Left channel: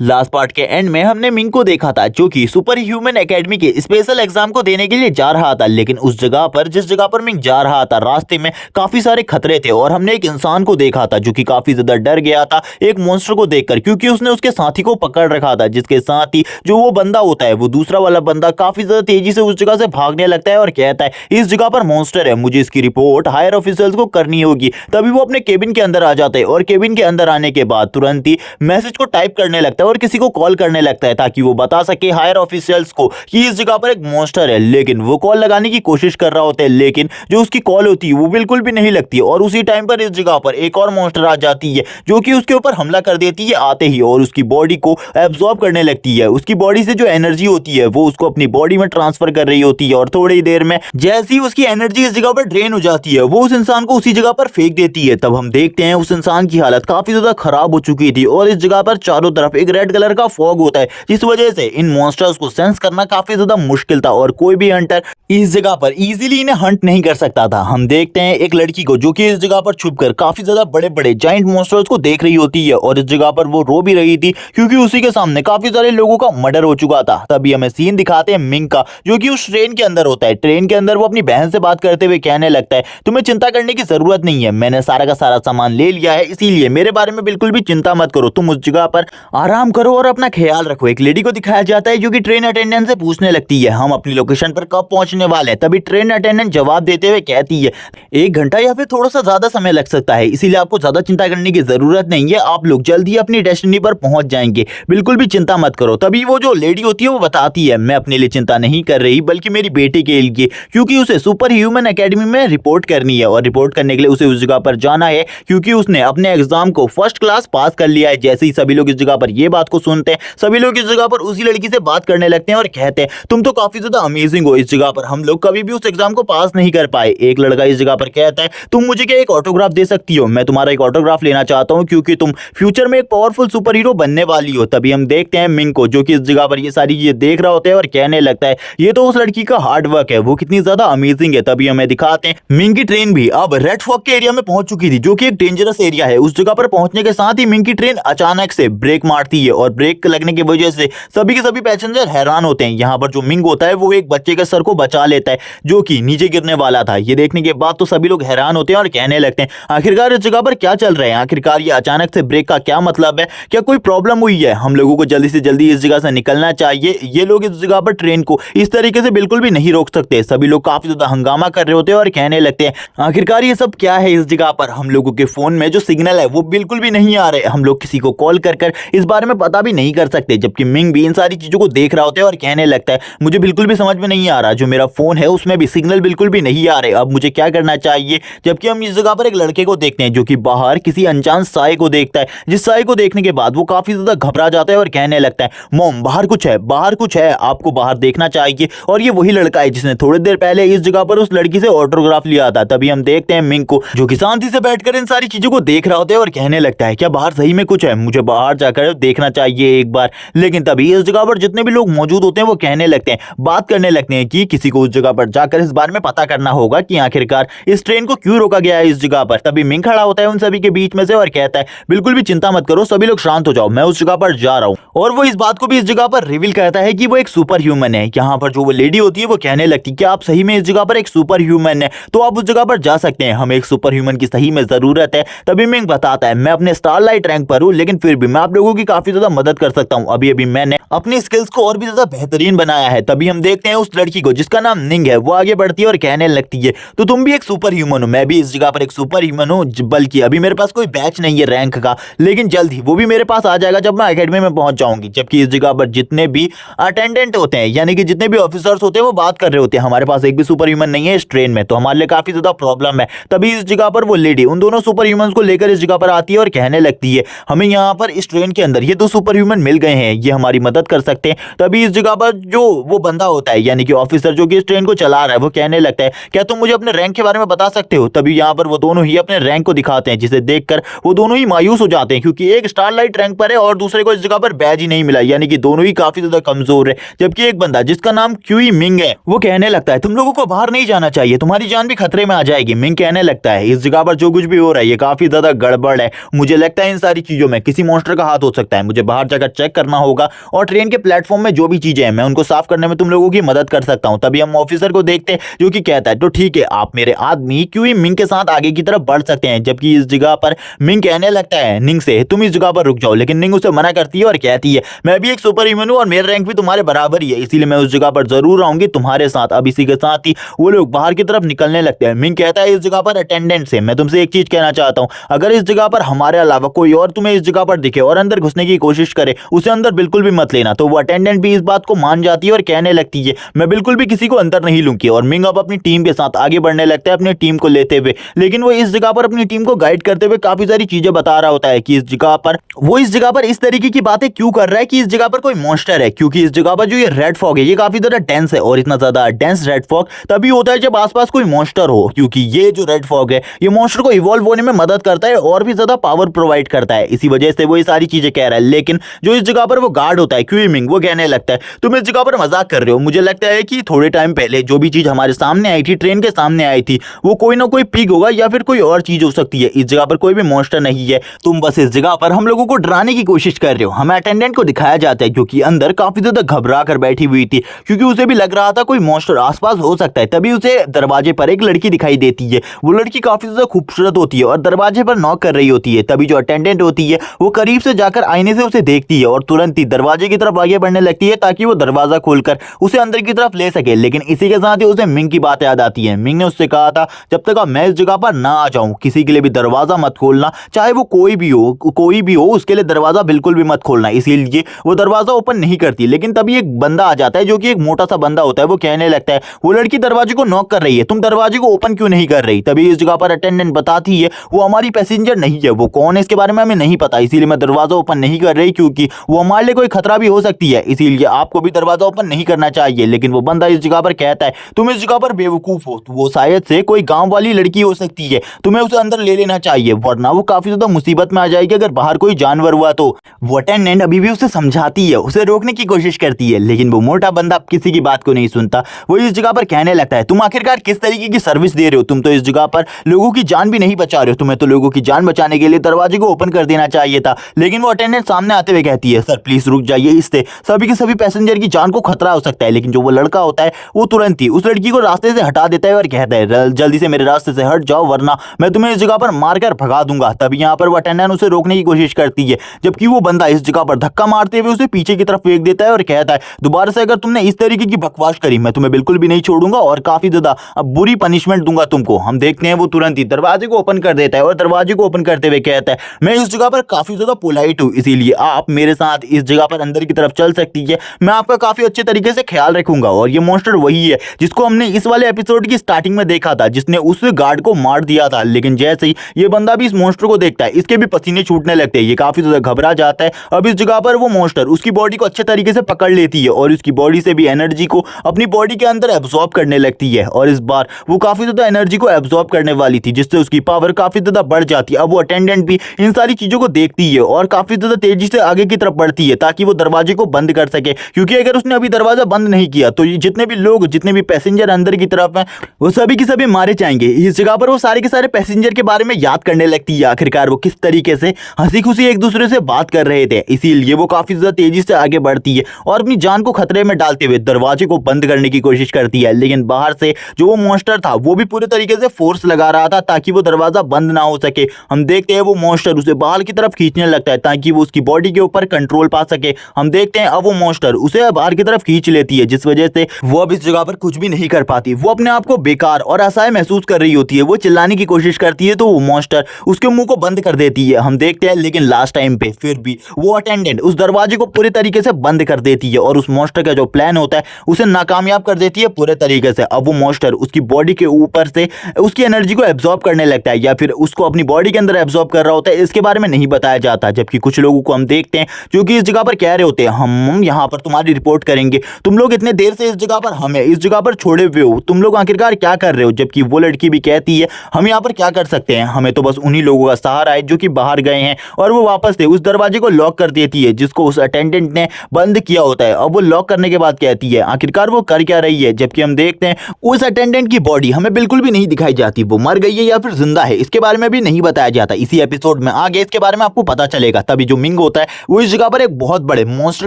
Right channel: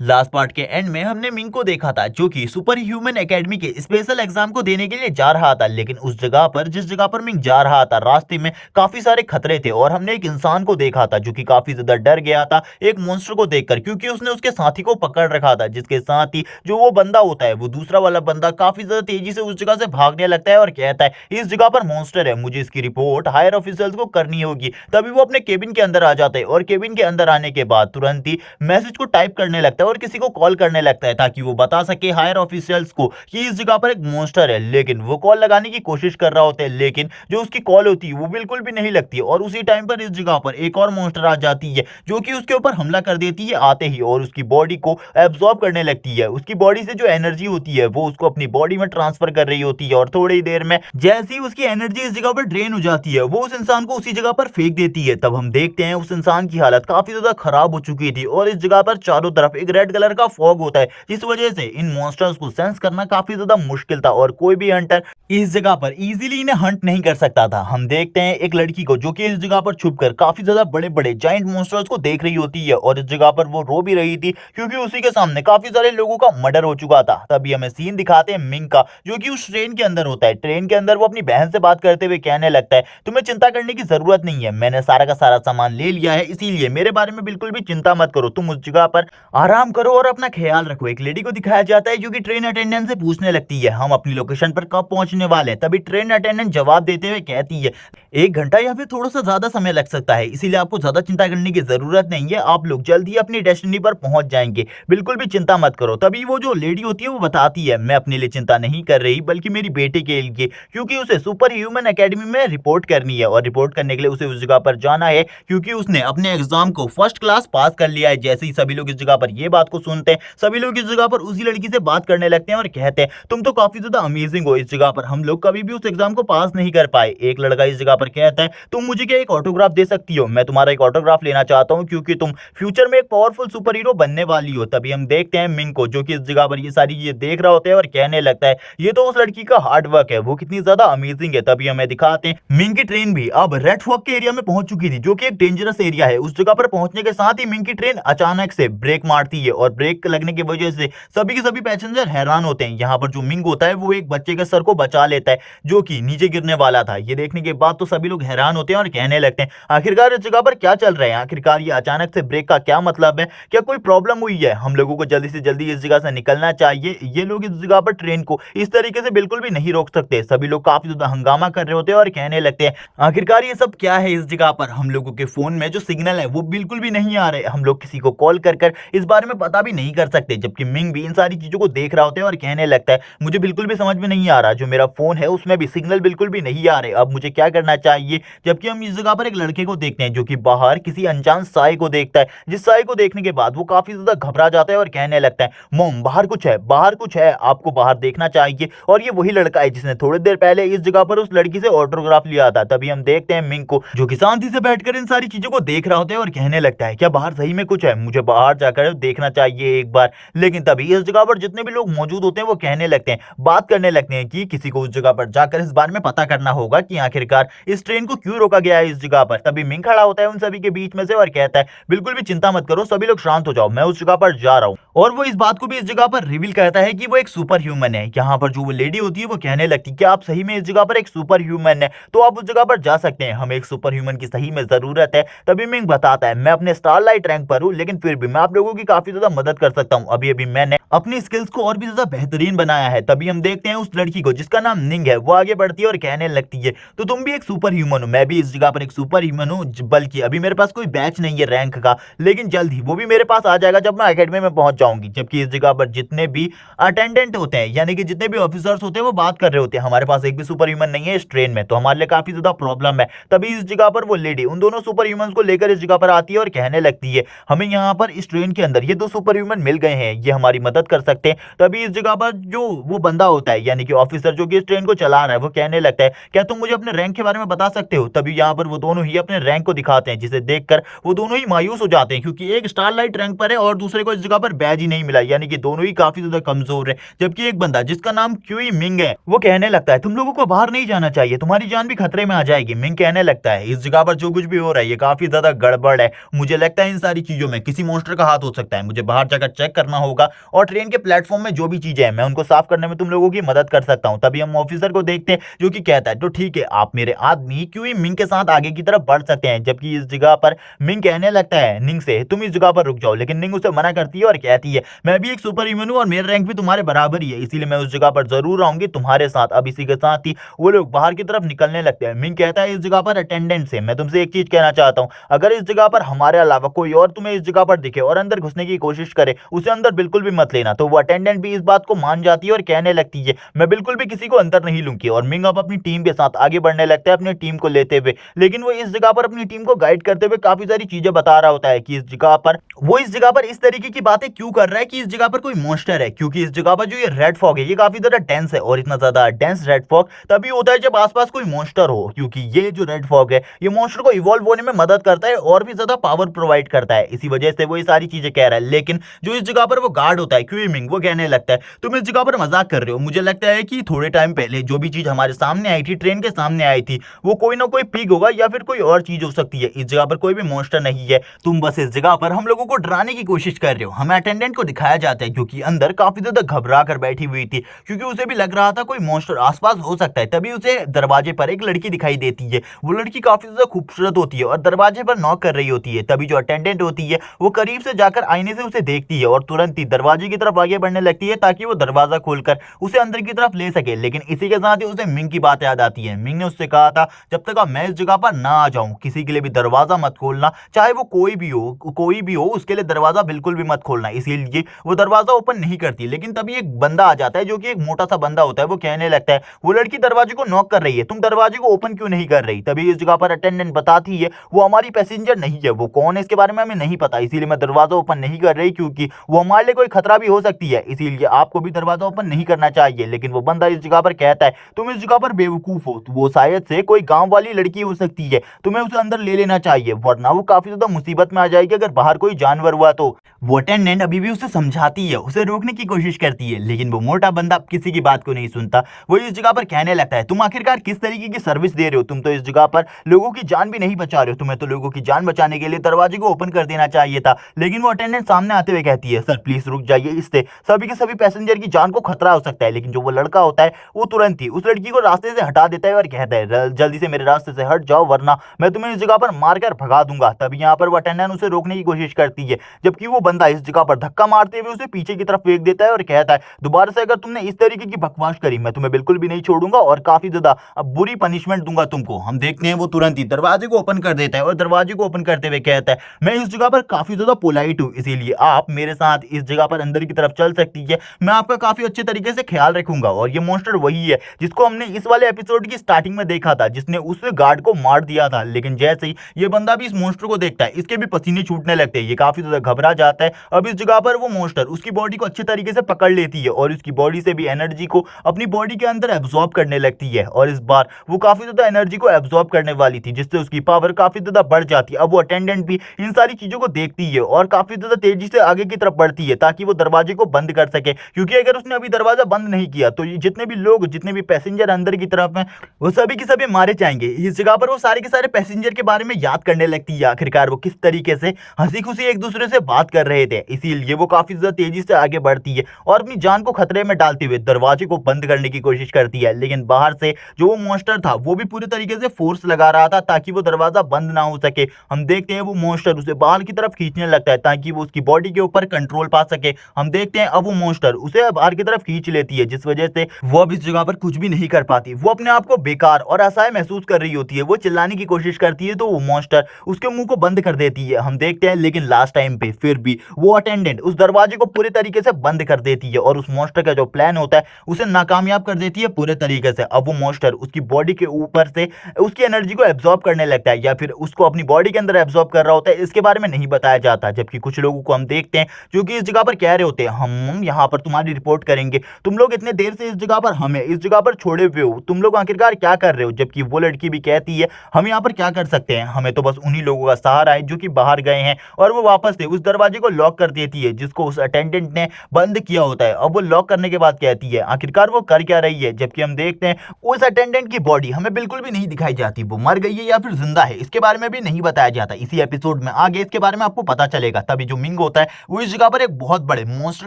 Last part के and में हमने मिंग को देखा था जो कि सुपर ह्यूमन एकेडमी के स्पेशल एग्जाम को देने के लिए जा रहा था। लेकिन उस जगह पर जिस जगह पर मिंग जा रहा था रास्ते में काफी सारे खतरे थे और हमने एक इंसान को देखा था जो कि काफी ज्यादा डर गया था एक मॉन्स्टर को देखकर, क्योंकि उसने उसके साथी को पकड़ रखा था। जिसके साथ ही जो वो बंदा होता है वो दूसरा वाला बंदा काफी ज्यादा तेजी से उस जगह से भागने लगता है और कहता है इस जगह पर मॉन्स्टर है, मुझे इसकी रिपोर्ट हायर ऑफिसर्स को करनी होगी। तभी वो अपने केबिन के अंदर आ जाता है और केबिन के अंदर आने के बाद तुरंत ही मैसेज को टाइप करने लगता है और किसी को कॉल करने लगता है ताकि वो बता सके हायर ऑफिशियल्स को कि इस जगह पर एक मॉन्स्टर है। लेकिन वो कॉल लगाने की कोशिश कर रहा होता है, लेकिन जो उसकी कॉल होती है वो बिल्कुल भी नहीं लगती और उसी टाइम पर इस जगह पर एक और मॉन्स्टर आ जाती है जो कि उसके ऊपर हमला कर देती है आते ही और उसकी बॉडी को एब्जॉर्ब करने लगती है। उसकी बॉडी से जो एनर्जी होती है वो उसको अपनी बॉडी में ट्रांसफर कर रही होती है और थोड़ी देर में जैसी उसकी एनर्जी इस जगह पर ड्रेन हो जाती है वो उस इंसान को उसी जगह पर फेंक देती है। तब हम देखते हैं उस इंसान की हालत काफी ज्यादा खराब हो चुकी थी और इस जगह पर चारों तरफ एक रेड कलर का फॉग होता है जिस वजह से इन मॉन्स्टर्स को सेंस करना काफी ज्यादा मुश्किल था और कोई भी हंटर इस जगह पर इजीली इन्हें हंट नहीं कर सकता था। हम देखते हैं एक लड़की को जो कि इस जगह पर छुपकर काफी ज्यादा बड़े बड़े जाइंट मॉन्स्टर्स को देख रही होती है और इस जगह पर वो रो भी रही थी क्योंकि उसी के सामने काफी सारे लोगों का मर्डर हो चुका था। तभी हमें सीन दिखाते हैं मिंग का जो कि उस ट्रेन के अंदर होता है। ट्रेन के अंदर वो अपनी बहन से बात करते हुए कहने लगता है तुम्हें चिंता करने की जरूरत नहीं है, मैंने सारा का सारा सामान ले लिया है, इसीलिए मेरे बारे में बिल्कुल भी चिंता मत करो, तुम उस जगह पर आराम करो और अपना ख्याल रखो। एक लेडी को दिखाया जाता है जो कि ट्रेन अटेंडेंट से पूछने लगती है हम अपनी लोकेशन पर कब पहुंचने वाले हैं। तभी ट्रेन अटेंडेंट जवाब देते हुए कहती है 1 घंटा या फिर थोड़ा सा ज्यादा समय लग सकता है, इसीलिए आपको ज्यादा चिंता करने की जरूरत नहीं है, आप लोग जल्द ही अपनी डेस्टिनी पर पहुंच जाएंगे, बिल्कुल भी चिंता मत करो। तभी वो जो लेडी होती है वो बताती है मैं अपने लिए चिंता नहीं कर रही बल्कि मेरी बेटी के लिए, क्योंकि उसे सुपर ह्यूमन एकेडमी में रिपोर्ट करनी है और रिपोर्ट करने के लिए उसे उस जगह पर जाना है क्योंकि उसने अपने एग्जाम को फर्स्ट क्लास पास कर लिया है। जैसे ही सभी लोग इस जगह पर ये बात को सुनते हैं सभी लोग इस जगह पर उसी लड़की से बात करने लगते हैं और कहते हैं तुम तो काफी ज्यादा अमेजिंग हो, इस जगह पर हम लोग कभी भी उस एग्जाम को पास नहीं कर पाए। एक लड़का इस जगह पर कहता है तुम मुझे क्या एक ऑटोग्राफ दे सकती हो, मैं तुम्हारा एक ऑटोग्राफ लेना चाहता हूं क्योंकि तुम फ्यूचर में एक पावरफुल सुपर हीरो बनने वाली हो। तभी हम देखते हैं मिंग को जो कि इस जगह पर ये सारी चीजें देख रहा होता है और कहने लगता है ये तो उस लड़की का हार्ड वर्क है, वो कितनी ज्यादा अमेजिंग है। तभी हमें दिखाते हैं मिंग की ट्रेन भी अब रेड फॉग के एरिया में पहुंच चुकी थी जो कि एक डेंजरस एरिया है। उस जगह पर पहुंचने के साथ ही मिंग की ट्रेन अचानक से ब्रेक मारती है और ब्रेक लगने की वजह से सभी के सभी पैसेंजर हैरान होते हैं। यहाँ पर जो मिंग होता है वो एक बच्चे के सर को बचा लेता है जो कि नीचे गिरने वाला था। ये देखने के बाद तो सभी लोग हैरान होते हैं और कहने लगते हैं आखिरकार इस जगह पर क्या चल रहा है, आखिरकार ये अचानक से ब्रेक का क्या मतलब है, क्या कोई प्रॉब्लम हुई है, हम लोगों को जल्दी से जल्दी इस जगह से निकलना चाहिए। ये लोग इस जगह पर ट्रेन को इस तरीके से बिल्कुल भी नहीं रोक सकते। सभी लोग काफी ज्यादा हंगामा कर रहे होते हैं और कहने लगते हैं आखिरकार ये सब क्या है, इस जगह पर हम लोगों के फोन में जो सिग्नल है वो बिल्कुल भी नहीं आ रहे, हम लोग किसी को कॉल कर इस बारे में पता भी नहीं कर सकते। जबकि मिंग भी इन सारी चीजों को देख रहा होता है और कहने लगता है मुझे बिल्कुल भी समझ में नहीं आ रहा, जो मेरा फोन है उसमें भी सिग्नल बिल्कुल भी नहीं आ रहे, अब मुझे क्या करना चाहिए। जबकि हम इस जगह पर एक लड़के को देखते हैं जो कि बाहर किसी अनजान साए को देखता है, जिस साए को देखने के बाद वो काफी ज्यादा घबरा जाता है और कहने लगता है मोम बाहर कुछ है, बाहर कुछ है, आपको बाहर देखना चाहिए। और ये वही लड़का है जिसने थोड़ी देर पहले इस जगह पर उस लड़की से ऑटोग्राफ लिया था। तभी हम देखते हैं मिंग को जो कि शांति से बैठकर इन सारी चीजों को देख रहा होता है और कहने लगता है क्या बाहर सही में कुछ है, मुझे बाहर जाकर देखना चाहिए एक बार। लेकिन तभी इस जगह पर जितने भी लोग मौजूद होते हैं वो कहने लगते हैं, बात करने लगते हैं कि किसी को उस जगह पर जाकर इस बारे में पता करना होगा कि आखिरकार इस ट्रेन को क्यों रोका गया है इस जगह पर। तभी मिंग खड़ा होता है उन सभी के बीच में से और कहता है बिल्कुल भी चिंता मत करो, सभी लोग शांत हो जाओ, मैं उस जगह पर जा रहा हूं। और वो इस बात को भी इस जगह पर रिवील करता है कि वो एक सुपर ह्यूमन है। यहाँ पर जो वो लेडी होती है वो कहने लगती है कि आप सही में इस जगह पर एक सुपर ह्यूमन है तो आप उस जगह पर जा सकते हैं, हमें एक सुपर ह्यूमन की सही में जरूरत है। तभी मिंग बताता है मैं अपने स्टारलाइट रैंक पर हूं लेकिन फिर भी मैं आप लोगों की काफी ज्यादा मदद कर सकता हूं, अभी अभी मैंने अपनी स्किल्स को और भी ज्यादा बेहतरीन बनाया है। तभी हम देखते हैं उस लड़की को जिसका नाम निंग है वो आगे बढ़ती है और कहने लगती है तो तुम भी एक सुपर ह्यूमन हो, मैं भी इस जगह पर एक सुपर ह्यूमन हूं, बल्कि अभी मेरे पास कोई बैच नहीं है रैंक का, लेकिन जल्द ही वो भी मेरे पास आ जाएगा जब मैं एकेडमी में पहुंच जाऊंगी। जबकि इस जगह पर जितने भी अटेंडेंट होते हैं यानी कि जितने भी ऑफिसर्स होते हैं वो बात कर रहे होते हैं हमारे पास एक भी सुपर ह्यूमन नहीं है इस ट्रेन में, तो हमारे लिए काफी ज्यादा प्रॉब्लम है। तभी इस जगह पर वो लेडी उन दोनों सुपर ह्यूमन को लेकर इस जगह पर आती है और कहने लगती है हमें यहाँ पर इस ट्रेन के अंदर ये 2 सुपर ह्यूमन मिल गए हैं, ये हमारी मदद कर सकते हैं। तभी इस जगह पर जो वो बंदा होता है यानी कि ऑफिसर जो कि इस ट्रेन को चला रहा है वो कहने लगता है क्या तुम मुझे अपने रैंक के बारे में बता सकते हो। तभी यहाँ पर वो दोनों ही अपने रैंक को दिखाते हैं जिसे देखकर वो दोनों ही मायूस हो जाते हैं क्योंकि एक स्टारलाइट रैंक पर है और दूसरे को इस जगह पर बैच इलाज ही नहीं मिला, यानी कि दोनों ही काफी ज्यादा कमजोर है। जबकि एक बंदा जिसका नाम क्यूई मिंग है वो कहने लगता है तुम लोगों को बाहर नहीं जाना चाहिए, तुम्हारी जान भी खतरे में आ जाएगी। मिंग कहने लगता है इस जगह पर जो कुछ भी हो रहा है ये काफी ज्यादा गड़बड़ है, मुझे लगता है इन सारी चीजों में किसी मॉन्स्टर का हाथ हो सकता है, मुझे बाहर जाकर चेक करना होगा और ट्रेन के प्लेटफॉर्म में जो भी चीजें हैं मैं उनको साफ करने में तुम लोगों की मदद कर सकता हूँ। तभी हम ऑफिसर को देखते हैं जो कि कहता है तो ठीक है, आप मेरे आदमी क्यूई मिंग के साथ आगे की तरफ बढ़ सकते हैं। जबकि इस जगह पर मिंग कहने लगता है निंग से तुम इस जगह पर रुक जाओ, लेकिन निंग उसे मना करती है और कहती है मैं भी एक सुपर ह्यूमन हूँ और मेरा रैंक भी तुम्हारे बराबर ही है, इसीलिए मैं उस जगह पर जरूर आऊंगी तुम्हारे साथ। अब इसी के साथ ही वो लोग बाहर की तरफ निकलने लगते हैं। मिंग कहता है इस जगह पर अटेंडेंट से मैं तुमसे एक चीज कहना चाहता हूँ, अगर इस जगह पर हमारे अलावा कोई और तुम्हें इस जगह पर दिखे और अंदर घुसने की कोशिश करे उसे अंदर बिल्कुल भी मत लेना। तो वो अटेंडेंट भी इस बात को मान जाती है और कहने लगती है मैं बिल्कुल भी किसी को अंदर नहीं लूंगी। और मिंग अब अपनी टीम के साथ आगे बढ़ने लगता है अपनी टीम को लेते हुए, लेकिन वो इस जगह पर अपनी टीम को गाइड करते हुए काफी सारी चीजें बता रहा होता है कि इस जगह पर इस तरीके की बातें क्यों कर रहा है कि इस जगह पर कोई मॉन्स्टर है, क्योंकि इस जगह पर जो ये रेड फॉग है ये काफी ज्यादा डेंस है और इतना ज्यादा डेंस रेड फॉग तभी होता है जब आसपास कोई मॉन्स्टर हो, क्योंकि ये जो रेड फॉग है ये मॉन्स्टर को इवॉल्व होने में मदद करता है और भी ज्यादा पावर प्रोवाइड करता है, इसी वजह से वो ये सारी चीजें कह रहा है। लेकिन जो इस जगह पर वो गार्ड होता है क्यूइमिंग वो कहने लगता है तुम इस जगह पर मजाक कर रहे हो, मुझे लगता है कि थोड़े टाइम पहले जो भी चीज हमारे सामने आई थी ट्रेन के सामने आई थी वो कोई ना कोई पिग होगा या फिर कोई और चीज हो सकती है, इस जगह पर कोई भी मॉन्स्टर नहीं है, तुम बस इस जगह पर हम लोगों को डराने की कोशिश कर रहे हो। हमें अटेंडेंट को दिखाया जाता है जो कि अंदर काफी ज्यादा घबरा कर बैठी हुई थी क्योंकि उसे भी लग रहा था कोई मॉन्स्टर आसपास हो सकता है। तभी उसे दरवाजे पर एक लड़की दिखाई देती है, वो लड़की काफी ज्यादा खूबसूरत होती है और दरवाजे पर नॉक कर रही होती है। तभी जो अटेंडेंट होती है वो करीब से जाकर आईने से उसे देखती है और तुरंत ही दरवाजे की तरफ आगे बढ़ने लगती है ताकि वो दरवाजा खोलकर उसे अंदर की तरफ ले सके। लेकिन इसी के साथ ही उसे मिंग की बात याद आती है। मिंग ने उससे कहा था जब तक मैं इस जगह पर ना आ जाऊं किसी के लिए भी दरवाजा मत खोलना, चाहे वो कोई भी हो उसके लिए दरवाजा बिल्कुल भी मत खोलना, इसीलिए वो दरवाजा ओपन नहीं करती। लेकिन तभी एक बंदा आ जाता है जो कि एक मोटा सा बंदा होता है, वो कहने लगता है वो लड़की दरवाजे को नॉक कर रही है, तुम दरवाजे को ओपन क्यों नहीं कर रही। तभी इस जगह पर अटेंडेंट बताती है वो हमारी पैसेंजर नहीं है, वो कौन है इसके बारे में हमें नहीं पता, इसीलिए मैं दरवाजा ओपन नहीं कर रही क्योंकि वो हमारे लिए कोई खतरा भी हो सकती है, इसीलिए आपको भी दरवाजा ओपन नहीं करना चाहिए। लेकिन वो बंदा इस जगह पर कहता है तुम इस जगह पर बेवकूफ हो, वो शायद से कोई गांव वाली लड़की हो सकती है, तुम्हें उसे अंदर ले लेना चाहिए वरना वो काफी ज्यादा मुसीबत में आ जाएगी अगर बाहर कोई जानवर हुआ तो। वो अटेंडेंट अभी भी उसे समझाती है, उसे रोकने की कोशिश करती है, लेकिन वो मोटा बंदा किसी की बात को नहीं सुनता। वो इस जगह पर कहने लगता है तुम आखिरकार किस तरीके की सर्विस दे रहे हो, तुम तो इस जगह पर लोगों की जान भी नहीं बचा रहे हो, तुम्हें तो लोगों की जान बचाने के लिए दरवाजे को ओपन कर देना चाहिए था। लेकिन वो अटेंडेंट सामने आते हुए कहती है सर प्लीज रुक जाइए, इससे सभी के सभी पैसेंजर की जान को खतरा हो सकता है। लेकिन जो वो लड़का होता है वो तुरंत ही उस लड़की को रास्ते से हटा देता है और कहता है जल्दी से मेरे रास्ते से हट जाओ वरना मैं तुम्हें इस जगह पर मारकर भगा दूंगा। तभी यहाँ पर वो अटेंडेंट उसे रोकने की कोशिश करती है, जबकि वो बंदा इस जगह पर धक्का मारते हुए उसे पीछे की तरफ फेंक देता है और कहता है दोबारा से अगर तुमने इस तरीके की बकवास करी मैं तुम्हें बिल्कुल भी नहीं छोड़ूंगा और काफी ज्यादा बुरी पनिशमेंट दूंगा तुमको। हम देखते हैं वो तुरंत ही दरवाजे को ओपन कर देता है और दरवाजे को ओपन करते हुए कहता है मैं इस जगह पर काफी ज्यादा पोलाइट हूँ, इसीलिए आप मेरे साथ इस जगह पर अंदर की तरफ चल सकती है, मैं आपका काफी अच्छे तरीके से ख्याल रखूंगा। और ये मॉन्स्टर वही है जिसको हमने इस वाले एपिसोड की स्टार्टिंग में देखा था, जिसने उस गार्ड को मार दिया था। लेकिन जैसे ही ये बंदा भी इस मॉन्स्टर को देखता है इसके भी पसीने छूटने लगते हैं, ये काफी ज्यादा घबरा जाता है। अब इस जगह पर वो मॉन्स्टर उसकी बॉडी को अच्छे तरीके से पकड़ लेती है और उसकी बॉडी से भी एनर्जी को अपनी बॉडी के अंदर एब्जॉर्ब करने लगती है और इस बार वो काफी ज्यादा एनर्जी को एब्जॉर्ब करने वाली थी जिससे उसकी पावर काफी ज्यादा बढ़ जाती है। अब वो अटेंडेंट भी इन सारी चीजों को देखती है और काफी ज्यादा तेजी से आगे की तरफ बढ़ती है ताकि वो दरवाजे को बंद कर सके, क्योंकि अगर उसने अभी दरवाजा बंद नहीं किया तो ये जितने भी लोग जितने भी पैसेंजर अंदर की तरफ हैं वो सभी के सभी मारे जाएंगे। इस जगह पर वो सारे के सारे पैसेंजर के बारे में याद करने लगती है आखिरकार वो किस तरीके से हंसी खुशी एक दूसरे से बात कर रहे थे, इसीलिए वो काफी ज्यादा तेजी से आगे बढ़ती है और अपनी जान को खतरे में डालते हुए दरवाजे को बंद करने की कोशिश करती है। लेकिन बाहर से जो वो मॉन्स्टर था वो भी पूरे तरीके से फोर्स लगा रहा था ताकि वो दरवाजा बंद ना हो सके। हम देखते हैं वो मॉन्स्टर उसे बाहर की तरफ खींचने लगता है ताकि वो उसकी बॉडी के ऊपर कंट्रोल पा सके। हम देखते हैं अब वो मॉन्स्टर उसे बाहर की तरफ खींच लेती है जिस वजह से वो अब इस जगह पर कुछ भी नहीं कर पाती, वो अपने आप को बेकार और असहाय महसूस कर रही होती है। वो चिल्लाने की कोशिश करती है तो वो मॉन्स्टर उसके मुंह को बंद कर देती है। हम देखते हैं लेकिन लास्ट टाइम पे फिर भी वो अटेंडेंट उस दरवाजे को पूरे तरीके से बंद कर देती है और उस मॉन्स्टर का जो प्लान होता है उसे नाकामयाब कर देती है पूरे तरीके से। अब वो मॉन्स्टर उसकी बॉडी के ऊपर से उसकी एनर्जी को एब्जॉर्ब करने लगता है या फिर उसको अपनी बॉडी के अंदर एब्जॉर्ब कर रहा होता है, इसके बारे में नहीं बताया जाता। जबकि कुछ लोगों को हम देखते हैं जो कि इस जगह पर कह रहे होते हैं हम यहाँ पर तुम्हारी रिपोर्ट करेंगे, तुम लोग इतने देर से इस जगह पर हमें इस जगह पर छोड़े हुए हो, तुम लोग आखिरकार क्या कर रहे हो। जबकि वो लड़की भी कहती है हम यहाँ पर क्या कर सकते हैं, हमें तो बस उन्हीं लोगों का सहारा है जो कि बाहर गए हैं, और वो वापस से उस दरवाजे को लॉक कर देती है जिसको उस अटेंडेंट ने बंद किया होता है। अब वो लॉक करने के बाद कहती है आखिरकार वो कर क्या रही है, जबकि हम देखते हैं उस अटेंडेंट की बॉडी हमें बिल्कुल भी नहीं दिखाई जाती, वो मर गई है या फिर जिंदा है इसके बारे में भी नहीं बताया जाता। इसी एपिसोड में आगे इसके बारे में आपको पता चलेगा। तभी जो मिंग होता है वो इस जगह पर एक बहुत बड़े मॉन्स्टर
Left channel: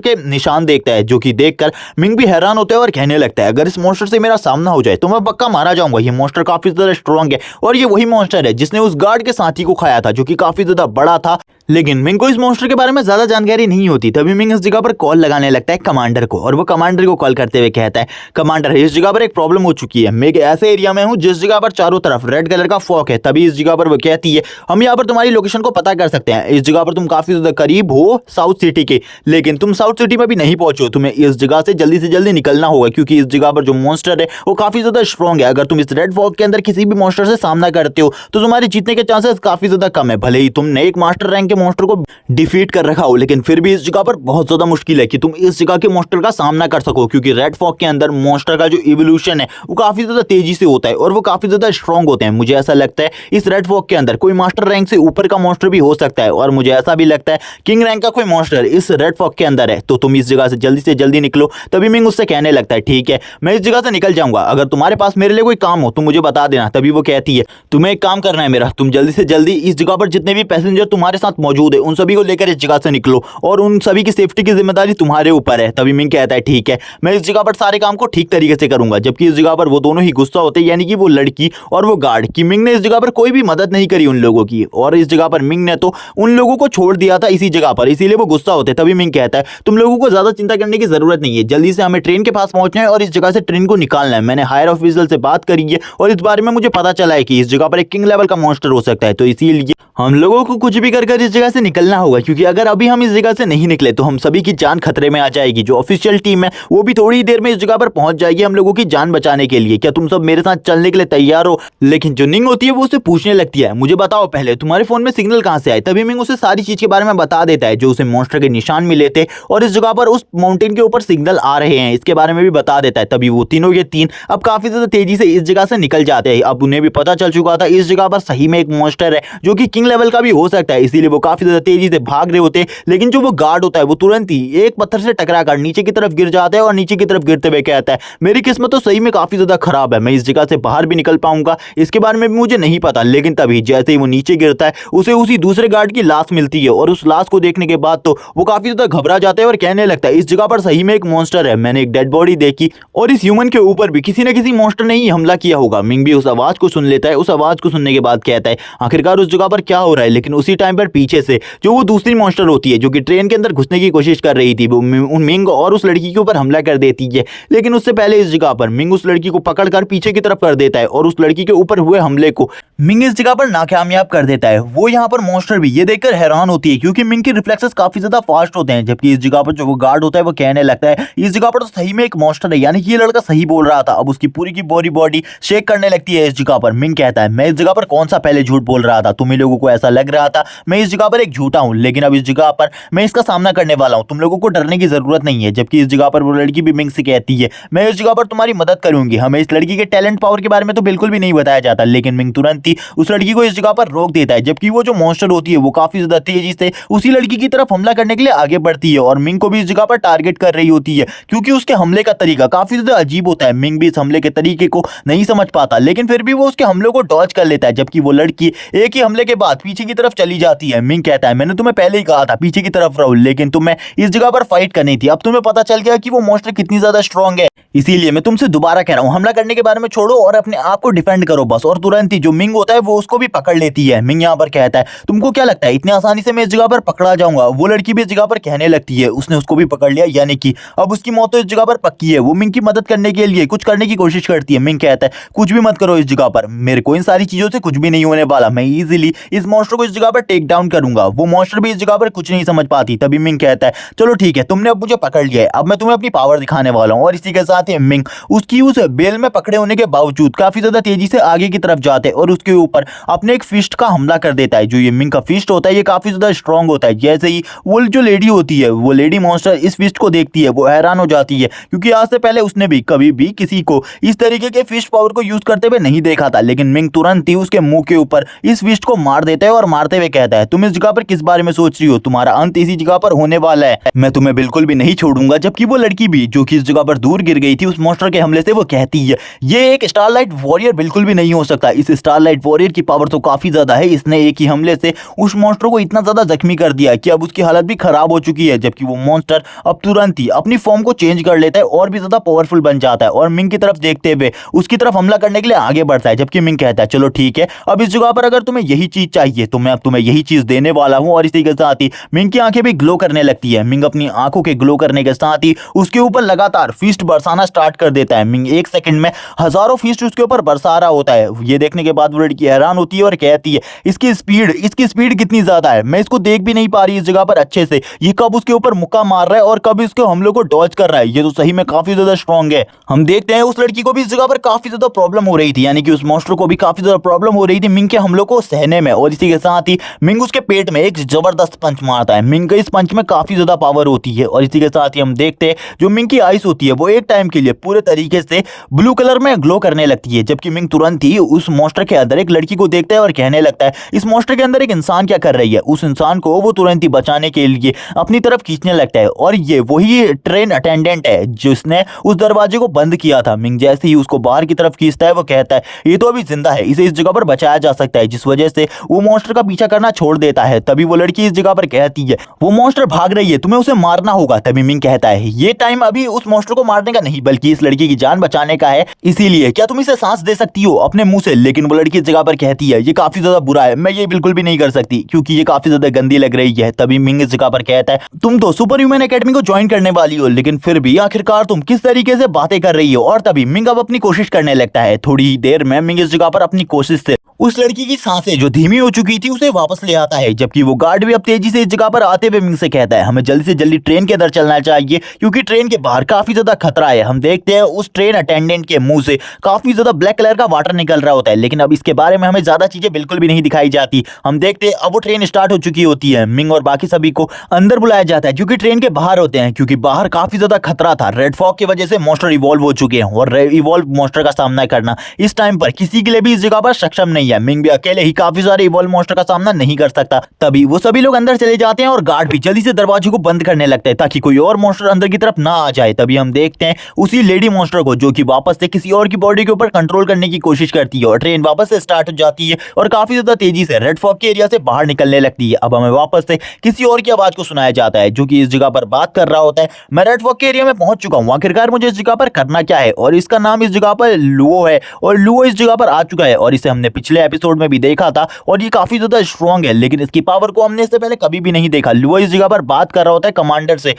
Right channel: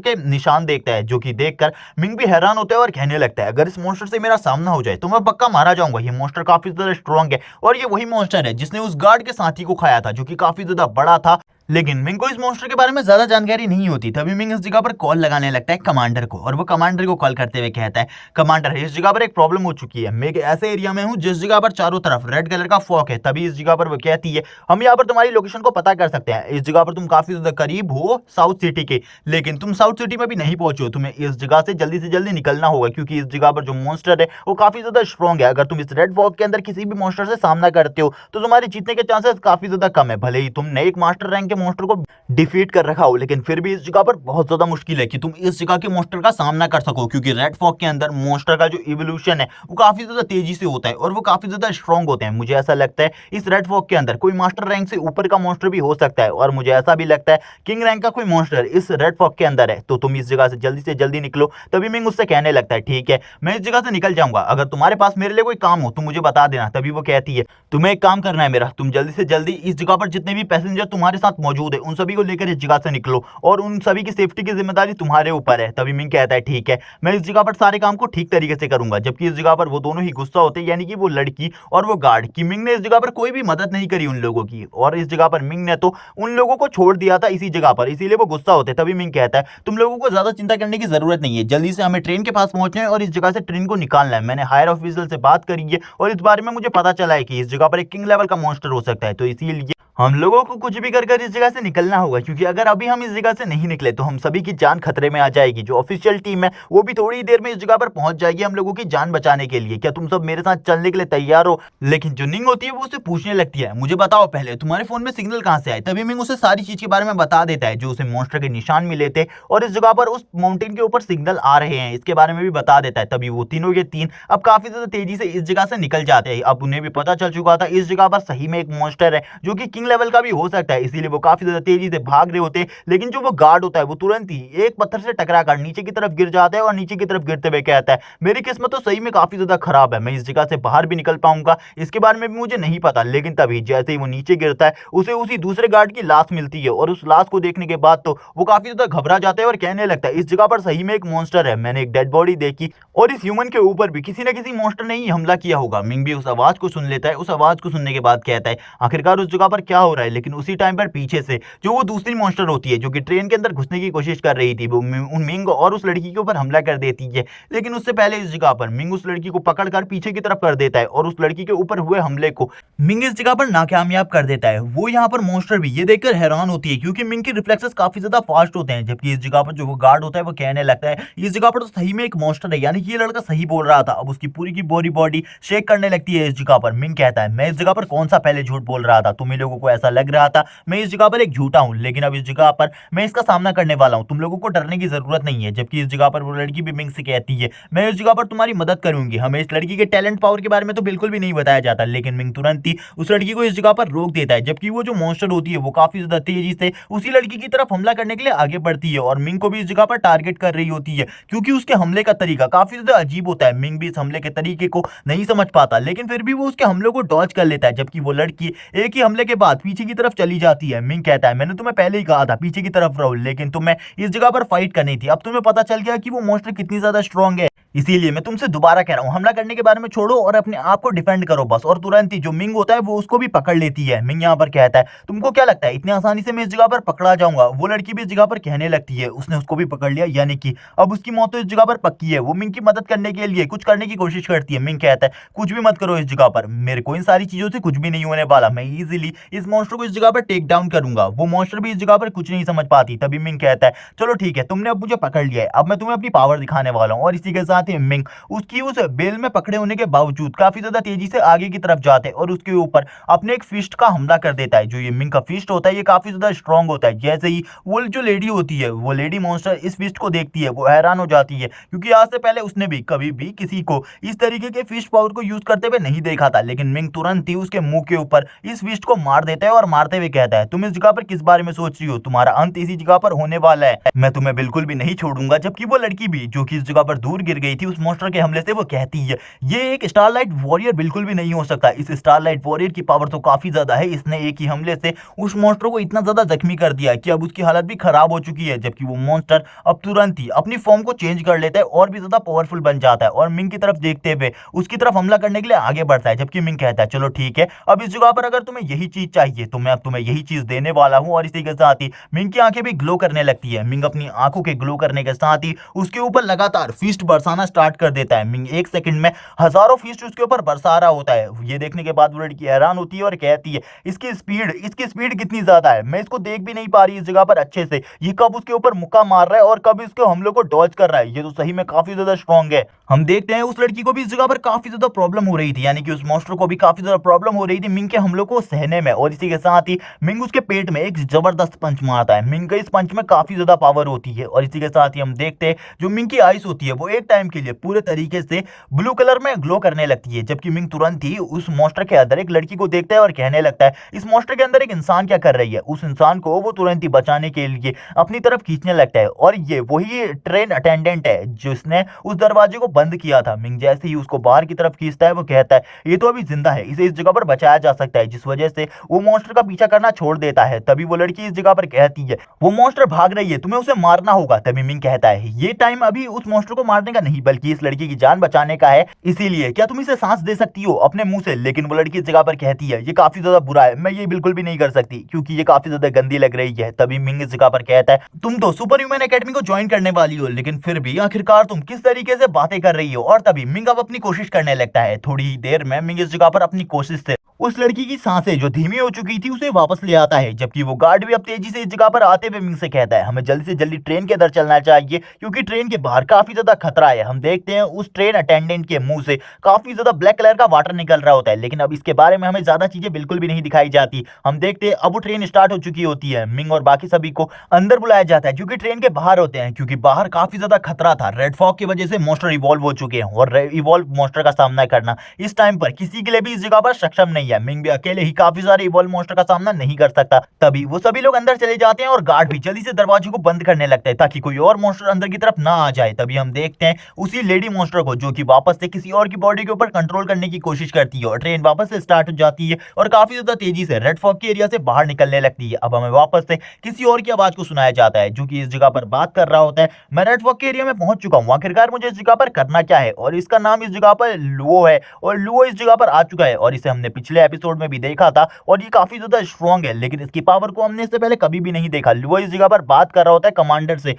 के निशान देखता है, जो कि देखकर मिंग भी हैरान होता है और कहने लगता है अगर इस मॉन्स्टर से मेरा सामना हो जाए तो मैं पक्का मारा जाऊंगा। ये मॉन्स्टर काफी ज्यादा स्ट्रॉन्ग है और ये वही मॉन्स्टर है जिसने उस गार्ड के साथी को खाया था, जो कि काफी ज्यादा बड़ा था। लेकिन मिंग को इस मॉन्स्टर के बारे में ज्यादा जानकारी नहीं होती। तभी मिंग इस जगह पर कॉल लगाने लगता है कमांडर को, और वो कमांडर को कॉल करते हुए कहता है कमांडर इस जगह पर एक प्रॉब्लम हो चुकी है, मैं एक ऐसे एरिया में हूँ जिस जगह पर चारों तरफ रेड कलर का फॉग है। तभी इस जगह पर वो कहती है हम यहाँ पर तुम्हारी लोकेशन को पता कर सकते हैं, इस जगह पर तुम काफी ज्यादा करीब हो साउथ सिटी के, लेकिन तुम साउथ सिटी में भी नहीं पहुंचो, तुम्हें इस जगह से जल्दी निकलना होगा क्योंकि इस जगह पर जो मॉन्स्टर है वो काफी ज्यादा स्ट्रॉन्ग है। अगर तुम इस रेड फॉग के अंदर किसी भी मॉन्स्टर से सामना करते हो तो तुम्हारे जीतने के चांसेस काफी ज्यादा कम है। भले ही तुमने एक मास्टर रैंक के मॉन्स्टर को डिफीट कर रखा हो, लेकिन फिर भी इस जगह पर बहुत ज्यादा मुश्किल है कि तुम इस जगह के मॉन्स्टर का सामना कर सको, क्योंकि रेड फॉग के अंदर मॉन्स्टर का जो इवोल्यूशन है वो काफी ज्यादा तेजी से होता है और वो काफी ज्यादा स्ट्रॉन्ग होते हैं। मुझे ऐसा लगता है इस रेड फॉग के अंदर कोई मास्टर रैंक से ऊपर का मॉन्स्टर भी हो सकता है, और मुझे ऐसा भी लगता है किंग रैंक का कोई मॉन्स्टर इस रेड फॉग के अंदर है। तो तुम इस जगह से जल्दी निकलो। तभी मिंग उससे कहने लगता है ठीक है मैं इस जगह से निकल जाऊंगा, अगर तुम्हारे पास मेरे लिए कोई काम हो तो मुझे बता देना। तभी वो कहती है तुम्हें एक काम करना है मेरा, तुम जल्दी से जल्दी इस जगह पर जितने भी पैसेंजर तुम्हारे साथ मौजूद है उन सभी को लेकर इस जगह से निकलो और उन सभी की सेफ्टी की जिम्मेदारी तुम्हारे ऊपर है। तभी मिंग कहता है ठीक है मैं इस जगह पर सारे काम को ठीक तरीके से करूंगा। जबकि इस जगह पर वो दोनों ही गुस्सा होते हैं, यानी कि वो लड़की और वो गार्ड, कि मिंग ने इस जगह पर कोई भी मदद नहीं करी उन लोगों की, और इस जगह पर मिंग ने तो उन लोगों को छोड़ दिया था इसी जगह पर, इसीलिए वो गुस्सा होते। तभी मिंग कहता है तुम लोगों को ज्यादा चिंता करने की जरूरत नहीं है, जल्दी से हमें ट्रेन के पास पहुंचना है और इस जगह से ट्रेन को निकालना है। मैंने हायर ऑफिसर से बात करी है और इस बारे में मुझे पता चला है कि इस जगह पर एक किंग लेवल का मॉन्स्टर हो सकता है, तो इसीलिए हम लोगों को कुछ भी कर इस जगह से निकलना होगा, क्योंकि अगर अभी हम इस जगह से नहीं निकले तो हम सभी की जान खतरे में आ जाएगी। जो ऑफिशियल टीम है वो भी थोड़ी देर में इस जगह पर पहुंच जाएगी हम लोगों की जान बचाने के लिए। क्या तुम सब मेरे साथ चलने के लिए तैयार हो? लेकिन जो निंग होती है वो उसे पूछने लगती है मुझे बताओ पहले तुम्हारे फोन में सिग्नल कहां से आए। तभी मिंग उसे सारी चीज के बारे में बता देता है, जो उसे मॉन्स्टर के निशान मिले थे और इस जगह पर उस माउंटेन के ऊपर सिग्नल आ रहे हैं, इसके बारे में भी बता देता है। तभी वो तीनों के तीन अब काफी ज्यादा तेजी से इस जगह से निकल जाते हैं। अब उन्हें भी पता चल चुका था इस जगह पर सही में एक मॉन्स्टर है जो कि किंग लेवल का भी हो सकता है, इसीलिए वो काफी ज्यादा तेजी से भाग रहे होते हैं। लेकिन जो वो गार्ड होता है वो तुरंत ही एक पत्थर से टकराकर नीचे की तरफ गिर जाता है और नीचे की तरफ गिरते हुए कहता है मेरी किस्मत तो सही में काफी ज्यादा खराब है, मैं इस जगह से बाहर भी निकल पाऊंगा इसके बारे में भी मुझे नहीं पता। लेकिन तभी जैसे ही वो नीचे गिरता है उसे उसी दूसरे गार्ड की लाश मिलती है, और उस लाश को देखने के बाद तो वो काफी ज्यादा घबरा जाता है और कहने लगता है इस जगह पर सही में एक मॉन्स्टर है, मैंने एक डेड बॉडी देखी और इस ह्यूमन के ऊपर भी किसी न किसी मॉन्स्टर ने ही हमला किया होगा। मिंग भी उस आवाज को सुन लेता है। उस आवाज को सुनने के बाद कहता है आखिरकार उस जगह पर क्या हो रहा है। लेकिन उसी टाइम पर पीछे से जो वो दूसरी मॉन्स्टर होती है जो कि ट्रेन के अंदर घुसने की कोशिश कर रही थी, वो मिंग और उस लड़की के ऊपर हमला कर देती है। लेकिन उससे पहले इस जगह पर मिंग उस लड़की को पकड़कर पीछे की तरफ कर देता है और उस लड़की के ऊपर हुए हमले को मिंग इस जगह पर नाकामयाब कर देता है। वो यहाँ पर मॉन्स्टर भी ये देखकर हैरान होती है, क्योंकि मिंग के रिफ्लेक्सेस काफी ज्यादा फास्ट होते हैं। जबकि इस जगह पर जो वो गार्ड होता है वो कहने लगता है इस जगह पर तो सही में एक मॉन्स्टर है, यानी कि ये लड़का सही बोल रहा था। अब उसकी पूरी की बॉडी शेक करने लगती है इस जगह पर। मिंग कहता है मैं इस जगह पर कौन सा पहले झूठ बोल रहा था, तुम्हें लोगों को ऐसा लग रहा था मैं इस जगह पर एक झूठा हूं, लेकिन अब इस जगह पर मैं इसका सामना करने वाला हूं, तुम लोगों को डरने की जरूरत नहीं है। जबकि इस जगह पर वो लड़की भी मिंग से कहती है मैं इस जगह पर तुम्हारी मदद करूंगी। हमें इस लड़की के टैलेंट पावर के बारे में तो बिल्कुल भी नहीं बताया जाता, लेकिन मिंग तुरंत ही उस लड़की को इस जगह पर रोक देता है। जबकि वो जो मॉन्स्टर होती है वो काफी ज्यादा तेजी से उसी लड़की की तरफ हमला करने के लिए आगे बढ़ती है और मिंग को भी इस जगह पर टारगेट कर रही होती है, क्योंकि उसके हमले का तरीका काफी ज्यादा अजीब होता है। मिंग भी इस हमले के तरीके को नहीं समझ पाता, लेकिन फिर भी वो उसके हमलों को डॉज कर लेता है। जबकि वो लड़की एक ही हमले के बाद पीछे की तरफ चली जाती है। मिंग कहता है मैंने तुम्हें पहले ही कहा था पीछे की तरफ रहो, लेकिन तुम्हें इस जगह पर फाइट करनी थी। अब तुम्हें पता चल गया कि वो मॉन्स्टर कितनी ज्यादा स्ट्रांग है, इसीलिए मैं तुमसे दोबारा कह रहा हूं हमला करने के बारे में छोड़ो और अपने आप को डिफेंड करो बस। और तुरंत ही जो मिंग होता है वो उसको भी पकड़ लेती है। मिंग यहाँ पर कहता है तुमको क्या लगता है इतनी आसानी से मैं इस जगह पर पकड़ा जाऊंगा? वो लड़की भी इस जगह पर कहने लगती है उसने उसको भी पकड़ लिया, यानी कि अब उसकी मौत तो इस जगह पर पक्की है। वो मिंग की मदद करने के लिए कुछ करने की कोशिश करती है। मिंग कहता है कुछ भी मत करो इस जगह पर, मेरे को इन सारी चीजों से कुछ भी नहीं होने वाला, मैं इजीली इस मॉन्स्टर को इस जगह पर टेक डाउन करूंगा। वो मॉन्स्टर भी इस जगह पर कुछ नहीं समझ पाती। तभी मिंग कहता है चलो ठीक है तुमने अब मुझे पकड़ लिया है, अब मैं तुम्हें अपनी पावर दिखाने वाला हूँ। और इसी के साथ आते हैं मिंग उसकी उस बेल में पकड़े होने के बावजूद काफी ज्यादा तेजी से आगे की तरफ जाते हैं और उसके ऊपर अपने एक फिस्ट का हमला कर देता है। जो ये मिंग का फिस्ट होता है ये काफी ज्यादा स्ट्रांग होता है। जैसे ही वो जो लेडी होती है, वो लेडी मॉन्स्टर इस फिस्ट को देखती है, वो हैरान हो जाती है क्योंकि आज से पहले उसने भी कभी भी किसी को इस तरीके के फिस्ट पावर को यूज करते हुए नहीं देखा था। लेकिन मिंग तुरंत ही उसके मुंह के ऊपर इस फिस्ट को मार देता है और मारते हुए कहता है, तुम इस जगह पर किस बारे में सोच रही हो? तुम्हारा अंत इसी जगह पर होने वाला है। मैं तुम्हें बिल्कुल भी नहीं छोड़ूंगा। जबकि वो लड़की भी जो कि इस जगह पर दूर गिर गई थी उस मॉन्स्टर के हमले से, वो कहती है ये एक स्टारलाइट वॉरियर बिल्कुल भी नहीं हो सकता। इस स्टारलाइट वॉरियर की पावर तो काफी ज्यादा है। इसने एक ही हमले से उस मॉन्स्टर को इतना ज्यादा जख्मी कर दिया कि अब उसकी हालत भी खराब हो चुकी है। जबकि वो मॉन्स्टर अब तुरंत ही अपनी फॉर्म को चेंज कर लेता है और भी ज्यादा पावरफुल बन जाता है और मिंग की तरफ देखते हुए उसकी तरफ हमला करने के लिए आगे बढ़ता है। जबकि मिंग कहता है चलो ठीक है, अब इस जगह पर अगर तुम्हें यही चीज चाहिए तो मैं अब तुम्हें यही चीज देने वाला हूं। और इसी के साथ ही मिंग की आंखें भी ग्लो करने लगती है। मिंग अपनी आंखों के ग्लो करने के साथ ही उसके ऊपर लगातार फिस्ट बरसाना स्टार्ट कर देता है। मिंग एक सेकंड में हजारों फिस्ट उसके ऊपर बरसा रहा होता है। ये देखने के बाद वो लड़की हैरान होती है और कहती है इसकी स्पीड कितनी ज्यादा है, मैं इसको देख भी नहीं पा रही इस जगह पर अच्छे से। ये कब उसके ऊपर मुक्का मार रहा है और कब इसके हमले को डॉज कर रहा है। ये तो सही में काफी ज्यादा स्ट्रांग है। हम देखते हैं उस लड़की को भी इस जगह पर काफी ज्यादा प्रॉब्लम हो रही थी, यानी कि उस मॉन्स्टर को भी काफी ज्यादा प्रॉब्लम हो रही थी मिंग के हमलों को सहने में। और इसी के साथ ही मिंग उसके पेट में एक जबरदस्त पंच मारता है। मिंग के इस पंच में काफी ज्यादा पावर होती है। और इसी के साथ ही हम देखते हैं जो मिंग की आइस होती है वो एक टाइम के लिए पूरे तरीके से ब्लू कलर में ग्लो करने लगती है। जबकि मिंग तुरंत ही उस मॉन्स्टर के अंदर एक लड़की को देखता है और कहने लगता है इस मॉन्स्टर के अंदर एक इंसान क्या कर रही है। उस इंसान को वो तुरंत ही बचाने के लिए अपनी तरफ खींचने लगता है और ये वही ट्रेन अटेंडेंट है जिसने उस दरवाजे को बंद किया था। मिंग जैसे ही उसको बाहर की तरफ खींचता है वो कहता है ये तो अभी जिंदा है, इसे इस जगह पर बचाया जा सकता है, जिस वजह से वो मॉन्स्टर का पीछा करना छोड़ देता है। तभी वो लड़की इस जगह पर कहती है वो मॉन्स्टर भाग रही है, तुम्हें उसे मारना होगा। तभी मिंग कहता है ये टाइम अभी उस मॉन्स्टर को मारने का नहीं बल्कि इस लड़की की जान बचाने का है, इसीलिए क्या तुम इसे सांस दे सकती हो अपने मुंह से। लेकिन वो लड़की इस जगह पर कहती है ये काफी ज्यादा बुरा है, मैं ये बिल्कुल भी नहीं कर सकती क्योंकि ये काफी ज्यादा गंदी लग रही है। तभी मिंग इस जगह पर कहता है तुम तो सुपर ह्यूमन एकेडमी को ज्वाइन करने वाली हो, लेकिन फिर भी आखिरकार तुम किस तरीके से बातें कर रही हो। और तभी मिंग अब अपनी कोशिश करने लगता है। थोड़ी ही देर में मिंग इस जगह पर अपनी कोशिश से उस लड़की की सांसें जो धीमी हो चुकी थी उसे वापस ले आता है। जबकि वो गार्ड भी अब तेजी से इस जगह पर आते हुए मिंग से कहता है हमें जल्दी से जल्दी ट्रेन के अंदर चलना चाहिए क्योंकि ट्रेन के बाहर काफी ज्यादा खतरा है। हम देखते हैं उस ट्रेन अटेंडेंट के मुंह से काफी ज्यादा ब्लैक कलर का वाटर निकल रहा होता है, लेकिन अब इसके बारे में हमें ज्यादा चीजें बिल्कुल भी नहीं दिखाई जाती। हम देखते हैं अब वो ट्रेन स्टार्ट हो चुकी होती है। मिंग और बाकी सभी को अंदर बुलाया जाता है जो कि ट्रेन के बाहर होते हैं क्योंकि बाहर काफी ज्यादा खतरा था। रेड फॉग की वजह से मॉन्स्टर इवॉल्व हो चुके हैं और इवॉल्व मॉन्स्टर का सामना करना इस टाइम पर किसी के लिए भी इस जगह पर सक्षम नहीं है। मिंग भी अकेले ही काफी सारे इवॉल्व मॉन्स्टर का सामना नहीं कर सकता। तभी वो सभी लोग अंदर चले जाते हैं और गार्ड भी जल्दी से दरवाजे को बंद करने लगता है ताकि कोई और मॉन्स्टर अंदर की तरफ ना आ जाए। तभी हम देखते हैं उसी लेडी मॉन्स्टर को जो कि वापस से किसी और की बॉडी के ऊपर कंट्रोल करने की कोशिश करती है और ट्रेन वापस से स्टार्ट हो जाती है और काफी ज्यादा तेजी से रेड फॉग के एरिया से बाहर निकलने लगती है। अब हमें वापस से किसी और की आवाज को सुनाया जाता है जो कि इस जगह पर बात कर रहा होता है मैं रेड फॉग के एरिया में पहुंच चुका हूं, आखिरकार मुझे इस जगह पर करना क्या है। और इसका नाम इस जगह पर लुओ है और लुओ इस जगह पर आ चुका है और इसे हमने पिछले एपिसोड में भी देखा था और ये काफी ज्यादा स्ट्रांग है, लेकिन इसकी पावर को हमने इससे पहले कभी भी नहीं देखा। लुओ इस जगह पर बात कर रहा होता है कमांडर से।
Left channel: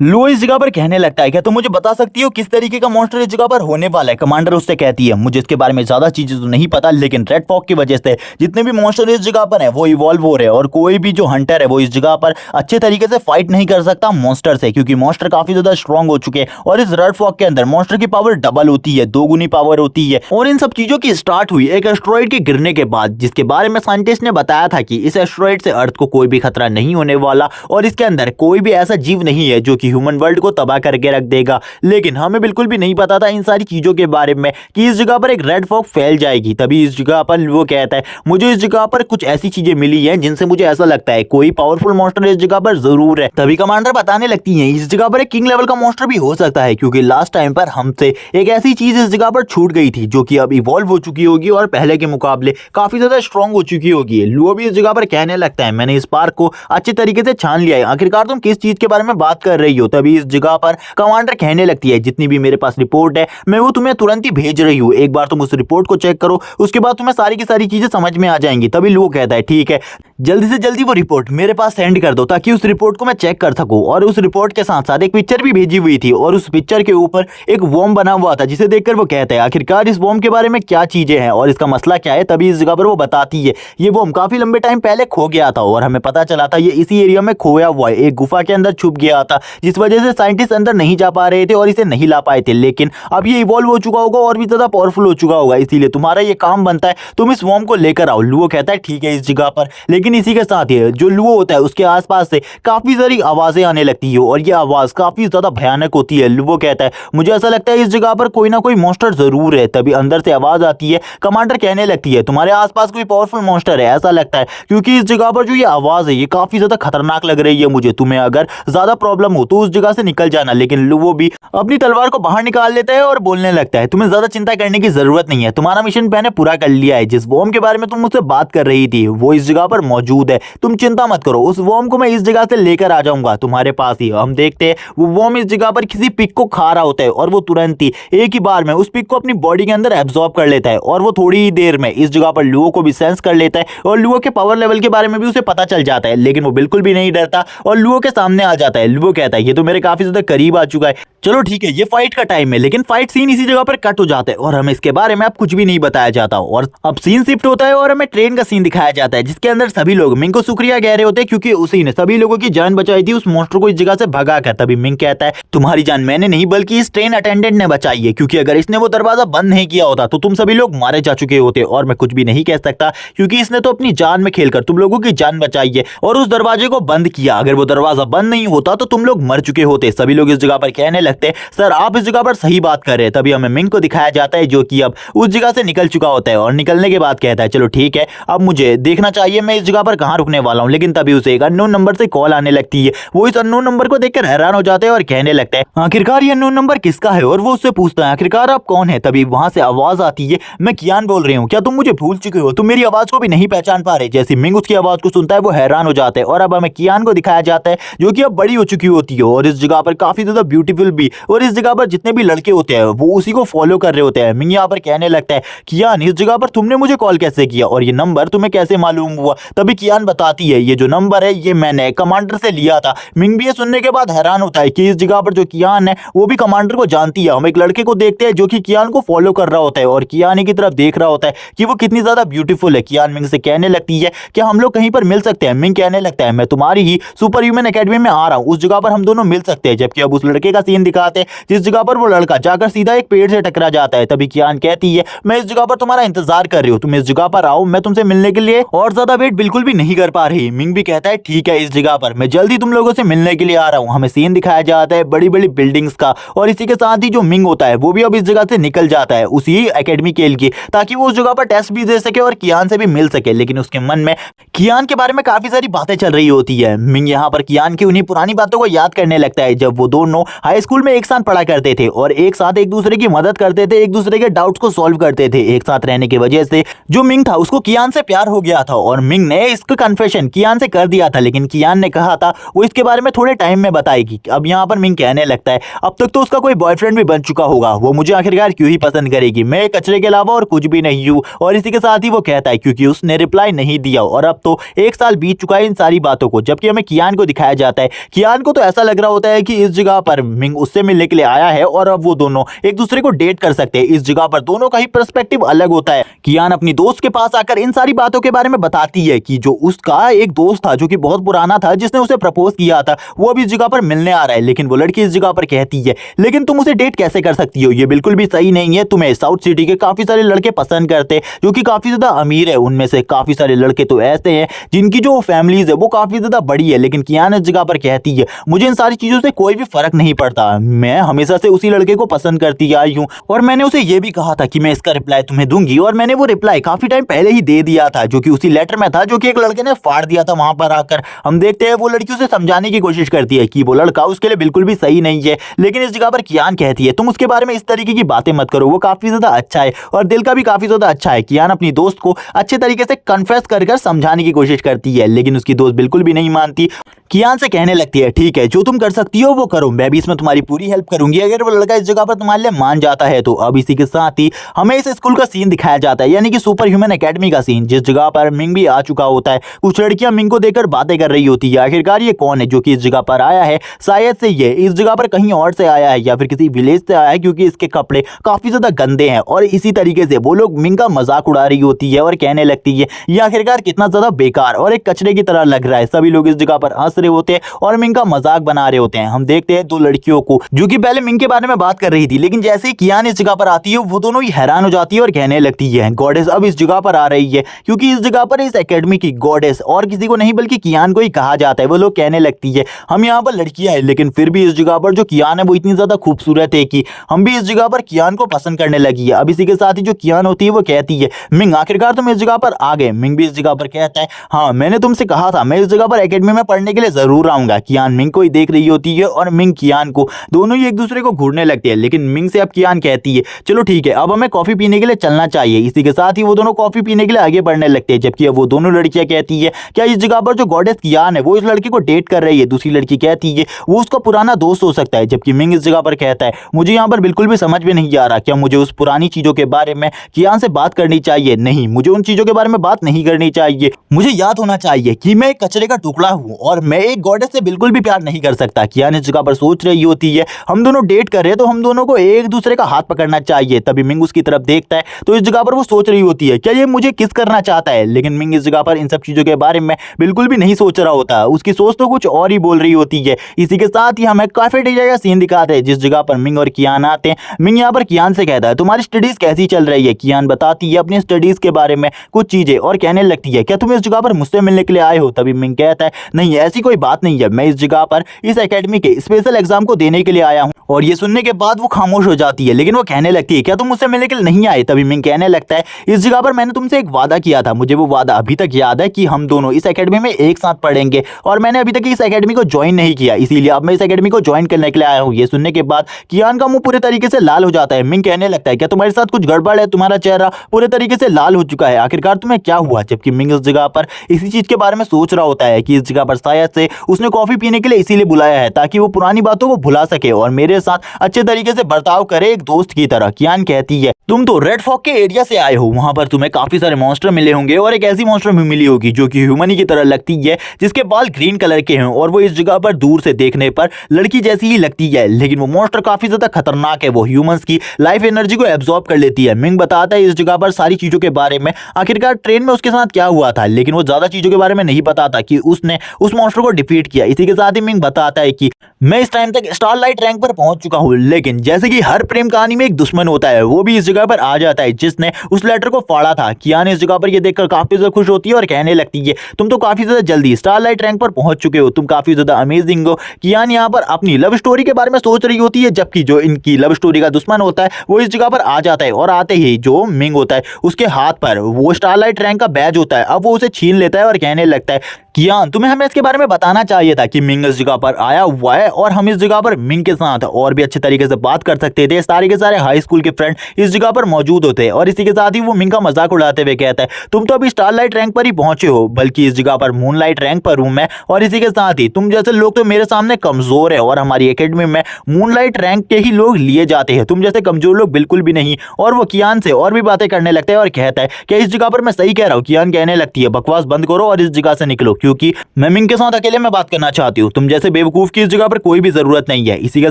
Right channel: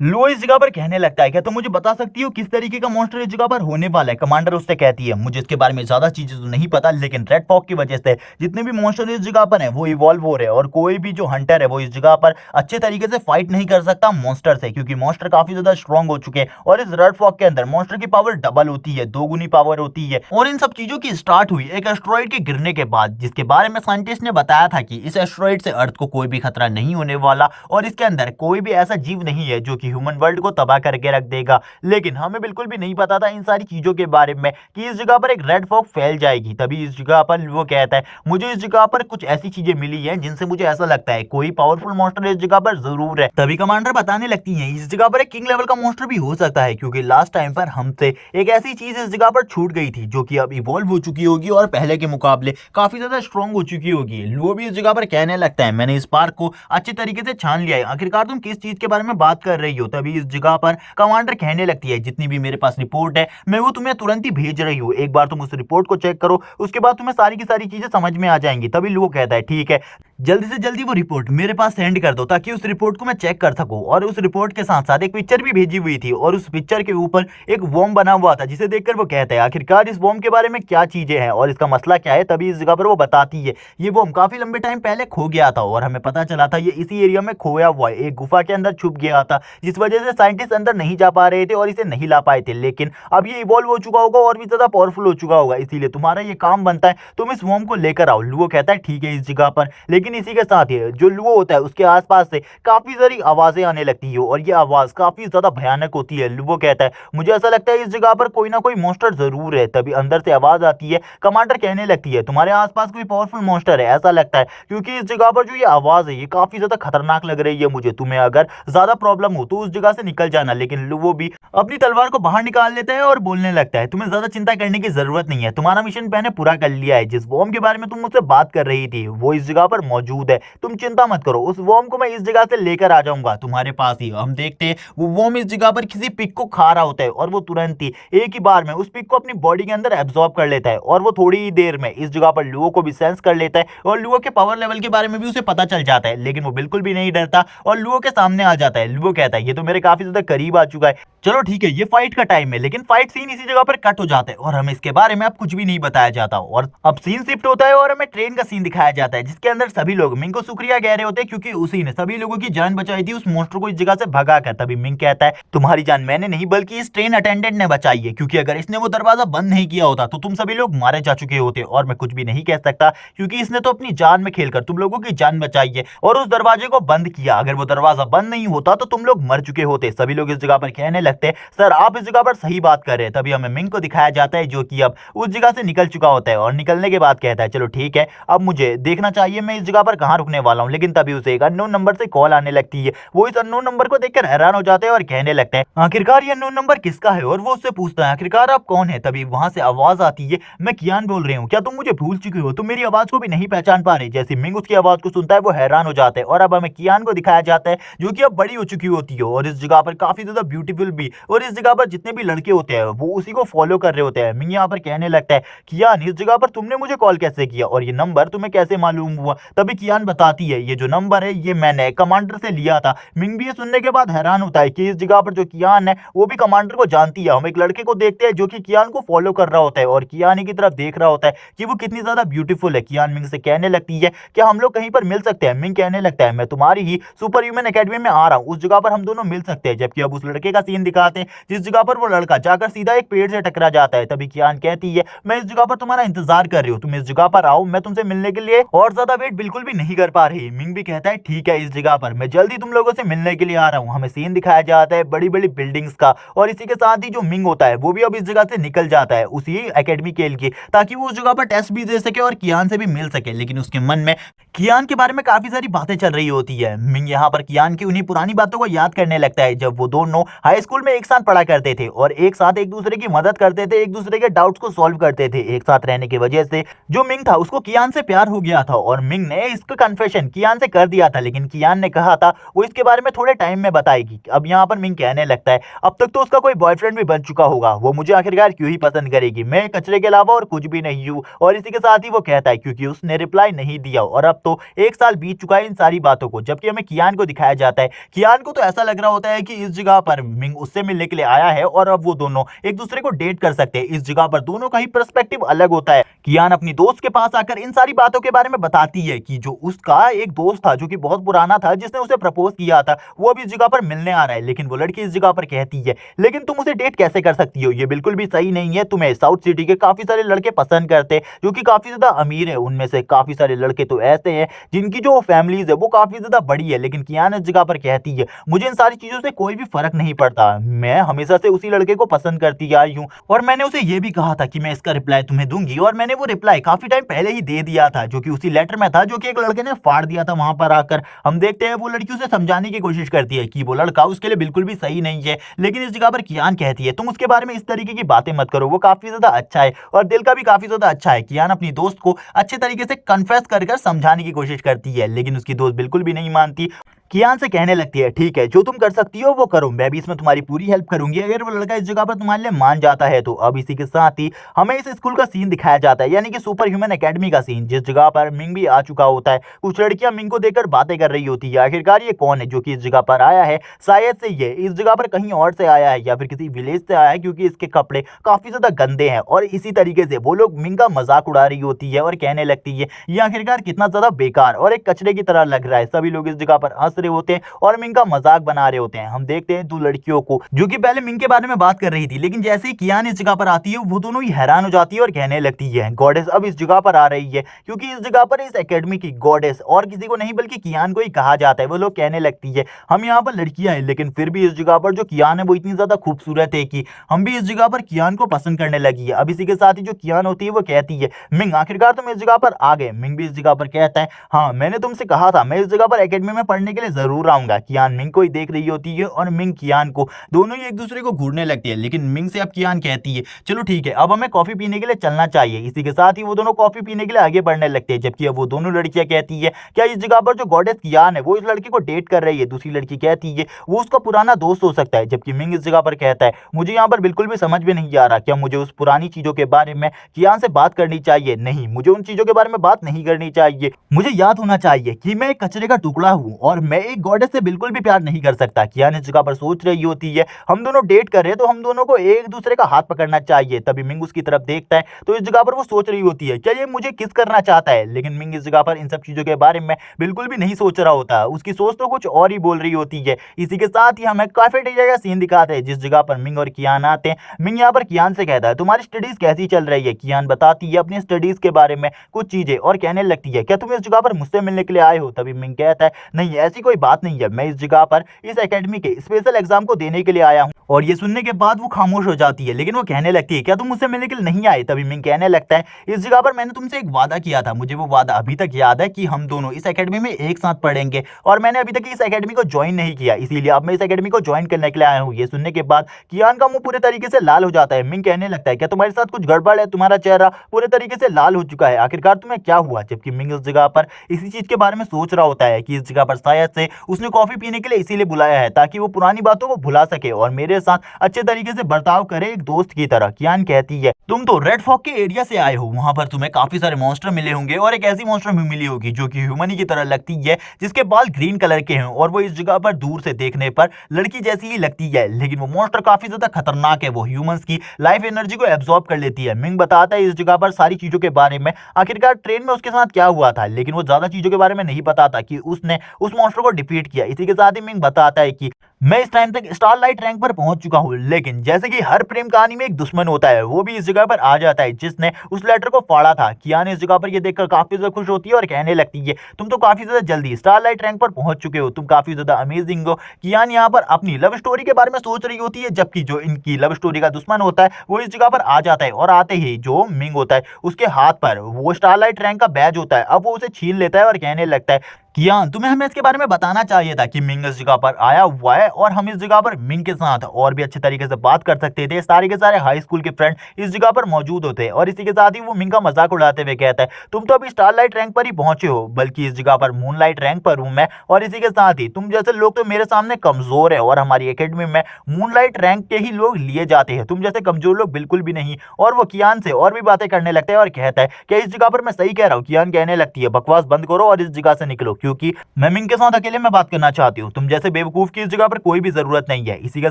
लुओ इस जगह पर कहने लगता है क्या तुम मुझे बता सकती हो किस तरीके का मॉन्स्टर इस जगह पर होने वाला है। कमांडर उससे कहती है मुझे इसके बारे में ज्यादा चीजें तो नहीं पता, लेकिन रेड फॉग की वजह से जितने भी मॉन्स्टर इस जगह पर है वो इवॉल्व हो रहे हैं और कोई भी जो हंटर है वो इस जगह पर अच्छे तरीके से फाइट नहीं कर सकता मॉन्स्टर से क्योंकि मॉन्स्टर काफी ज्यादा स्ट्रांग हो चुके हैं। और इस रेड फॉग के अंदर मॉन्स्टर की पावर डबल होती है, दोगुनी पावर होती है। और इन सब चीजों की स्टार्ट हुई एक एस्ट्रॉइड के गिरने के बाद, जिसके बारे में साइंटिस्ट ने बताया था कि इस एस्ट्रॉइड से अर्थ को कोई भी खतरा नहीं होने वाला और इसके अंदर कोई भी ऐसा जीव नहीं है जो कि ह्यूमन वर्ल्ड को तबाह करके रख देगा। लेकिन हमें बिल्कुल भी नहीं पता था इन सारी चीजों के बारे में कि इस जगह पर एक रेड फॉग फैल जाएगी। तभी इस जगह पर वो कहता है मुझे इस जगह पर कुछ ऐसी चीजें मिली हैं जिनसे मुझे ऐसा लगता है कोई पावरफुल मॉन्स्टर इस जगह पर जरूर है। तभी कमांडर बताने लगती हैं इस जगह पर एक किंग लेवल का मॉन्स्टर भी हो सकता है क्योंकि लास्ट टाइम पर हमसे एक ऐसी चीज इस जगह पर छूट गई थी जो कि अब इवॉल्व हो चुकी होगी और पहले के मुकाबले काफी ज्यादा स्ट्रांग हो चुकी होगी। लुओ भी इस जगह पर कहने लगता है मैंने इस पार्क को अच्छे तरीके से छान लिया है, आखिरकार तुम किस चीज के बारे में बात कर रही हो। तभी इस जगह पर कमांडर कहने लगती है जितनी भी मेरे पास रिपोर्ट है मैं वो तुम्हें तुरंत ही भेज रही हूँ, एक बार तुम उस रिपोर्ट को चेक करो, उसके बाद तुम्हें सारी की सारी चीजें समझ में आ जाएंगी। तभी लुओ कहता है ठीक है जल्दी से जल्दी वो रिपोर्ट मेरे पास सेंड कर दो ताकि उस रिपोर्ट को मैं चेक कर सकूं। और उस रिपोर्ट के साथ साथ एक पिक्चर भी भेजी हुई थी और उस पिक्चर के ऊपर एक वॉर्म बना हुआ था जिसे देखकर वो कहता है आखिरकार इस वॉर्म के बारे में क्या चीजें हैं और इसका मसला क्या है। तभी इस जगह पर वो बताती है ये वॉर्म काफी लंबे टाइम पहले खो गया था और हमें पता चला था ये इसी एरिया में खोया हुआ है, एक गुफा के अंदर छुप गया था जिस वजह से साइंटिस्ट अंदर नहीं जा पा रहे थे और इसे नहीं ला पाए थे। लेकिन अब ये इवॉल्व हो चुका होगा और भी ज्यादा पावरफुल हो चुका होगा, इसीलिए तुम्हारा ये काम बनता है, तुम इस वॉर्म को लेकर आओ। लुओ कहता है ठीक है इस जगह पर, लेकिन इसी के साथ ही जो लुओ होता है उसके आसपास से काफी सारी आवाजें आने लगती है और ये आवाज काफी ज्यादा भयानक होती है। लुओ कहता है मुझे ऐसा लगता है इस जगह पर कोई ना कोई मॉन्स्टर जरूर है। तभी अंदर से आवाज आती है, कमांडर कहने लगती है तुम्हारे आसपास कोई पावरफुल मॉन्स्टर है ऐसा लगता है, क्योंकि इस जगह पर जो ये आवाज है ये काफी ज्यादा खतरनाक लग रही है मुझे। तुम्हें अगर ज्यादा प्रॉब्लम हो तो उस जगह से निकल जाना। लेकिन लुओ भी अपनी तलवार को बाहर निकाल लेता है और बोलने लगता है तुम्हें ज्यादा चिंता करने की जरूरत नहीं है, तुम्हारा मिशन मैंने पूरा कर लिया है। जिस वॉर्म के बारे में तुम मुझसे बात कर रही थी वो इस जगह पर मौजूद है, तुम चिंता मत करो, उस वॉर्म को मैं इस जगह से लेकर आ जाऊंगा तुम्हारे पास ही। हम देखते हैं वो वॉर्म इस जगह पर किसी पिक को खा रहा होता है और वो तुरंत ही एक ही बार में उस पिक को अपनी बॉडी के अंदर एब्जॉर्ब कर लेता है और वो थोड़ी ही देर में इस जगह पर लुओ को भी सेंस कर लेता है और लुओ के पावर लेवल के बारे में भी उसे पता चल जाता है। लेकिन वो बिल्कुल भी नहीं डरता और लुओ के सामने आ जाता है। लुओ कहता है ये तो मेरे काफी ज्यादा करीब आ चुका है, चलो ठीक है ये फाइट का टाइम है। लेकिन फाइट सीन इसी जगह पर कट हो जाता है और हमें इसके बारे में अब कुछ भी नहीं बताया जाता और अब सीन शिफ्ट होता है और हमें ट्रेन का सीन दिखाया जाता है जिसके अंदर सभी लोग मिंग को शुक्रिया कह रहे होते हैं क्योंकि उसी ने सभी लोगों की जान बचाई थी उस मॉन्स्टर को इस जगह से भगा कर। तभी मिंग कहता है तुम्हारी जान मैंने नहीं बल्कि इस ट्रेन अटेंडेंट ने बचाई है, क्योंकि अगर इसने वो दरवाजा बंद नहीं किया होता तो तुम सभी लोग मारे जा चुके होते। और मैं कुछ भी नहीं कह सकता क्योंकि इसने तो अपनी जान में खेलकर तुम लोगों की जान बचाई है और उस दरवाजे को बंद किया। अगर वो दरवाजा बंद नहीं होता तो तुम लोग मर चुके होते। सभी लोग इस जगह पर कहने लगते सर आप इस जगह पर सही बात कर रहे हैं। तभी हमें मिंग को दिखाया जाता है जो कि अब उस जगह से निकल चुका होता है और निकलने के बाद कहता है चलो ठीक है अब मुझे देखना चाहिए मैं इस जगह पर कहां रुकने वाला हूं। लेकिन तभी उसे एक अननोन नंबर से कॉल आने लगती है। वो इस अननोन नंबर को देखकर हैरान हो जाते हैं और कहने लगता है आखिरकार ये अननोन नंबर किसका है, और वो उससे पूछता है आखिरकार आप कौन है। तभी वहां से आवाज आती है मैं कियान बोल रही हूँ, क्या तुम मुझे भूल चुके हो, तुम मेरी आवाज को भी नहीं पहचान पा रहे। जैसे मिंग उसकी आवाज को सुनता है वो हैरान हो जाता है और अब हमें कियान को दिखाया जाता है जो कि अब बड़ी हो चुकी होती है और इस जगह पर काफी ज्यादा ब्यूटीफुल भी, और इस जगह पर जितने भी लड़के होते हैं वो उसी को फॉलो कर रहे होते हैं। मिंग यहाँ पर कहने लगता है कियान इस जगह पर तुमने मुझे कॉल कैसे किया और ये नंबर तुम्हें कैसे मालूम हुआ। तभी कियान बताती है ये जो नंबर है ये मैंने कमांडर से लिया था। मिंग भी ये सुनने के बाद हैरान होता है कि इस जगह पर जो कियान है वो भी कमांडर को जानती है। हम एक लड़के को देखते हैं जो कि कियान को फॉलो कर रहा होता है और कियान की तरफ देख रहा होता है कि वो कितनी ज्यादा ब्यूटीफुल है। कियान मिंग से कहने लगती है क्या हम लोग कहीं पर मिल सकते हैं। मिंग कहने लगता है मैं तुम्हारी ही सुपर ह्यूमन एकेडमी में आ रहा हूँ, उस जगह पर हम दोनों मिल सकते हैं। जबकि अब उस लड़के का सीन दिखाते हैं जिस जगह पर वो लड़का जाकर सीधा एक पेड़ से टकरा जाता है। तभी कियान कहती है मैं इस जगह पर तुम्हारा इंतजार कर रही हूँ, तुम इस जगह पर आओ, मैं तुमसे मिलने के लिए और ज्यादा वेट बिल्कुल भी नहीं कर पा रही। मिंग भी कहता है ठीक है इस जगह पर मैं जल्दी तुम लोगों से मिलने के लिए आ रहा हूँ। हमें सीन दिखाया जाता है बड़ी बड़ी बिल्डिंग्स का और इसी के साथ ही जो मिंग होता है वो भी अब इस जगह से निकल जाता है उसी एकेडमी के लिए ताकि वो उस जगह पर टेस्ट भी दे सके और कियान से भी मिल सके। लेकिन उसके मन में कियान के बारे में काफी सारी बातें चल रही होती है। मिंग यहाँ पर कियान की उन्हीं पुरानी बातों को याद करने लगता है जब वो दोनों हाई स्कूल में एक साथ पढ़ा करते थे और एक साथ एक दूसरे की मदद करते थे, एक दूसरे के डाउट्स को सॉल्व करते थे। एक साथ रहने की वजह से जो मिंग था उसको कियान से प्यार हो गया था और मिंग ने इसका कन्फेशन कियान से कर दिया था। लेकिन कियान ने कहा था वो इसके बारे में थोड़े टाइम में बताएगी। अब यहाँ पर मिंग कहने लगता है अब तक तो उसका कोई बॉयफ्रेंड भी बन चुका होगा, वो मुझे आखिरकार क्यों ही पसंद करेगी, मैं कचरे के अलावा और कुछ भी नहीं हूँ। और इसी के साथ ही वो कहता है क्योंकि उसने रिप्लाई नहीं दिया और अब तो एक साल बीत चुका है इन सारी बातों को। जबकि हमें कियान को दिखाया जाता है कियान को तो ऐसा लग रहा होता है कि इस जगह पर मिंग उससे मिलने के लिए आया है और अब वो दोनों एक दूसरे को डेट कर सकते हैं। इस जगह पर दोनों का ही पर्सपेक्टिव अलग होता है। कियान अपनी दोस्त के पास आकर इन सारी बातों के बारे में बताती है कि जो उसका एक दोस्त था जो कि बहुत पुराना था जिसने उसे प्रपोज किया था वो अब इस जगह पर मिलने आ रहा है। लेकिन वो लड़की इस जगह पर कहती है लेकिन तुम उसे डेट कैसे कर सकती हो, ये बिल्कुल भी सही नहीं है, तुम्हें साउथ सिटी के काफी सारे लड़के पसंद करते हैं जो कि काफी ज्यादा अमीर है, उनमें से काफी सारे लड़के तो ऐसे हैं जिनकी जो फैमिलीज है वो काफी ज्यादा बड़ी है। लेकिन कियान इस जगह पर कहती है मुझे इन सारी चीजों से कोई भी फर्क नहीं पड़ता, मैं हमेशा से उसी लड़के को पसंद करती आई हूँ और मैंने उसे ये भी कहा था कि मैं इसका रिप्लाई तुम्हें दूंगी और मैंने वो रिप्लाई काफी टाइम पहले ही दे दिया था जो कि उसी लेटर में था जो कि एक लड़के ने फाड़ दिया था वहां पर आकर। हम देखते हैं वो लड़की उसे समझाने की कोशिश करती है कि वो लड़का उसके लिए बिल्कुल भी सही नहीं है। लेकिन इस जगह पर कियान कहती है तुम उसके बारे में इस तरीके की बातें मत करो, वो काफी ज्यादा अच्छा है और दिल का भी काफी ज्यादा अच्छा है। कियान अपनी दोस्त को अच्छे तरीके से कन्फेस कर समझाने की कोशिश करती है लेकिन उसकी दोस्त बिल्कुल भी नहीं मानती। कियान से कहने लगती है ठीक है जो तुम कर सकती हो वो करो, मैं भी इसमें तुम्हारी पूरी हेल्प करूंगी अगर वो लड़का इस जगह पर तुम्हारे लिए मान जाता है तो। अब इसी के साथ ही हमें इस स्कूल का सीन दिखाया जाता है यानी कि सुपर ह्यूमन एकेडमी का सीन जिस जगह पर मिंग भी आ चुका होता है। कुछ लड़कियां मिंग को देखकर बातें कर रही होती है आखिरकार ये कौन है जो कि इस जगह पर आया है, शायद से ये इस जगह पर कहीं और से आया है या फिर किसी विलेज से आया है क्योंकि इसके कपड़े काफी ज्यादा गंदे हैं। और इसी तरीके से वो लोग मिंग का मजाक उड़ा रही होती है और कहने लगती है ये आखिरकार कितना ज्यादा बेकार और एक कचरे की तरह लग रहा है। सभी लोग इस जगह पर हंस रहे होते हैं और मिंग का मजाक बना बना रहे होते हैं। हम देखते हैं दो लड़कियों को जो कि पहले मिंग के बारे में बात कर रही थी, लेकिन जैसे ही कियान इस जगह पर आती है वो दोनों ही हैरान हो जाती है और कहने लगती है गॉडेस अब इस जगह पर आ रही है, क्योंकि इस जगह पर इस एकेडमी की गॉडेस और किसी को नहीं बल्कि कियान को ही कहा जाता है। वो लोग कहने लगती है हम यहाँ पर लड़कियां हैं, लेकिन फिर भी इस जगह पर जो कियान है वो इतनी ज्यादा खूबसूरत है कि हम भी इस जगह पर कियान को पसंद करने लगी है। अब इसी के साथ ही जो कियान होती है वो कहती है मिंग आखिरकार तुम इस जगह पर आ गए। मिंग भी इस जगह पर कहता है हाँ मैंने तुमसे कहा था मैं इस जगह पर एकेडमी में पढ़ने के लिए जरूर आऊंगा। कियान मिंग को ही देख रही होती है और मिंग कियान को, दोनों ही एक दूसरे को घूरने लगते हैं। लेकिन मिंग से अब कियान कहती है चलो ठीक है अब हमें कॉफी पीने के लिए चलना चाहिए। इसी के साथ ही वो दोनों कॉफी पीने के लिए आगे बढ़ने लगते हैं, जबकि वो दोनों लड़कियां कहती है क्या इस जगह पर जो गॉडेस कियान है वो इस लड़की को डेट कर रही है। दूसरी लड़की कहती है वो उसका पुराना दोस्त हो सकता है, जबकि मिंग इस जगह पर कहता है मुझे यहाँ पर बिल्कुल भी समझ में नहीं आ रहा क्या मुझे उस पुरानी चीजों के बारे में कियान से बात करनी चाहिए। नहीं, मुझे उन चीजों के बारे में बात नहीं करनी चाहिए। मुझे याद होना चाहिए कि मैं एक कचरे का टुकड़ा हूँ और मैं एक गॉडेस से बिल्कुल भी प्यार नहीं कर सकता। कियान इस जगह पर सोच रही होती है हम दोनों डेट कर रहे हैं तो हम दोनों को एक दूसरे का हाथ पकड़ना चाहिए। तभी मिंग उसकी तरफ देखता है तो इस जगह पर वो सोच रही होती है क्या ये मुझे किस करना चाहता है। लेकिन मिंग इस जगह पर इन सब चीजों के बारे में बिल्कुल भी नहीं सोच रहा होता, उसकी सोच तो कुछ और ही बोल रही होती है। इसी के साथ ही हमें कैफेटेरिया का सीन दिखाते हैं जिस जगह पर मिंग और कियान आते हैं। मिंग यहाँ पर कियान से कहता है तुम्हारी स्टडीज कैसी चल रही है। कियान बताती है अपनी स्टडीज के बारे में कुछ चीजें और कहने लगती है क्या तुम इस जगह पर मुझसे मिलने के लिए आए हो। तभी मिंग कहता है नहीं ऐसी कोई बात नहीं है, मैं इस जगह पर इस एकेडमी के स्पेशल एग्जाम को देने के लिए आया हूँ। और ये सुनने के बाद वो खामोश हो जाती है, लेकिन वो कहने लगती है क्या तुम मुझसे मिलने के लिए नहीं आए। तभी मिंग कहने लगता है इस जगह पर मैंने तुमसे एक वादा किया था, मुझे वो वादा अभी तक याद है कि हम दोनों इस एकेडमी में एक साथ पढ़ेंगे और मैंने अभी तक इस एकेडमी को ज्वाइन नहीं किया, इसीलिए अब मैं इस एकेडमी को ज्वाइन करने के लिए आया हूँ। ये सुनने के बाद कियान का मुंह पूरे तरीके से लाल हो जाता है। मिंग कहने लगता है क्या तुम्हारे साथ कुछ गड़बड़ है, तुम्हारा चेहरा पूरे तरीके से लाल हो चुका है, आखिरकार तुम्हें क्या हुआ। जबकि मिंग इस जगह पर इसी चीज के बारे में सोच रहा होता है कि इस जगह पर शायद से उसने कॉफी पीने के लिए इसीलिए बुलाया है ताकि वो पुरानी बातों को भुला सके और मेरे साथ अच्छे तरीके से बर्ताव करे एक दोस्त की तरह। कियान कहती है तुम तो रेड फॉग के एरिया से आए हो, वहां पर तुम्हें काफी सारे मॉन्स्टर मिले होंगे और एक ऐसी मॉन्स्टर भी मिली होगी जो कि ह्यूमन की तरह लगती है, जिसके बाल ग्रीन कलर के हैं और वो इस जगह पर दूर से देखने पर लड़की जैसी ही लगती है। लेकिन वो मॉन्स्टर काफी ज्यादा खतरनाक है, वो ह्यूमंस की लाइफ एनर्जी को एब्जॉर्ब कर लेती है। मिंग बताता है इस जगह पर सारी चीजों के बारे में, आखिरकार ट्रेन में उसके साथ क्या हुआ था, लेकिन वो ज्यादा चीजों के बारे में नहीं बताता कि उसने उस मॉन्स्टर को डिफीट किया। इसी के साथ ही मिंग बताता है कि मैं इस टाइम तक स्टारलाइट रैंक पर पहुंच चुका हूं, लेकिन जैसे कि हर प्रेम कहानी में एक दुश्मन होता है, वो भी इस जगह पर आ जाता है जिसने उस लेटर को फाड़ा था। कियान इस जगह पर ये देखकर काफी ज्यादा खुश होती है और कहने लगती है तुम तो काफी ज्यादा जल्दी स्टारलाइट रैंक पर पहुंच चुके हो, तुम काफी ज्यादा अमेजिंग हो। कियान यहाँ पर अपनी लव स्टोरी के बारे में सोच रही होती है, जबकि जो इनकी लव स्टोरी का दुश्मन होता है वो इस जगह पर आ जाता है और आते ही जो मिंग होता है उसके हाथ पर वो स्टारलाइट रैंक का बैज होता है, अब वो उसे छीन लेता है और कहने लगता है कियान तुम्हें हमें इसके बारे में बताना चाहिए था कि मिंग इस जगह पर आया हुआ है और हम इस जगह पर मिंग के साथ और भी अच्छे तरीके से बात कर सकते थे। सारे के सारे हाई स्कूल के फ्रेंड इस जगह पर मौजूद होते हैं और इसी के साथ ही वो मिंग का मजाक उड़ाते हुए कहता है तुम तो अभी स्टारलाइट रैंक पर ही पहुंचे हो, बल्कि इस जगह पर मूनलाइट रैंक पर हूं मैं, और इसी के साथ ही तुम जैसे लोग तो मेरे सामने कमजोर है और हमारी एकेडमी में मूनलाइट रैंक के ही लोग लिए जाते हैं, तुम जैसे कमजोर लोग बिल्कुल भी नहीं। और वो कियान से और भी बातें करने लगता है और कहता है कि इस जगह पर मैं सही कह रहा हूँ। कियान कहने लगती है बकवास बंद करो और इस जगह से निकलो, क्योंकि मैं मिंग के साथ अकेले में बात करना चाहती हूँ, तुम जैसे बेवकूफ की इस जगह पर कोई भी जरूरत नहीं है। इसी के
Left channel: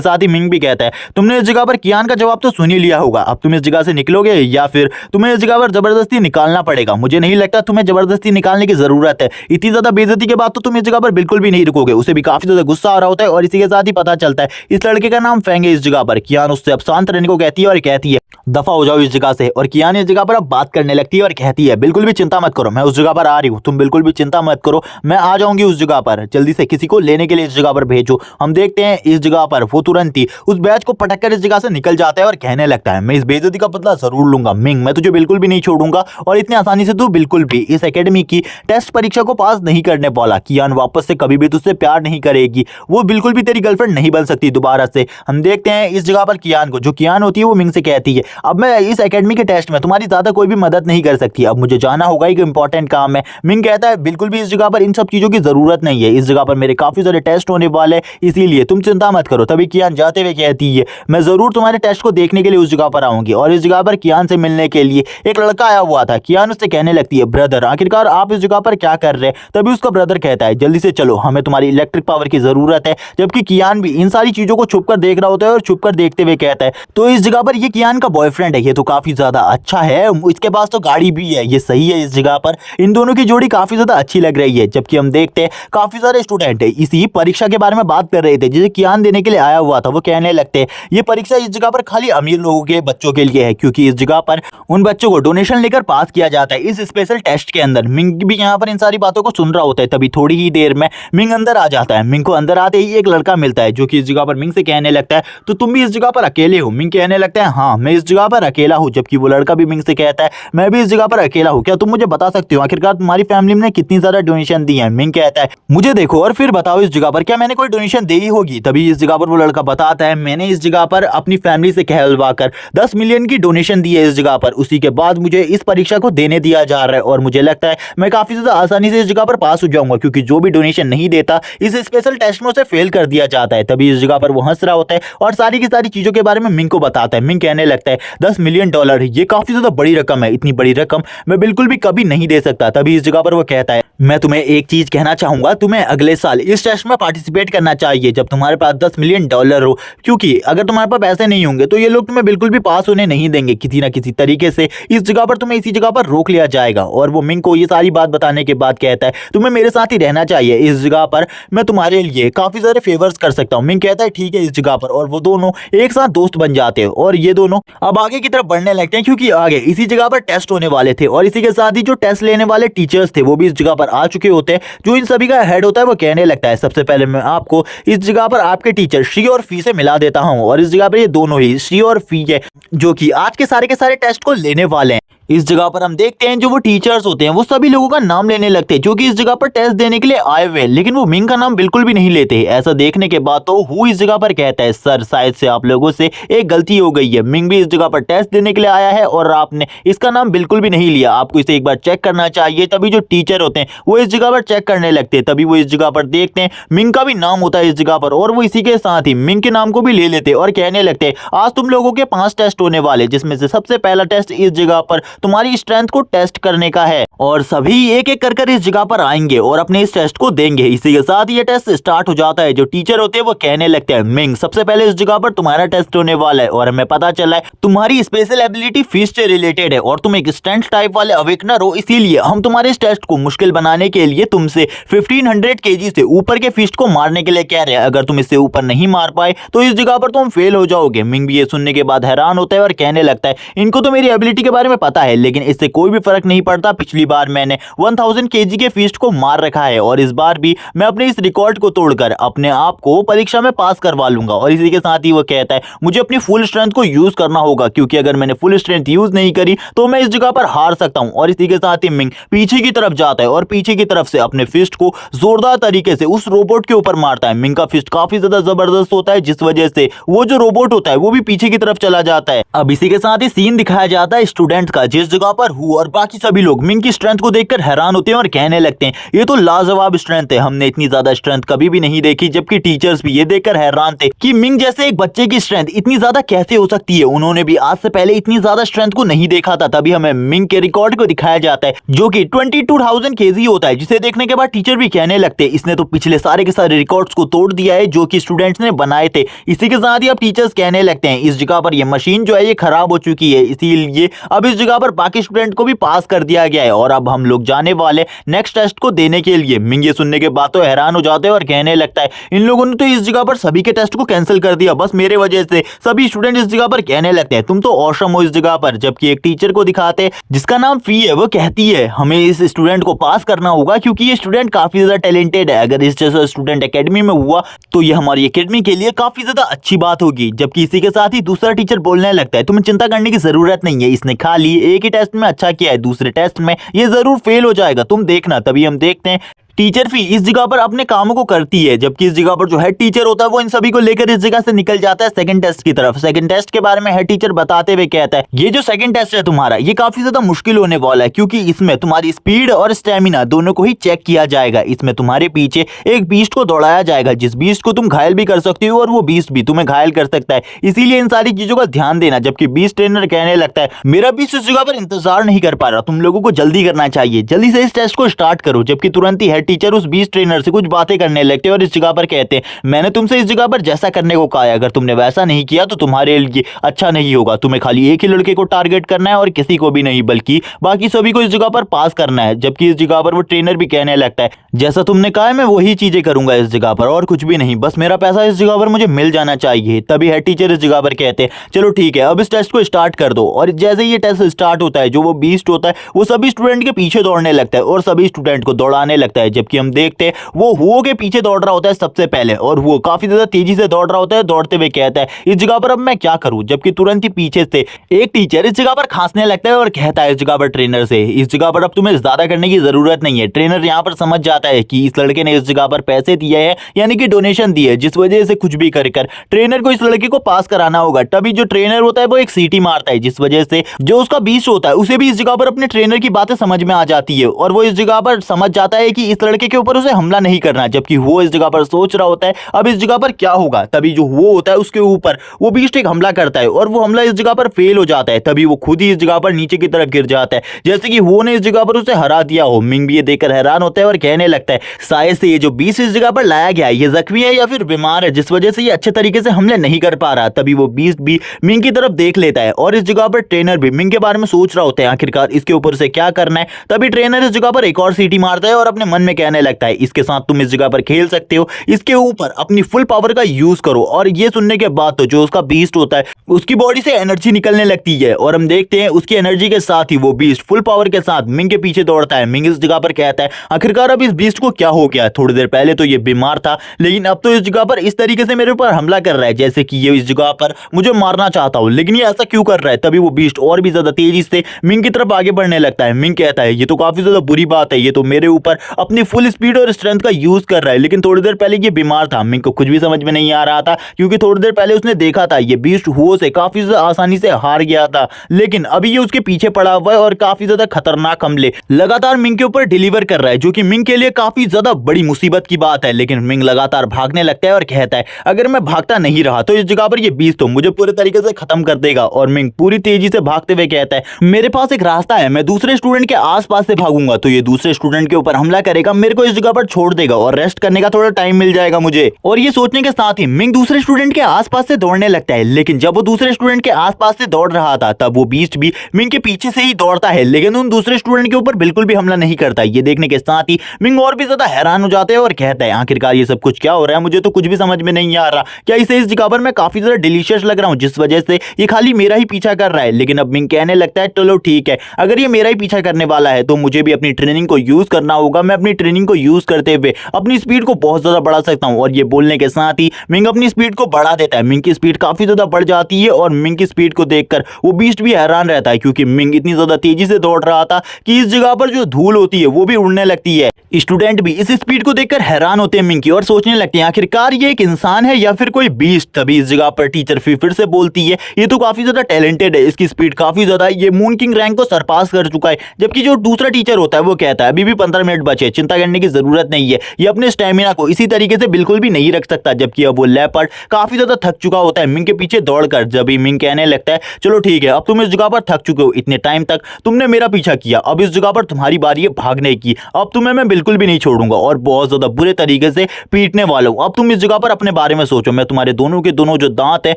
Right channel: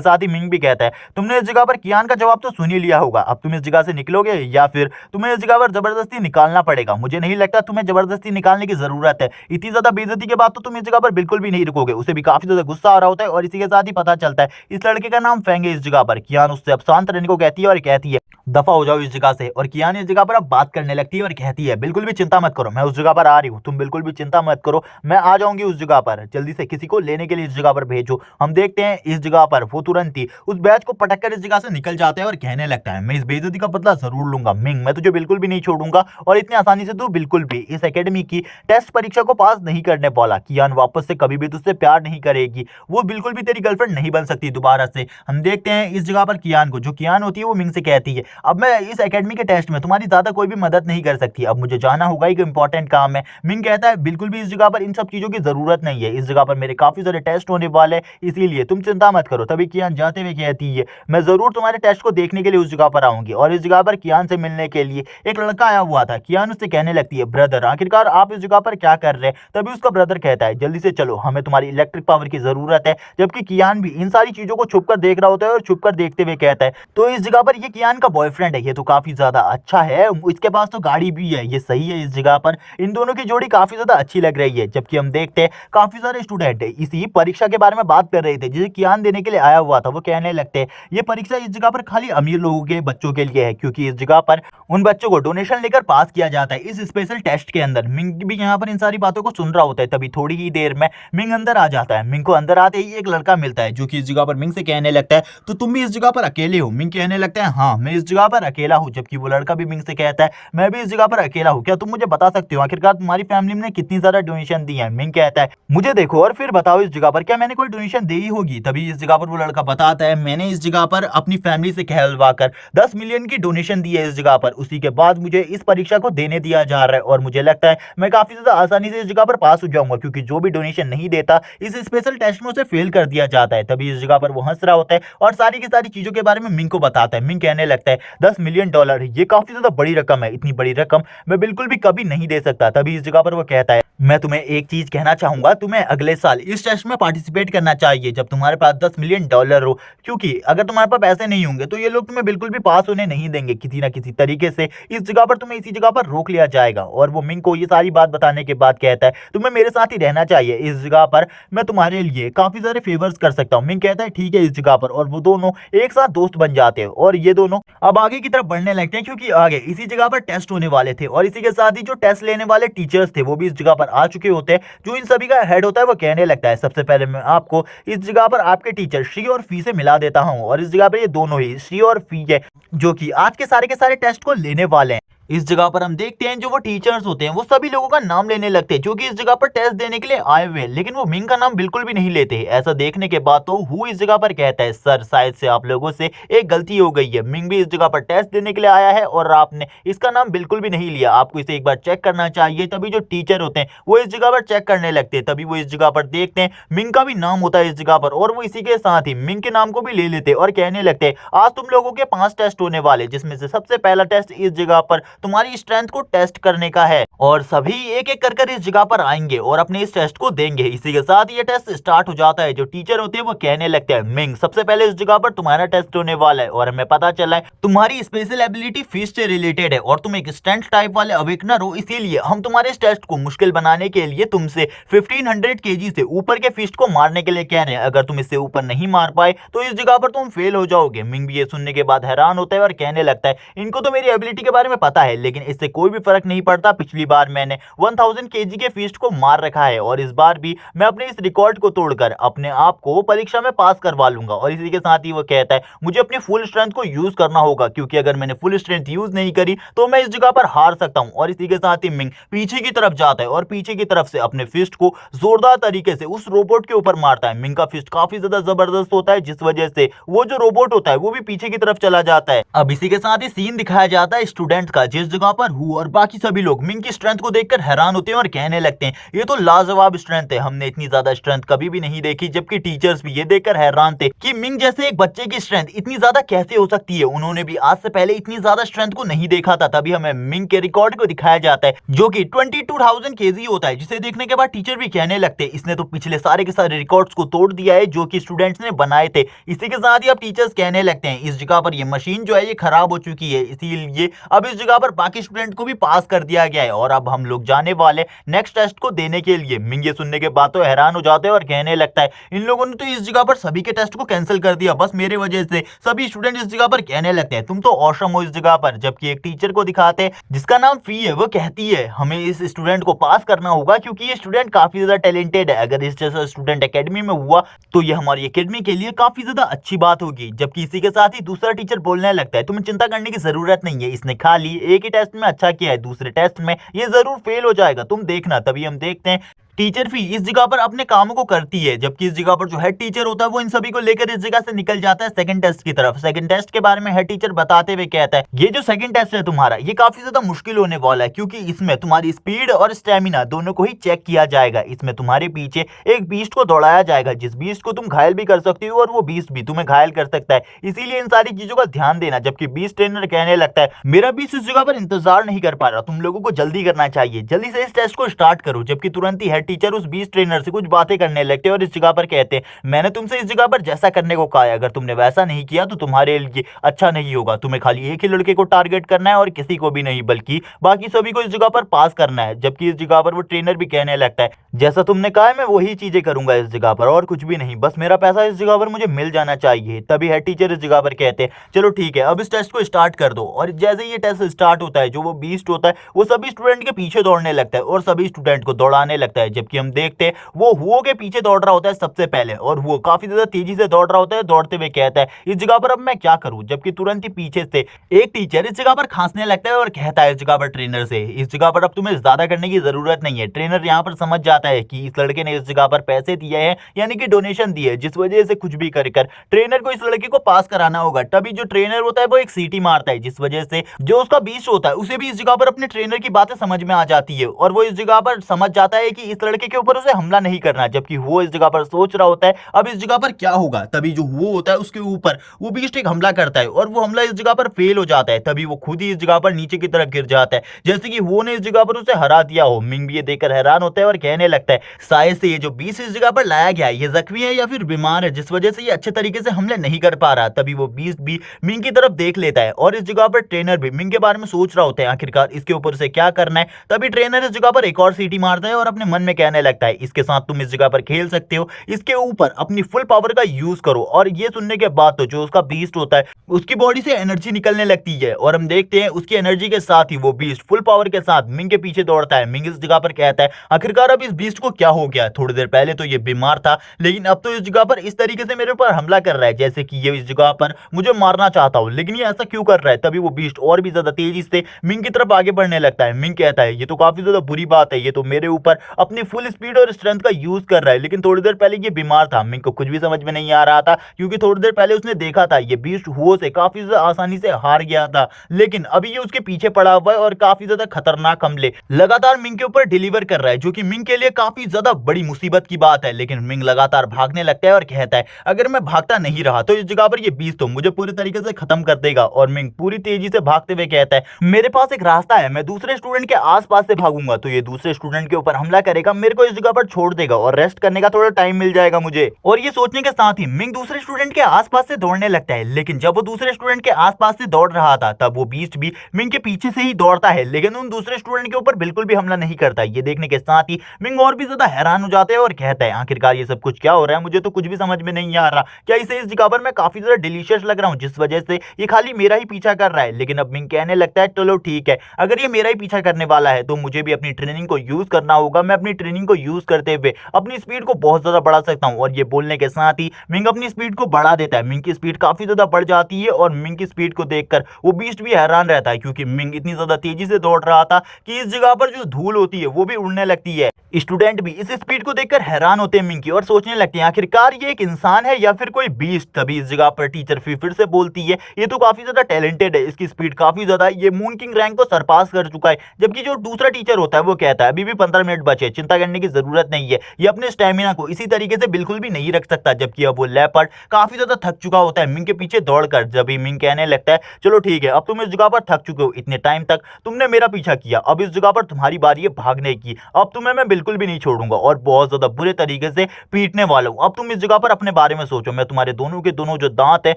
साथ ही मिंग भी कहता है तुमने इस जगह पर कियान का जवाब तो सुन ही लिया होगा, अब तुम इस जगह से निकलोगे या फिर तुम्हें इस जगह पर जबरदस्ती निकालना पड़ेगा। मुझे नहीं लगता तुम्हें जबरदस्ती निकालने की जरूरत है, इतनी ज्यादा बेइज्जती के बाद तो तुम इस जगह पर बिल्कुल भी नहीं रुकोगे। उसे भी काफी ज्यादा गुस्सा आ रहा होता है और इसी के साथ ही पता चलता है इस लड़के का नाम फेंग है इस जगह पर। कियान उससे अब शांत रहने को कहती है और कहती है दफा हो जाओ इस जगह से, और कियान इस जगह पर अब बात करने लगती है और कहती है बिल्कुल भी चिंता मत करो, मैं उस जगह पर आ रही हूँ, तुम बिल्कुल भी चिंता मत करो, मैं आ जाऊंगी उस जगह पर, जल्दी से किसी को लेने के लिए इस जगह पर भेजो। हम देखते हैं इस जगह पर वो तुरंत ही उस बैच को पटक कर इस जगह से निकल जाता है और कहने लगता है मैं इस बेइज्जती का बदला जरूर लूंगा मिंग, मैं तुझे बिल्कुल भी नहीं छोड़ूंगा और इतनी आसानी से तू बिल्कुल भी इस एकेडमी की टेस्ट परीक्षा को पास नहीं करने वाला। कियान वापस से कभी भी तुझसे प्यार नहीं करेगी, वो बिल्कुल भी तेरी गर्लफ्रेंड नहीं बन सकती दोबारा से। हम देखते हैं इस जगह पर कियान को, जो कियान होती है वो मिंग से कहती है अब मैं इस एकेडमी के टेस्ट में तुम्हारी ज्यादा कोई भी मदद नहीं कर सकती, अब मुझे जाना होगा, एक इंपॉर्टेंट काम है। मिंग कहता है बिल्कुल भी इस जगह पर इन सब चीजों की जरूरत नहीं है, इस जगह पर मेरे काफी सारे टेस्ट होने वाले, इसीलिए तुम चिंता मत करो। तभी कियान जाते हुए कहती है मैं जरूर तुम्हारे टेस्ट को देखने के लिए उस जगह पर आऊंगी, और इस जगह पर कियान से मिलने के लिए एक लड़का आया हुआ था। कियान उससे कहने लगती है ब्रदर आखिरकार आप इस जगह पर क्या कर रहे हैं। तभी उसका ब्रदर कहता है जल्दी से चलो, हमें तुम्हारी इलेक्ट्रिक पावर की जरूरत है। जबकि कियान भी इन सारी चीजों को छुपकर देख रहा होता है और छुपकर देखते हुए कहता है तो इस जगह पर ये कियान का बॉयफ्रेंड है ये तो काफी ज्यादा अच्छा है, इसके पास तो गाड़ी भी है, ये सही है। इस जगह पर इन दोनों की जोड़ी काफी ज्यादा अच्छी लग रही है। जबकि हम देखते हैं काफी सारे स्टूडेंट इसी परीक्षा के बारे में बात कर रहे थे, जिसे ज्ञान देने के लिए आया हुआ था। वो कहने लगते हैं ये परीक्षा इस जगह पर खाली अमीर लोगों के बच्चों के लिए है, क्योंकि इस जगह पर उन बच्चों को डोनेशन लेकर पास किया जाता है इस स्पेशल टेस्ट के अंदर। मिंग भी यहाँ पर इन सारी बातों को सुन रहा होता है। तभी थोड़ी ही देर में मिंग अंदर आ जाता है। मिंग को अंदर आते ही एक लड़का मिलता है जो कि इस जगह पर मिंग से कहने लगता है तो तुम भी इस जगह पर अकेले हो? मिंग कहने लगता है हाँ मैं इस जगह पर अकेला हूँ। जबकि वो लड़का भी मिंग से कहता है मैं भी इस जगह पर अकेला हूँ, क्या तुम मुझे बता सकते हो आखिरकार तुम्हारी फैमिली ने कितनी ज्यादा डोनेशन दी है? मिंग कहता है मुझे देखो और फिर बताओ इस जगह पर क्या मैंने कोई डोनेशन दी होगी? तभी इस जगह पर वो लड़का बताता है मैंने इस जगह पर अपनी फैमिली से कहलवा कर 10 मिलियन की डोनेशन दी है इस जगह पर, उसी के बाद मुझे इस परीक्षा को देने दिया जा रहा है और मुझे लगता है मैं काफी ज्यादा आसानी से इस जगह पर पास हो जाऊंगा, क्योंकि जो भी डोनेशन नहीं देता इस स्पेशल टेस्ट में उसे फेल कर दिया जाता है। तभी इस जगह पर वो हंस रहा होता है और सारी की सारी चीजों के बारे में मिंग को बताता है। मिंग कहने लगता है 10 मिलियन डॉलर ये काफी ज्यादा बड़ी रकम है, इतनी बड़ी रकम मैं बिल्कुल भी कभी नहीं दे सकता। तभी इस जगह पर वो कहता है मैं तुम्हें एक चीज कहना चाहूंगा, तुम्हें अगले साल इस टेस्ट में पार्टिसिपेट करना चाहिए जब तुम्हारे पास 10 मिलियन डॉलर हो, क्योंकि अगर तुम्हारे पास पैसे नहीं होंगे तो ये लोग तुम्हें बिल्कुल भी पास होने नहीं देंगे। किसी ना किसी तरीके से इस जगह पर तुम्हें इसी जगह पर रोक लिया जाएगा। और वो मिंग को ये सारी बात बताने के बाद कहता है तुम्हें मेरे साथ ही रहना चाहिए, इस जगह पर मैं तुम्हारे लिए काफी सारे फेवर्स कर सकता हूँ। मिंग कहता है ठीक है इस जगह पर, और वो दोनों एक साथ दोस्त बन जाते हैं और ये दोनों अब आगे की तरफ बढ़ने लगते हैं, क्योंकि आगे इसी जगह पर टेस्ट होने वाले थे और इसी के साथ ही जो टेस्ट लेने वाले टीचर्स थे वो भी इस जगह पर आ चुके होते हैं। जो इन सभी का हेड होता है वो कहने लगता है सबसे पहले मैं आपको इस जगह पर आपके टीचर शी और फी से मिला देता हूं, और इस जगह पर ये दोनों ही शी और फी है जो कि आज के सारे टेस्ट को लेने वाले हैं। इस जगह पर हम देखते हैं जो वो टीचर्स होते हैं वो सभी लोगों का नाम लेने लगते हैं जो कि इस जगह पर टेस्ट देने के लिए आए हुए हैं, लेकिन वो मिंग का नाम बिल्कुल भी नहीं लेते। ऐसा देखने के बाद तो हु इस जगह पर कहता है सर शायद से आप लोगों से एक गलती हो गई है, मिंग भी इस जगह पर टेस्ट देने के लिए आया है और आपने इसका नाम बिल्कुल भी नहीं लिया, आपको इसे एक बार चेक करना चाहिए। तभी जो टीचर होते हैं वो इस जगह पर चेक करने लगते हैं। तभी वो इस जगह पर देखते हैं मिंग का भी नाम होता है इस जगह पर, और वो इसी के साथ ही मिंग के नाम को भी ले लेते और कहने लगते हैं आज तुम लोगों के 5 टेस्ट होने वाले, जिसमें से सबसे पहला टेस्ट इस जगह पर तुम्हारी स्ट्रेंथ को टेस्ट करने का है और सभी एक एक कर इस जगह पर आएंगे और अपने इस टेस्ट को देंगे। इसी के साथ ये टेस्ट स्टार्ट हो जाता है। जो टीचर होते हैं वो कहने लगते हैं मिंग सबसे पहले इस जगह पर तुम्हारा टेस्ट होने वाला है और हमें पता चला है तुम्हारी स्पेशल एबिलिटी फिस्ट से रिलेटेड है और तुम एक स्ट्रेंथ टाइप वाले अवेकनर हो, इसीलिए हम तुम्हारे इस टेस्ट को मुश्किल बनाने के लिए तुमसे 1500 kg से ऊपर के फिस्ट को मारने के लिए कह रहे हैं। अगर तुम इससे ऊपर नहीं मार पाए तो इस जगह पर तुम फेल हो जाओगे। मिंग भी ये सुनने के बाद हैरान होता है और कहने लगता है इनको तो मेरी एबिलिटी के बारे में पता है, लेकिन इससे कोई भी फर्क नहीं पड़ता। पिछली बार मैंने 1000 kg के फिस्ट को मार रखा है और इस बार भी मैं अपने इस रिकॉर्ड को तोड़कर अपने आप को परीक्षा में पास करवा लूंगा। और इसी के साथ ही वो कहता है मुझे अपनी फुल स्ट्रेंथ को यूज करना होगा, क्योंकि अगर मैंने फुल स्ट्रेंथ यूज नहीं करी तो मैं इस जगह पर हार सकता हूं। और इसी के साथ ही मिंग पीछे की तरफ जाता है और पीछे की तरफ से अपने फिस्ट को जोरदार तरीके से उस रोबोट के ऊपर मारता है। मिंग का फिस्ट काफी ज्यादा जबरदस्त होता है, जिस वजह से वो जो रोबोट होता है वो भी पीछे की तरफ चला जाता है। अब इसी के साथ ही सीन दिखाया जाता है स्टूडेंट का, जिस जगह पर हु और बाकी सभी लोग मिंग की स्ट्रेंथ को देखकर हैरान होते हैं और कहने लगते हैं ये तो लाजवाब स्ट्रेंथ है, हमने इतनी ज्यादा स्ट्रेंथ कभी भी नहीं देखी। जबकि टीचर्स भी ये देखकर हैरान थे कि मिंग जैसे एक बच्चे की स्ट्रेंथ इतनी ज्यादा कैसे हो सकती है, उन्होंने भी आज से पहले इतनी ज्यादा स्ट्रेंथ को नहीं देखा था। तभी हमें मिंग के रिकॉर्ड को दिखाया जाता है जो कि 22,000 kg होता है, जिसे देखने के बाद टीचर भी कहने लगते हैं इसने तो पिछले सारे के सारे रिकॉर्ड्स को तोड़ दिया है जो कि स्टूडेंट्स ने बनाए थे। इसी के साथ ही अब टीचर्स कहने लगते हैं इस जगह पर यह मशीन जो है ये खराब हो चुकी है, इसीलिए अब इस जगह पर बाकी स्टूडेंट को भी पास कर दिया गया है और अब हम लोग जाने वाले नेक्स्ट टेस्ट को देने के लिए। मिंग ये सुनने के बाद तो हैरान हो जाते हैं और कहने लगता है इन लोगों ने तो इस जगह पर सभी के टेस्ट को कैंसिल कर दिया, बस मेरे वजह से सभी स्टूडेंट इस जगह पर कहने लगते हैं तुम तो ऑसम हो इस जगह पर। जबकि एक टीचर को दिखाते जिसका नाम फी है, वो कहती है हमें इस स्टूडेंट को पास करना होगा क्योंकि ये स्टूडेंट काफी ज्यादा टैलेंटेड है, अगर इस जैसा स्टूडेंट एकेडमी में हुआ तो ये हमारी एकेडमी के लिए काफी ज्यादा अच्छी बात होगी। जबकि इसी के साथ ही दूसरा टीचर बोलने लगता है तुम्हें चिंता करने की जरूरत नहीं है, इसने खाली एक ही टेस्ट में अच्छा किया है, दूसरे टेस्ट में ये जरूर फेल हो जाएगा, तुम देखना। तभी हम देखते हैं टीचर फी इस जगह पर अपने कामों को करती है, जबकि इस जगह पर जो हेड टीचर होता है वो इन सभी को लेकर इस जगह से निकल जाता है सेकंड टेस्ट की तरफ। सेकंड टेस्ट के बारे में हेड टीचर बताते हुए कहता है ये जो सेकंड टेस्ट है तुम्हारा ये काफी ज्यादा मुश्किल होने वाला है, क्योंकि इसमें तुम्हारी स्पीड और स्टेमिना दोनों को ही चेक किया जाएगा। इसमें तुम्हारे पीछे एक बीस्ट को दौड़ाया जाएगा, जिस बीस्ट को तुम घायल भी कर सकते हो और वो बीस्ट भी तुम्हें घायल कर सकता है, इसीलिए इन सारी चीजों का ध्यान देना। जबकि बीस्ट ट्रेनर कहने लगता है मेरा बीस्ट इस जगह पर इंतजार नहीं कर पा रहा, तुम लोगों को जल्दी करना चाहिए, जल्दी से इस टेस्ट को स्टार्ट करो। जबकि तुरंत ही हेड टीचर उस बीस्ट ट्रेनर से कुछ बातें करने लगते हैं और इस जगह पर कहते हैं, मैंने तुमसे इस जगह पर जैसा करने को कहा है, अगर तुमने वैसा नहीं किया तो तुम्हारे लिए अच्छा नहीं होगा। तुम्हें खाली एक ही लड़के को टारगेट करना है और किसी को भी नहीं, बल्कि बाकी सभी को इस जगह पर पास करना है। जबकि इस जगह पर वो ट्रेनर भी कहने लगता है, जैसा तुमने कहा है मैं वही चीजें करूंगा इस जगह पर, और कुछ भी नहीं, बस मेरा पैसा इस जगह पर मुझे मिल जाना चाहिए। तभी हेड टीचर इस जगह पर कहते हैं, चलो ठीक है, अब इस टेस्ट को स्टार्ट कर दो। और जैसे ही ये टेस्ट स्टार्ट होता है, जो वो बीस्ट होता है वो सभी स्टूडेंट के पीछे दौड़ने लगता है और सभी स्टूडेंट को दौड़ाने लगता है। जबकि हम देखते हैं वो हुओ के पीछे दौड़ रहा होता है सबसे पहले, और वो काफी ज्यादा तेजी से दौड़ रहा होता है। दौड़ते हुए कहता है, इस जगह पर अब मैं क्या करूं। जबकि तुरंत ही पीछे से एक टीचर इस जगह पर खांसने लगता है और कहता है इस जगह पर ट्रेनर से, इस जगह पर अब तुम्हें ज्यादा करने की जरूरत नहीं है। ट्रेनर यहाँ पर समझ जाता है कि इस लड़के ने इस जगह पर पैसे दिए हैं, यानी कि डोनेशन दी है, जिस वजह से कुछ भी कर ट्रेनर को इस लड़के को पास कराना होगा। तभी जो ट्रेनर होता है वो एक सीटी मारता है, जिस वजह से जो उसका बीस्ट होता है उसे भी इस जगह पर अपने ट्रेनर की बातें समझ में आ जाती है और वो इस जगह पर समझ जाता है कि इस लड़के के ऊपर उसे हमला नहीं करना। जबकि वो इस जगह पर सोच रहा होता है अब इस जगह पर क्या होगा। तभी जो वो होता है उसके ऊपर वो बीस्ट एक हमला करता है और वो हमला इस जगह पर फेल हो जाता है। तभी वो खुद ही इस जगह पर नीचे की तरफ गिर जाता है, जैसे कि वो ने इस जगह पर उसे हरा दिया हो। मिंग भी ये देखकर हैरान होता है और कहने लगता है, शायद से ये जो बीस्ट इस जगह पर लाया गया है ये जख्मी है या फिर बीमार है, जिस वजह से ये अच्छे तरीके से हमले नहीं कर पा रहा। तभी वो बीस्ट भी मिंग की तरफ देख लेता है और इस जगह पर ट्रेनर भी मिंग के बारे में सोच रहा होता है, आखिरकार इसके ऊपर से क्या करना है। तभी ट्रेनर इस जगह पर एक और सीटी मारता है और अपने मन में कहने लगता है, इसके साथ तुम इस जगह पर खेल सकते हो, इसके ऊपर अपनी फुल पावर का यूज करो। और ये सुनने के बाद तो जो उसका बीस्ट होता है उसकी बॉडी से एनर्जी निकलने लगती है और हम देखते हैं उसकी एनर्जी के साथ ही वो बीस्ट फुल पावर के साथ मिंग के पीछे दौड़ता है। मिंग इस जगह पर कहता है, आखिरकार अब इस बीस्ट को क्या हो गया, थोड़ी देर पहले तो ये बीमार था, लेकिन अब तो इस जगह पर इस तरीके से मेरे ऊपर हमला कर रहा है जैसे कि ये इस जगह पर मुझे मारना चाहता हूं, लेकिन ये ऐसा क्यों कर रहा है। तभी वो बीस्ट और भी ज्यादा तेजी से मिंग की तरफ आगे बढ़ने लगता है। मिंग कहता है, ये तो काफी ज्यादा बुरी बात है, ये तो मेरे ऊपर अपनी फुल स्पीड और स्ट्रेंथ का यूज कर रहा है, लेकिन थोड़ी देर पहले ये बीमार था। मिंग को कुछ भी समझ में नहीं आ रहा था, क्योंकि थोड़ी देर पहले उसने देखा था ये बीस्ट हुओ से काफी ज्यादा आसानी से हार गया था, लेकिन अभी ये उसके पीछे पड़ा हुआ है और काफी ज्यादा खतरनाक हमले लगातार मिंग के ऊपर डिलीवर कर रहा है, जो कि मिंग के लिए काफी ज्यादा बड़ी मुसीबत की बात है। लेकिन मिंग लगातार भागने लगता है और कहता है, अगर मैं भागता नहीं रहा तो इस जगह पर ये बीस्ट तो मुझे पूरे तरीके से खत्म कर देगा। और मिंग पूरी तेजी से भागते हुए कहता है, मेरे पास एक रास्ता है, मैं दूसरे स्टूडेंट के आसपास से भागूंगा तो ये दूसरे स्टूडेंट के ऊपर हमला करेगा, मेरे को इस जगह पर छोड़ देगा और रेस्ट करने का थोड़ा टाइम मिल जाएगा मुझे। और ये सोचने के साथ ही मिंग दूसरे स्टूडेंट के आसपास से दौड़ने लगता है। लेकिन जब वो दूसरे स्टूडेंट के आसपास से दौड़ रहा था तब वो बीस्ट भी मिंग के पीछे से ही दौड़ता है, लेकिन उन दूसरे स्टूडेंट के ऊपर बिल्कुल भी हमला नहीं करता। ये देखने के साथ ही मिंग और भी ज्यादा हैरान हो जाता है और कहता है, आखिरकार ये सब कुछ क्या हो रहा है, मुझे तो कुछ भी समझ में नहीं आ रहा, क्या इसे इस जगह पर मैं काफी ज्यादा डिलीशियस लग रहा हूं जिस वजह से ये खाली मेरा ही पीछा कर रहा है। लेकिन अब मिंग कहने लगता है, चलो ठीक है, अगर ये मेरा ही पीछा करने वाला है तो मुझे भी अपनी ट्रेनिंग को यूज करना होगा, मैं अपनी ट्रेनिंग को यूज करते हुए अपनी स्पीड को बहुत ज्यादा बढ़ा सकता हूं। और ये बोलने के साथ ही मिंग अपनी स्पीड को बढ़ा देता है। मिंग की स्पीड काफी ज्यादा बढ़ जाती है और मिंग की स्पीड को देखकर वो बीस्ट भी हैरान रहता है, क्योंकि मिंग इतनी ज्यादा तेजी से दौड़ रहा था कि इस जगह पर जो धूल होती है वो भी उड़ने लगती है। स्टूडेंट भी इस स्पीड को देखकर हैरान होते हैं मिंग की और सोचने लगते हैं, आखिरकार ये एक इंसान है या फिर कोई बीस्ट। तभी इस जगह पर टीचर फिर से बोलती है, ये तो काफी ज्यादा टैलेंटेड है, इसकी स्पीड काफी ज्यादा है, ये मून किंग रैंक को सरपास कर चुका है। जबकि जो दूसरा टीचर होता है वो कहता है, अभी भी 15 मिनट बचे, चिंता करने की जरूरत नहीं है, ये अपने स्टेमिना को इसी तरीके से बिल्कुल भी नहीं रख सकता। जबकि अब वो लेपर्ड काफी ज्यादा थक चुका होता है मिंग के पीछे दौड़कर। जब मिंग कहने लगता है, चलो ठीक है, अब तुम इस जगह पर थक चुके हो, इतने टाइम तक तुमने मेरा पीछा किया, अब इस जगह पर तुम्हारी बारी है भागने की, अब तुम्हें मैं बिल्कुल भी नहीं छोड़ूंगा और बहुत ज्यादा बुरे तरीके से पीटने वाला हूं। अब तुम इस जगह पर अपने बारे में सोचो, मैं तुम्हारे दोनों के दोनों जो दांत हैं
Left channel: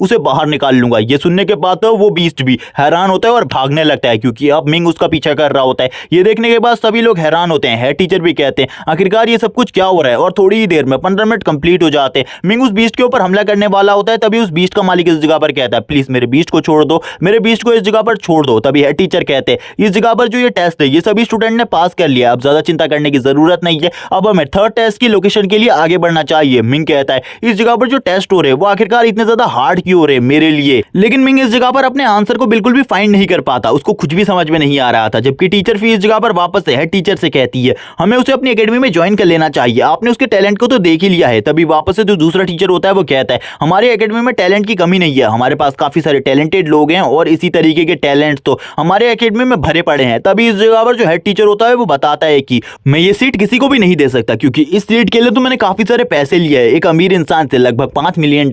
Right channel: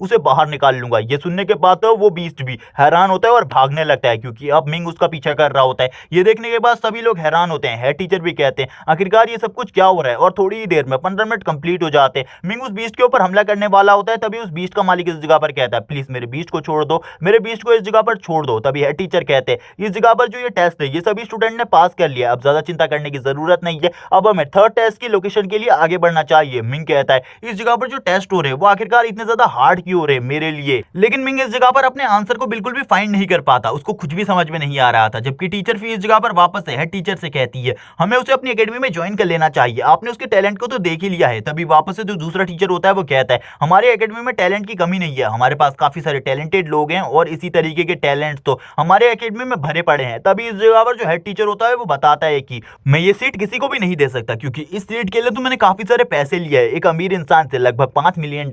उसे बाहर निकाल लूंगा। ये सुनने के बाद तो वो बीस्ट भी हैरान होता है और भागने लगता है, क्योंकि अब मिंग उसका पीछा कर रहा होता है। ये देखने के बाद सभी लोग हैरान होते हैं। हेड टीचर भी कहते हैं, आखिरकार ये सब कुछ क्या हो रहा है। और थोड़ी ही देर में 15 मिनट कंप्लीट हो जाते हैं। मिंग उस बीस्ट के ऊपर हमला करने वाला होता है। तभी उस बीस्ट का मालिक इस जगह पर कहता है, प्लीज मेरे बीस्ट को छोड़ दो, मेरे बीस्ट को इस जगह पर छोड़ दो। तभी हेड टीचर कहते हैं, इस जगह पर जो ये टेस्ट है ये सभी स्टूडेंट ने पास कर लिया, अब ज्यादा चिंता करने की जरूरत नहीं है, अब हमें थर्ड टेस्ट की लोकेशन के लिए आगे बढ़ना चाहिए। मिंग कहता है, इस जगह पर जो टेस्ट हो रहे हैं वो आखिरकार इतने ज्यादा हार्ड क्यों हो रहे हैं मेरे लिए। लेकिन मिंग इस जगह पर अपने आंसर को बिल्कुल भी फाइंड नहीं कर पाता, उसको कुछ भी समझ में नहीं आ रहा था। जबकि टीचर फिर इस जगह पर वापस से हेड टीचर से कहती है, हमें उसे अपनी एकेडमी में ज्वाइन कर लेना चाहिए, आपने उसके टैलेंट को तो देख ही लिया है। तभी वापस से जो दूसरा टीचर होता है वो कहता है, हमारे एकेडमी में टैलेंट की कमी नहीं है, हमारे पास काफी सारे टैलेंटेड लोग हैं और इसी तरीके के टैलेंट तो हमारे एकेडमी में भरे पड़े हैं। तभी इस जगह पर जो हेड टीचर होता है वो बताता है कि मैं ये सीट किसी को भी नहीं दे सकता, क्योंकि इस सीट के लिए तो मैंने काफी सारे पैसे लिए हैं एक अमीर इंसान से, लगभग $5 मिलियन,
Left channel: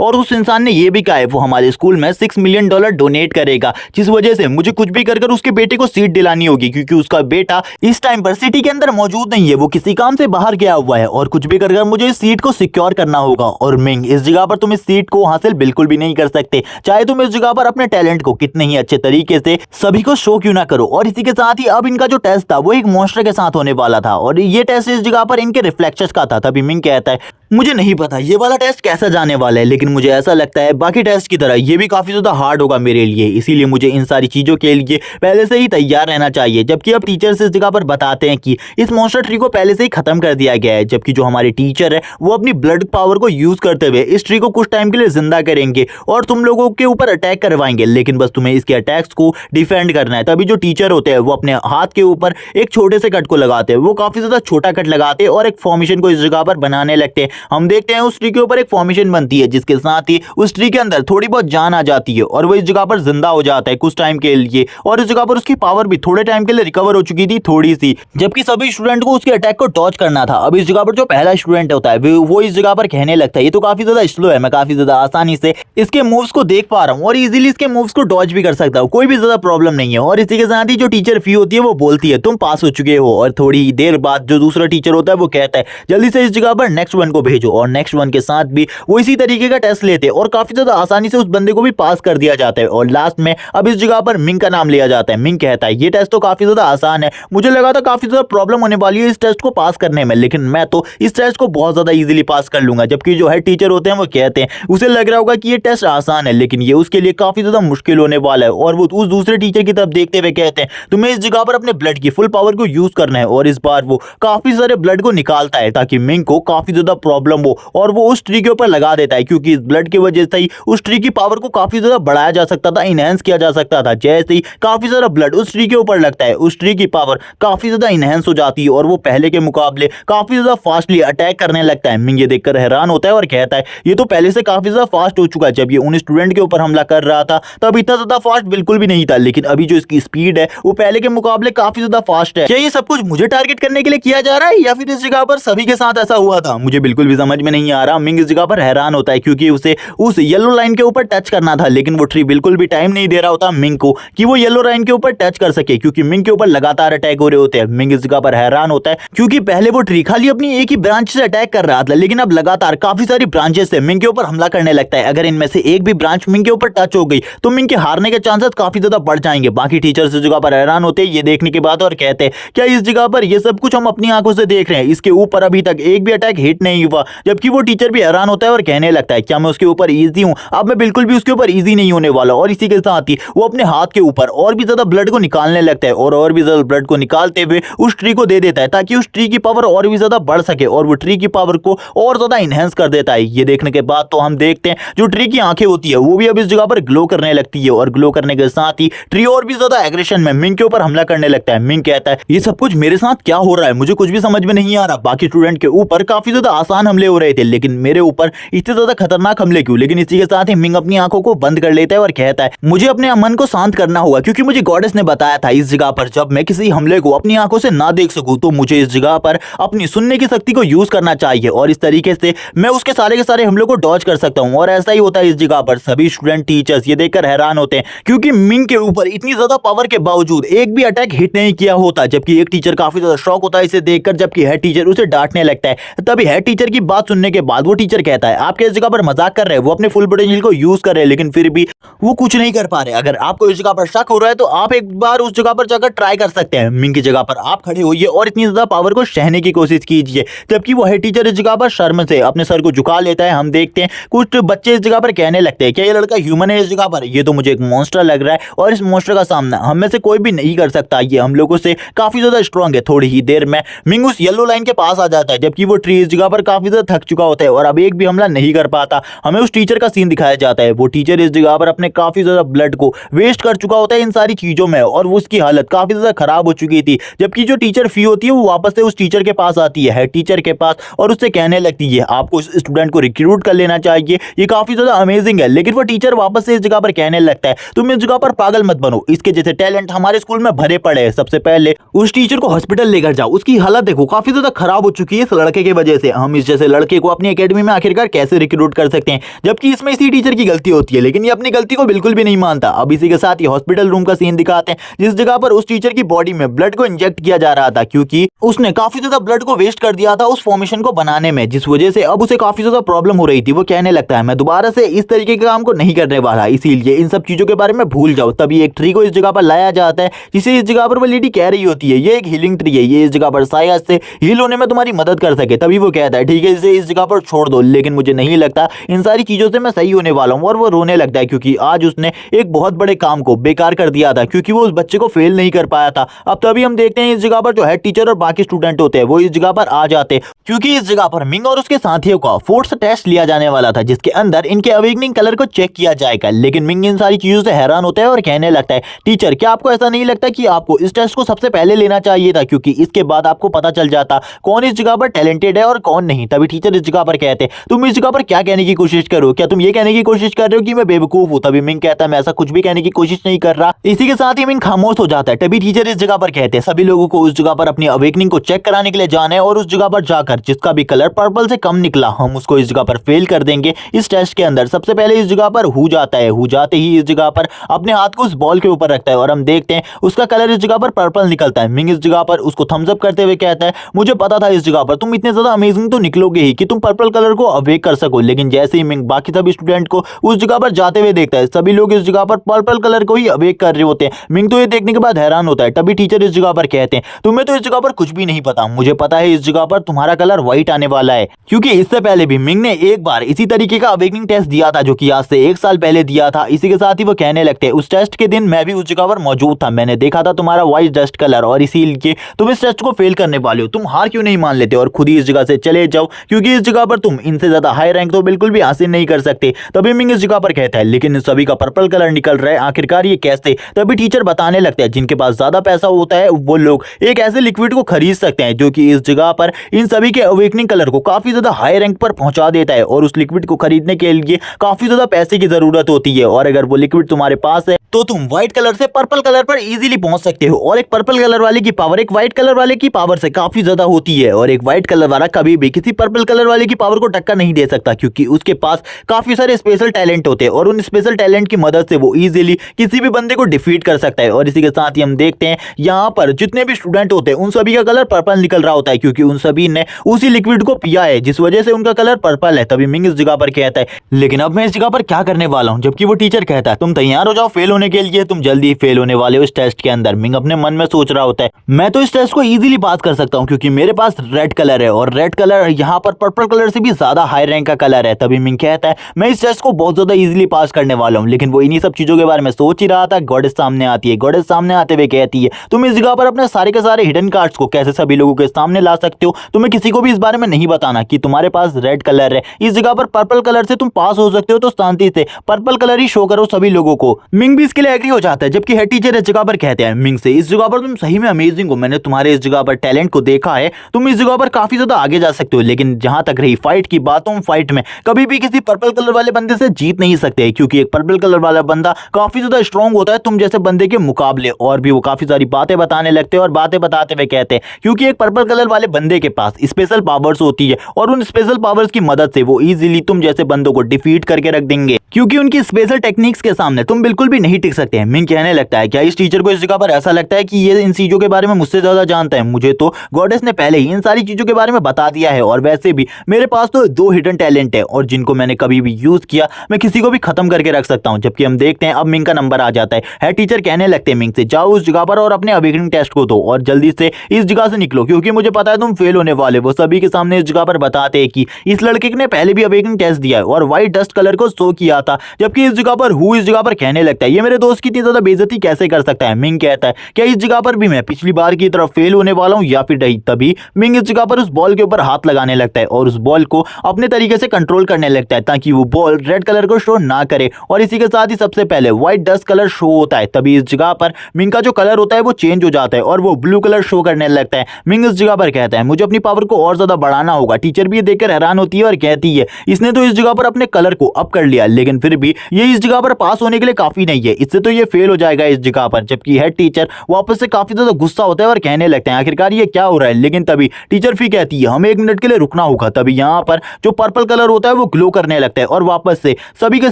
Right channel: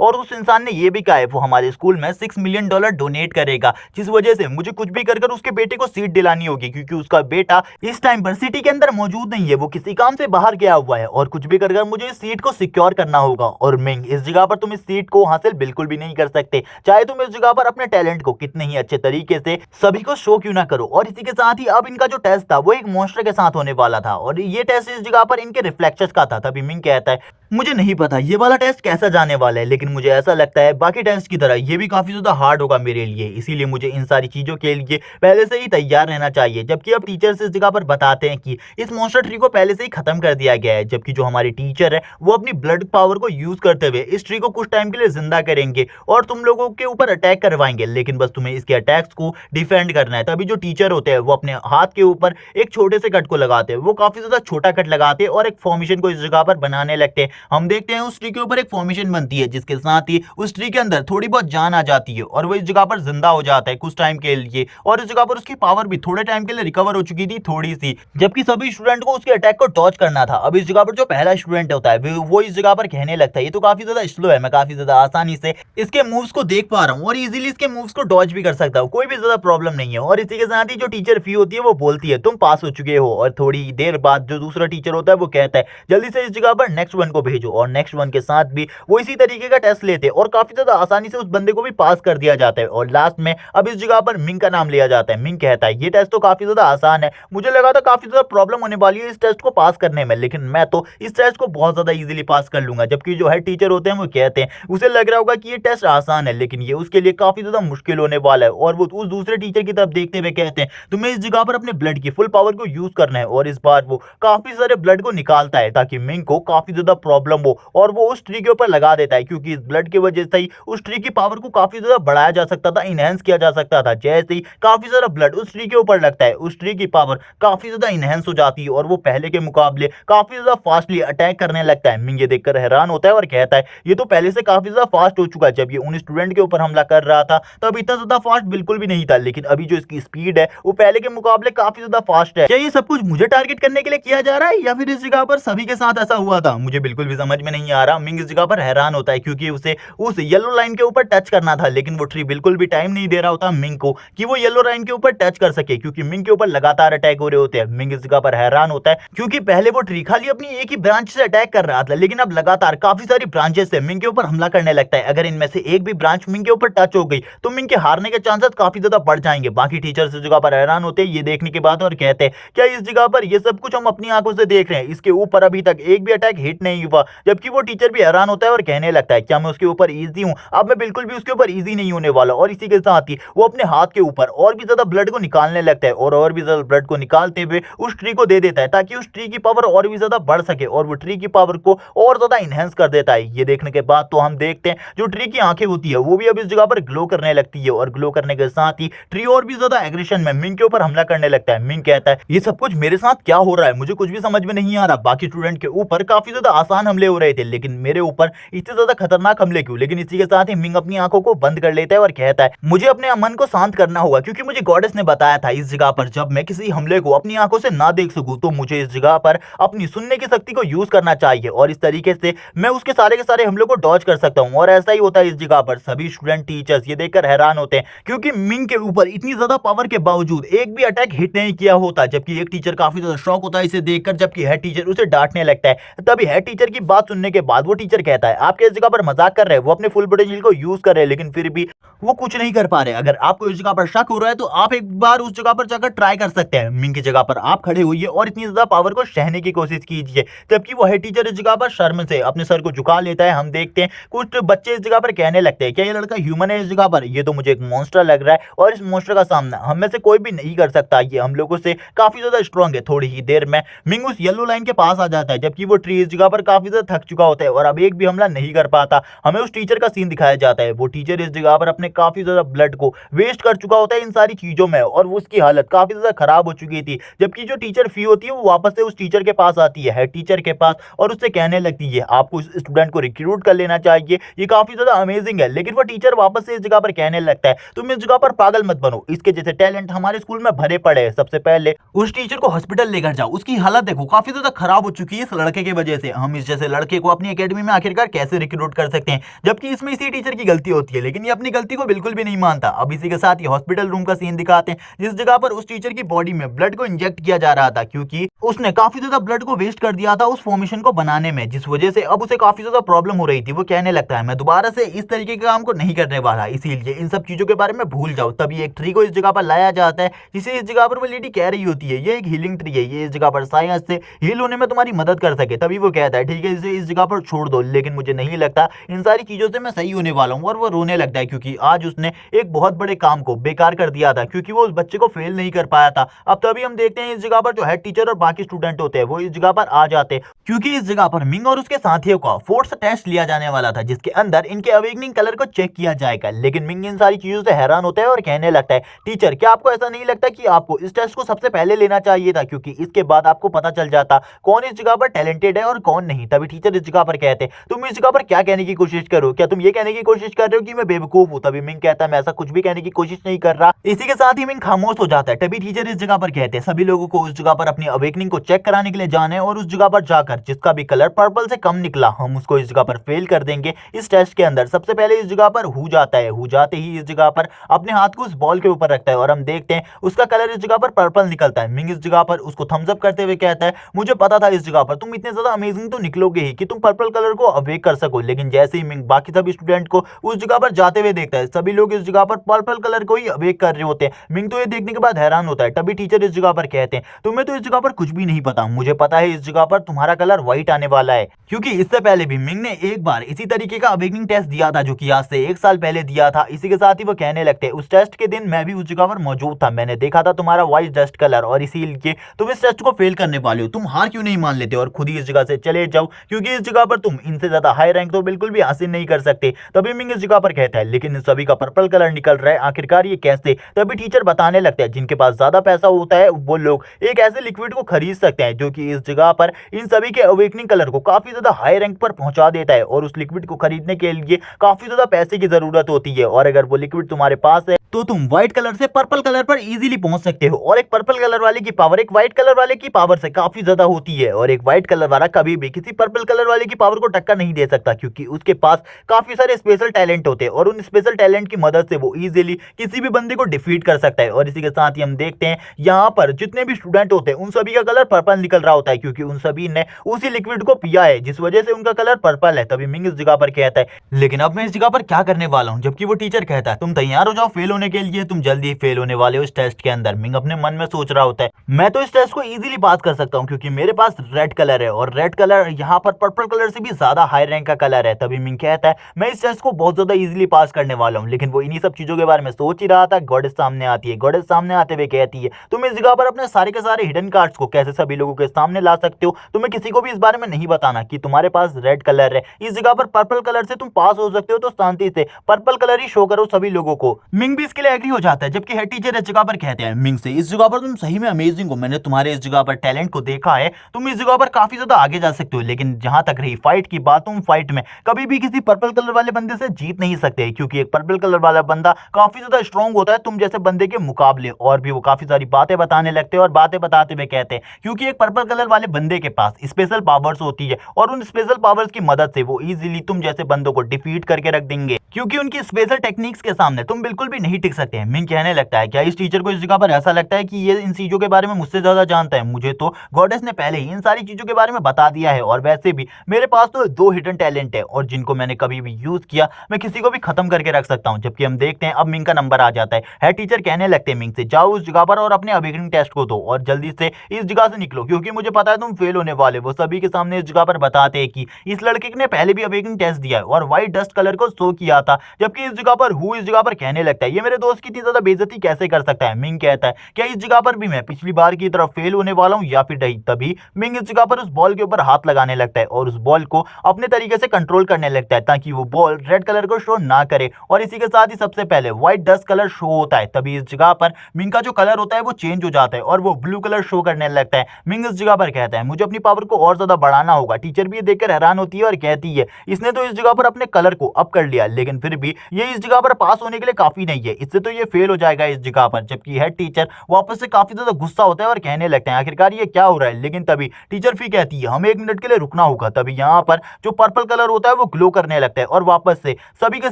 और उस इंसान ने ये भी कहा है वो हमारे स्कूल में $6 मिलियन डोनेट करेगा, जिस वजह से मुझे कुछ भी कर उसके बेटे को सीट दिलानी होगी, क्योंकि उसका बेटा इस टाइम पर सिटी के अंदर मौजूद नहीं है, वो किसी काम से बाहर गया हुआ है और कुछ भी कर मुझे इस सीट को सिक्योर करना होगा। और मिंग, इस जगह पर तुम इस सीट को हासिल बिल्कुल भी नहीं कर सकते, चाहे तुम इस जगह पर अपने टैलेंट को कितने ही अच्छे तरीके से सभी को शो क्यों ना करो। और इसी के साथ ही अब इनका जो टेस्ट था वो एक मॉन्स्टर के साथ होने वाला था और ये टेस्ट इस जगह पर इनके रिफ्लेक्शंस का था। तभी मिंग कहता है मुझे नहीं पता ये वाला टेस्ट कैसा जाने वाला है, लेकिन मुझे ऐसा लगता है बाकी टेस्ट की तरह ये भी काफी ज्यादा हार्ड होगा मेरे लिए, इसीलिए मुझे इन सारी चीजों के लिए पहले से ही तैयार रहना चाहिए। जबकि अब टीचर्स इस जगह पर बताते हैं कि इस मॉन्स्टर ट्री को पहले से ही खत्म कर दिया गया है, जबकि जो हमारे टीचर है वो अपनी ब्लड पावर को यूज करते हुए इस ट्री को कुछ टाइम के लिए जिंदा करेंगे और तुम लोगों के ऊपर अटैक करवाएंगे, लेकिन बस तुम्हें इसके अटैक्स को डिफेंड करना है। तभी जो टीचर होते हैं वो अपने हाथ के ऊपर एक छोटे से कट को लगाते हैं, वो काफी ज्यादा छोटा कट लगाते हैं और एक फॉर्मेशन को इस जगह पर बनाने लगते हैं। हम देखते हैं उस ट्री के ऊपर एक फॉर्मेशन बनती है, जिसके साथ ही उस ट्री के अंदर थोड़ी बहुत जान आ जाती है और वो इस जगह पर जिंदा हो जाता है कुछ टाइम के लिए, और इस जगह पर उसकी पावर भी थोड़े टाइम के लिए रिकवर हो चुकी थी थोड़ी सी, जबकि सभी स्टूडेंट को उसके अटैक को डॉज करना था। अब इस जगह पर जो पहला स्टूडेंट होता है वो इस जगह पर कहने लगता है ये तो काफी ज्यादा स्लो है, मैं काफी ज्यादा आसानी से इसके मूव्स को देख पा रहा हूँ और इजीली इसके मूव्स को डॉज भी कर सकता हूँ, कोई भी ज्यादा प्रॉब्लम नहीं है। और इसी के साथ ही जो टीचर फी होती है वो बोलती है तुम पास हो चुके हो, और थोड़ी देर बाद जो दूसरा टीचर होता है वो कहता है जल्दी से इस जगह पर नेक्स्ट वन को भेजो, और नेक्स्ट वन के साथ भी वो इसी तरीके का टेस्ट लेते हैं और काफी ज्यादा आसानी से उस बंदे को भी पास कर दिया जाता है। और लास्ट में अब इस जगह पर मिंग का नाम लिया जाता है। मिंग कहता है ये टेस्ट तो काफी ज्यादा आसान है, मुझे लगा था काफी ज्यादा प्रॉब्लम होने वाली है इस टेस्ट को पास करने में, लेकिन मैं तो इस टेस्ट को बहुत ज्यादा इजीली पास कर लूंगा। जबकि जो हेड टीचर होते हैं वो कहते हैं उसे लग रहा होगा कि ये टेस्ट आसान है, लेकिन ये उसके लिए काफी ज्यादा मुश्किल होने वाला है। और वो उस दूसरे टीचर की तरफ देखते हुए कहते हैं तुम्हें इस जगह पर अपने ब्लड की फुल पावर को यूज करना है, और इस बार वो काफी सारे ब्लड को निकालता है ताकि मिंग को काफी ज्यादा प्रॉब्लम हो, और वो उस ट्री के ऊपर लगा देता है, क्योंकि इस ब्लड की वजह से ही उस ट्री की पावर को काफी ज्यादा बढ़ाया जा सकता था, इनहेंस किया जा सकता था। जैसे ही काफी सारा ब्लड उस ट्री के ऊपर लगता है उस ट्री की पावर काफी ज्यादा इनहेंस हो जाती है और वो पहले के मुकाबले काफी ज्यादा फास्टली अटैक करने लगता है। मिंग ये देखकर हैरान होता है और कहता है ये तो पहले से काफी ज्यादा फास्ट हो चुका है, जब ये उन स्टूडेंट के ऊपर हमला कर रहा था तब इतना ज्यादा फास्ट बिल्कुल भी नहीं था, लेकिन अभी जो इसकी स्पीड है वो पहले के मुकाबले काफी ज्यादा फास्ट है। क्या ये सब कुछ मुझे टारगेट करने के लिए किया जा रहा है या फिर इस जगह पर सभी के साथ ऐसा हुआ था, मुझे बिल्कुल भी समझ में नहीं आ रहा। मिंग इस जगह पर हैरान होता है क्योंकि उसे उस येलो लाइन के ऊपर टच करना था, लेकिन वो ट्री बिल्कुल भी टाइम नहीं दे रहा होता मिंग को कि वो येलो लाइन के ऊपर टच कर सके, क्योंकि मिंग के ऊपर लगातार अटैक हो रहे होते हैं। मिंग इस जगह पर हैरान होता है क्योंकि पहले वो ट्री खाली अपनी एक ही ब्रांच से अटैक कर रहा था, लेकिन अब लगातार काफी सारी ब्रांचेस से मिंग के ऊपर हमला करने लगता है। अगर इनमें से एक भी ब्रांच मिंग के ऊपर टच हो गई तो मिंग के हारने के चांसेस काफी ज्यादा बढ़ जाएंगे। बाकी टीचर्स इस जगह पर हैरान होते हैं ये देखने के बाद और कहते हैं क्या इस जगह पर ये सब कुछ हम अपनी आंखों से देख रहे हैं, इसके ऊपर अभी तक एक भी अटैक हिट नहीं हुआ। जबकि वो टीचर भी हैरान होता है और कहने लगता है क्या मैं उसके ऊपर इजी हूं, अब मैं बिल्कुल भी उसके ऊपर इजी नहीं होने वाला। और इसी के साथ ही वो अपने हाथ के ऊपर और भी ज्यादा ब्लड को निकालने लगता है और भी ज्यादा ब्लड को निकालते हुए उस ट्री को दे देता है ताकि उस ट्री की पावर और भी ज्यादा बढ़ सके, और वो ट्री की पावर को और ज्यादा इनहेंस कर देता है। ये देखने के बाद तो हम देखते हैं जो ट्री की आंखें होती है वो भी अब इस जगह पर ग्लो करने लगती है, और ग्लो करने के साथ ही ट्री और भी ज्यादा एग्रेशन में मिंग के ऊपर हमला करने लगता है। मिंग कहता है ये सब कुछ मेरे साथ क्या हो रहा है, मुझे कुछ भी समझ में नहीं आ रहा। बाकी स्टूडेंट के ऊपर काफी ज्यादा आसान हमले हो रहे थे, लेकिन मेरे ऊपर इतने ज्यादा खतरनाक हमले क्यों। लेकिन इसी के साथ ही मिंग अपनी आंखों को बंद कर लेता है और कहता है मुझे अपने मन को शांत करना होगा, क्योंकि मुझे गॉडेस ने बताया था इस जगह पर जब मैं किसी हमले को अपनी आंखों से ना देख सकूं तो मुझे इस जगह पर अपनी सुनने की शक्ति को यूज करना चाहिए, और इस तरीके से मैं उसके सारे के सारे हमलों को डॉज कर सकता हूं। और ऐसा ही होता है इस जगह पर। सभी स्टूडेंट टीचर्स ये देखकर हैरान होते हैं क्योंकि मिंग के ऊपर इतनी ज्यादा पावर के बावजूद एक भी अटैक हिट नहीं किया होता, जबकि एक टीचर काफी ज्यादा शॉक होता है इसे देखकर, जबकि हेड टीचर उसे डांटने लगता है। तभी हेड टीचर की बात सुनने के बाद वो टीचर कहता है आप इस जगह पर मजाक कर रहे हैं, वो अपने फुल पोटेंशियल को यूज कर रहे हैं लेकिन फिर भी वो कुछ नहीं कर पा रहे। अगर आपको इस जगह पर शक हो रहा है तो आप एक बार उस जगह पर जाकर ट्राई कर सकते हैं। मिंग की जगह पर आप खड़े होइए और इतनी ज्यादा पावर को सहने की कोशिश कीजिए। जबकि वो हेड टीचर इस जगह पर शर्म से अपने सर को झुका लेता है। हम देखते हैं कुछ बच्चे इस जगह पर कहने लगते हैं क्या ये लड़का ह्यूमन है इस जगह पर, ये तो मुझे एक मॉन्स्टर लग रहा है और इस मॉन्स्टर का सामना हम में से कोई भी नहीं कर सकता, ये हम लोगों से काफी ज्यादा स्ट्रांग है। थोड़ी ही देर में मिंग उस येलो लाइन के पास आ जाता है, जबकि वो ट्री इस जगह पर काफी ज्यादा थक चुका होता है और अब एक भी हमला नहीं कर पाता। हमें उस टीचर का सीन दिखाया जाता है, वो टीचर इस जगह पर अपने अपने काफी ज्यादा ब्लड को वेस्ट कर चुका होता है इन सारी चीजों में और वो उसकी हालत काफी ज्यादा खराब हो चुकी थी। जबकि जो टीचर फी होती है वो वापस से उस टीचर के पास आती है हेड टीचर के पास और उससे कहने लगती है आपको इस स्टूडेंट को रिक्रूट कर लेना चाहिए, ये काफी ज्यादा अमेजिंग है। लेकिन वो टीचर वापस से इस जगह पर कहने लगता है तुम इस जगह पर पागल मत बनो, इसके जैसे टैलेंट हमारे स्कूल में भरे पड़े हैं, सबसे पहले उस टीचर को हॉस्पिटल लेकर जाओ, उसकी हालत देखो काफी ज्यादा खराब हो चुकी है इस लड़के की वजह से, हम इस जैसे लड़के को अपनी एकेडमी में आखिरकार कैसे रिक्रूट कर सकते हैं। जबकि इसमें इसी टीचर की गलती होती है लेकिन ये अपनी गलती को बिल्कुल भी नहीं मानता। अब इसी के साथ ये हॉस्पिटल रूम का सीन दिखाते हैं जिस जगह पर उस टीचर की बॉडी में ब्लड को इंजेक्ट किया जा रहा था क्योंकि उसने काफी ज्यादा ब्लड को वेस्ट कर दिया था उस फॉर्मेशन को बनाने में, जिस वजह से अब उसे काफी ज्यादा प्रॉब्लम हो रही थी। वो कहने लगता है मैं दोबारा से इस तरीके के काम को नहीं करने वाला, इसीलिए इन सब चीजों के बारे में भूल जाओ। तभी एक ट्री को इस जगह पर लाया जाता है जिसे इस जगह पर वो लेडी कह रही होती है ये एक हीलिंग ट्री है, ये इस जगह पर शायद से हील होने में तुम्हारी मदद कर सके। तभी वो कहता है ठीक है इसे इस जगह पर छोड़ दो, लेकिन मुझे नहीं लगता इन सारी चीजों से मैं सही होने वाला हूँ। और वो रोने लगता है क्योंकि आज उसने एक बहुत बड़े काम को बेकार कर दिया था क्योंकि वो उस बच्चे को फेल नहीं कर पाया था। अब तभी हम देखते हैं इस जगह पर जो हेड टीचर और बाकी स्टूडेंट होते हैं वो इस जगह पर आ जाते क्योंकि इस जगह पर मिंग और उसके साथियों का फोर्स टेस्ट लिया जाने वाला था जिसके अंदर इनके अवेकनिंग कलर को चेक किया जाएगा। लेकिन मिंग इन सारी चीजों से हैरान होता है और कहने लगता है टीचर क्या आपको ऐसा नहीं लगता कि आपको इस टेस्ट को सबसे पहले लेना चाहिए था क्योंकि इसके बाद आपको पता चल जाता कौन इस जगह पर टैलेंटेड है और कौन नहीं। तभी टीचर इस जगह पर कहते तुम इस जगह पर क्या कहने की कोशिश करो, क्या तुम ये कहने की कोशिश कर रहे हो कि मैं बेवकूफ हूं। तभी मिंग कहता है मैं ऐसा कुछ भी कहने की कोशिश नहीं कर रहा। इसी के साथ ही मिंग खामोश हो जाता है। तभी टीचर इस जगह पर कहते हैं सभी लोगों को उस जगह पर अपनी अवेकनिंग को चेक कराने के लिए जाना है और उस जगह पर जाकर जिसका भी कलर पर्पल से कम निकला हम उसको इस जगह पर फेल कर देंगे इस टेस्ट के अंदर। सबसे पहले इस जगह पर हु जाता है, हु जाते ही इस जगह पर अपने हाथ को उस बॉल के ऊपर रखता है और हम देखते हैं उसका कलर इस जगह पर पर्पल निकलता है। मिंग इस जगह पर उसको थम्स अप करते हुए कहता है मुझे पता था इस जगह पर तुम इतने ज्यादा अमेजिंग तो निकलोगे ही कि तुम पर्पल कलर को अवेक कर सको। लेकिन जैसे ही मिंग बाकी सभी स्टूडेंट को उस जगह पर जाते हुए देखता है सभी लोग इस जगह पर पर्पल कलर को ही अवेक कर रहे होते हैं। मिंग तो ये देखने के बाद हैरान होता है। तभी टीचर इस जगह पर कहते हैं तुम्हें तो इस जगह पर कुछ भी नहीं पता, मुझे पता है इस जगह पर तुम्हारा कलर व्हाइट आने वाला है क्योंकि इससे पहले भी मिंग ने एक बार इसी तरीके का अवेकनिंग टेस्ट दिया था जो कि आज से 1 साल पहले दिया था। इसी के साथ ही वो कहने लगते हैं उस टेस्ट के दिन मैं भी उस जगह पर मौजूद था, मैंने देखा था तुम्हारा व्हाइट डस्ट कलर और इसीलिए तुम इस टेस्ट को फेल करने वाले हो। तुम हार क्यों नहीं मान लेते और खुद ही इस जगह से चले जाओ क्योंकि इस जगह पर तुम इनसे ज्यादा हाई रैंक तो बिल्कुल भी हासिल नहीं कर सकते। तभी मिंग इस जगह पर कहता है लेकिन इन सभी का पर्पल कलर निकल रहा है, आखिरकार ये कैसे। तभी टीचर बताने लगते हैं जिनके पास ज्यादा पैसा होता है वो लोग एक ऐसे लिक्विड को खरीद सकते हैं जो कि इस जगह पर इन सभी के अवेकनिंग कलर को काफी ज्यादा हाई रैंक पर पहुंचा देता है और उस लिक्विड को खरीदने के लिए काफी ज्यादा पैसे की जरूरत होती है और अगर वो लिक्विड तुम्हारे पास है तो तुम व्हाइट कलर से पर्पल कलर पर इजीली पहुंच सकते हो। और एक पर्पल कलर वाले की पावर एक व्हाइट कलर वाले की पावर से काफी ज्यादा होती है और एक व्हाइट कलर वाला कभी भी किसी पर्पल कलर वाले की पावर को टक्कर नहीं दे सकता क्योंकि उसके पास काफी सारे स्पेशल टैलेंट होते हैं और उन स्पेशल टैलेंट की मदद से वो इजीली किसी भी बंदे को डिफीट कर सकता है। और इसी के साथ ही हम देखते हैं यहाँ पर जितने भी स्टूडेंट होते हैं उन सभी का कलर पर्पल निकल रहा होता है क्योंकि उन सभी ने उसी लिक्विड को पिया है जिस वजह से उनका कलर पर्पल है। तभी मिंग इस जगह पर कहता है लेकिन अब मैं इस जगह पर क्या करने वाला हूँ, जबकि वो टीचर कहता है तुम तैयार हो जाओ फेल होने के लिए, तुम जल्दी फेल होने वाले हो इस टेस्ट के अंदर। मिंग अपने मन में सोच रहा होता है मैं तो इस टेस्ट को इजीली पास कर सकता हूँ क्योंकि मेरे पास रेड कलर है और रेड कलर यहाँ पर पर्पल कलर से भी ज्यादा हाई रैंक का कलर है। तभी मिंग कहता है मैं इस टेस्ट को बहुत ज्यादा इजीली पास करने वाला हूँ। लेकिन वो इन्हीं सब चीजों के बारे में सोच ही रहा था, गॉडेस सामने आती है। गॉडेस सामने आते हुए कहती है तुम इस जगह पर अपने सारे के सारे हिडन कार्ड्स को कैसे सभी लोगों के सामने ला सकते हो, तुम्हें किसी को भी इस बारे में नहीं बताना कि तुम्हारे पास रेड कलर है, इस जगह पर पर्पल कलर से तुम पास हो सकते हो तो शांति से पर्पल कलर ही शो करो सभी लोगों को। मिंग भी इसके लिए एग्री हो जाता है जबकि हेड टीचर इस जगह पर कहते हैं मिंग से इस जगह पर तुम सही में अमेजिंग हो, मैंने तुम्हारे इस जगह पर टैलेंट को देखा है, तुम इस जगह पर काफी ज्यादा आगे जा सकते हो। लेकिन जहां तक रही फाइट की बात, तुम फाइट में कभी भी किसी पर्पल कलर वाले बंदे से जीत नहीं सकते क्योंकि एक पर्पल कलर वाला बंदा काफी ज्यादा स्ट्रॉन्ग होता है तुम जैसे बंदे के मुकाबले। और भी वो काफी सारी बातें बताने लगते हैं और बातें बताते हुए कहते हैं क्योंकि एक पर्पल कलर वाले बंदे के पास स्पेशल पावर्स होती है और उन स्पेशल पावर्स की मदद से वो इजीली तुम जैसे बंदों को डिफीट करके रख देंगे क्योंकि उनकी स्पेशल टेक्निक्स के सामने तुम बिल्कुल भी नहीं टिक सकते हैं। मिंग कहने लगता है क्या इस टीचर को इस जगह पर ऐसा लगता है कि ये इन चीजों के बारे में मुझसे ज्यादा जानता है, मुझे तो गॉडेस ने पहले ही इन सारी चीजों के बारे में बता दिया है और वैसे भी मेरे पास तो 2 हिडन टैलेंट है और जिनको मैंने कभी भी यूज किया मैं किसी को भी खत्म करके रख सकता हूं। जबकि हम देखते हैं अब मिंग का नंबर आ जाता है। हेड टीचर कहने लगते हैं मिंग से जाओ उस जगह पर और अपने अवेकनिंग टेस्ट को दो और जल्दी से इस जगह से निकलो क्योंकि मुझे पता है तुम फेल होने वाले। वो सभी के सामने इस जगह पर बताते हैं कि इस लड़के ने पहले भी अवेकनिंग टेस्ट दिया है और व्हाइट डस्ट कलर को शो किया किया था। जबकि इस जगह पर हु इस जगह पर कहने लगता है ये मेरे दोस्त की इतनी ज्यादा बेइज्जती कैसे कर सकता है। मिंग कहता है क्या इस जगह पर भी मैं पिछली बार की तरफ फेल होने वाला हूँ या फिर नहीं। तभी मिंग इस जगह पर उस बॉल के ऊपर हाथ लगाने लगता है और उस बॉल को अपने तरीके से कंट्रोल करने लगता है ताकि वो बॉल रेड कलर को शो ना करे। और इसी के साथ ही सबसे पहले व्हाइट डस्ट कलर शो होता है। तभी इस जगह पर मिंग का जो कलर होता है वो चेंज हो जाता है और वो ब्लू कलर शो करने लगता है। मिंग इस जगह पर कहता है मुझे अपनी पावर को और ज्यादा बढ़ाना होगा। टीचर भी ये देखकर हैरान होती है और कहती है इसने तो इस जगह पर अपने कलर को अप कर लिया लेकिन फिर भी ये इस जगह पर पास होने के लिए काफी नहीं है, इससे तो ये फेल हो जाएगा इस जगह पर। जबकि हेड टीचर वापस से काफी ज्यादा गुस्सा होता है और कहने लगते हैं आखिरकार ये क्या हो रहा है। लेकिन तभी टीचर फिर कहती है हमें 1 मिनट के लिए रुकना होगा। तभी यहाँ पर जो पर्पल कलर होता है वो ग्लो करने लगता है और वापस से सभी के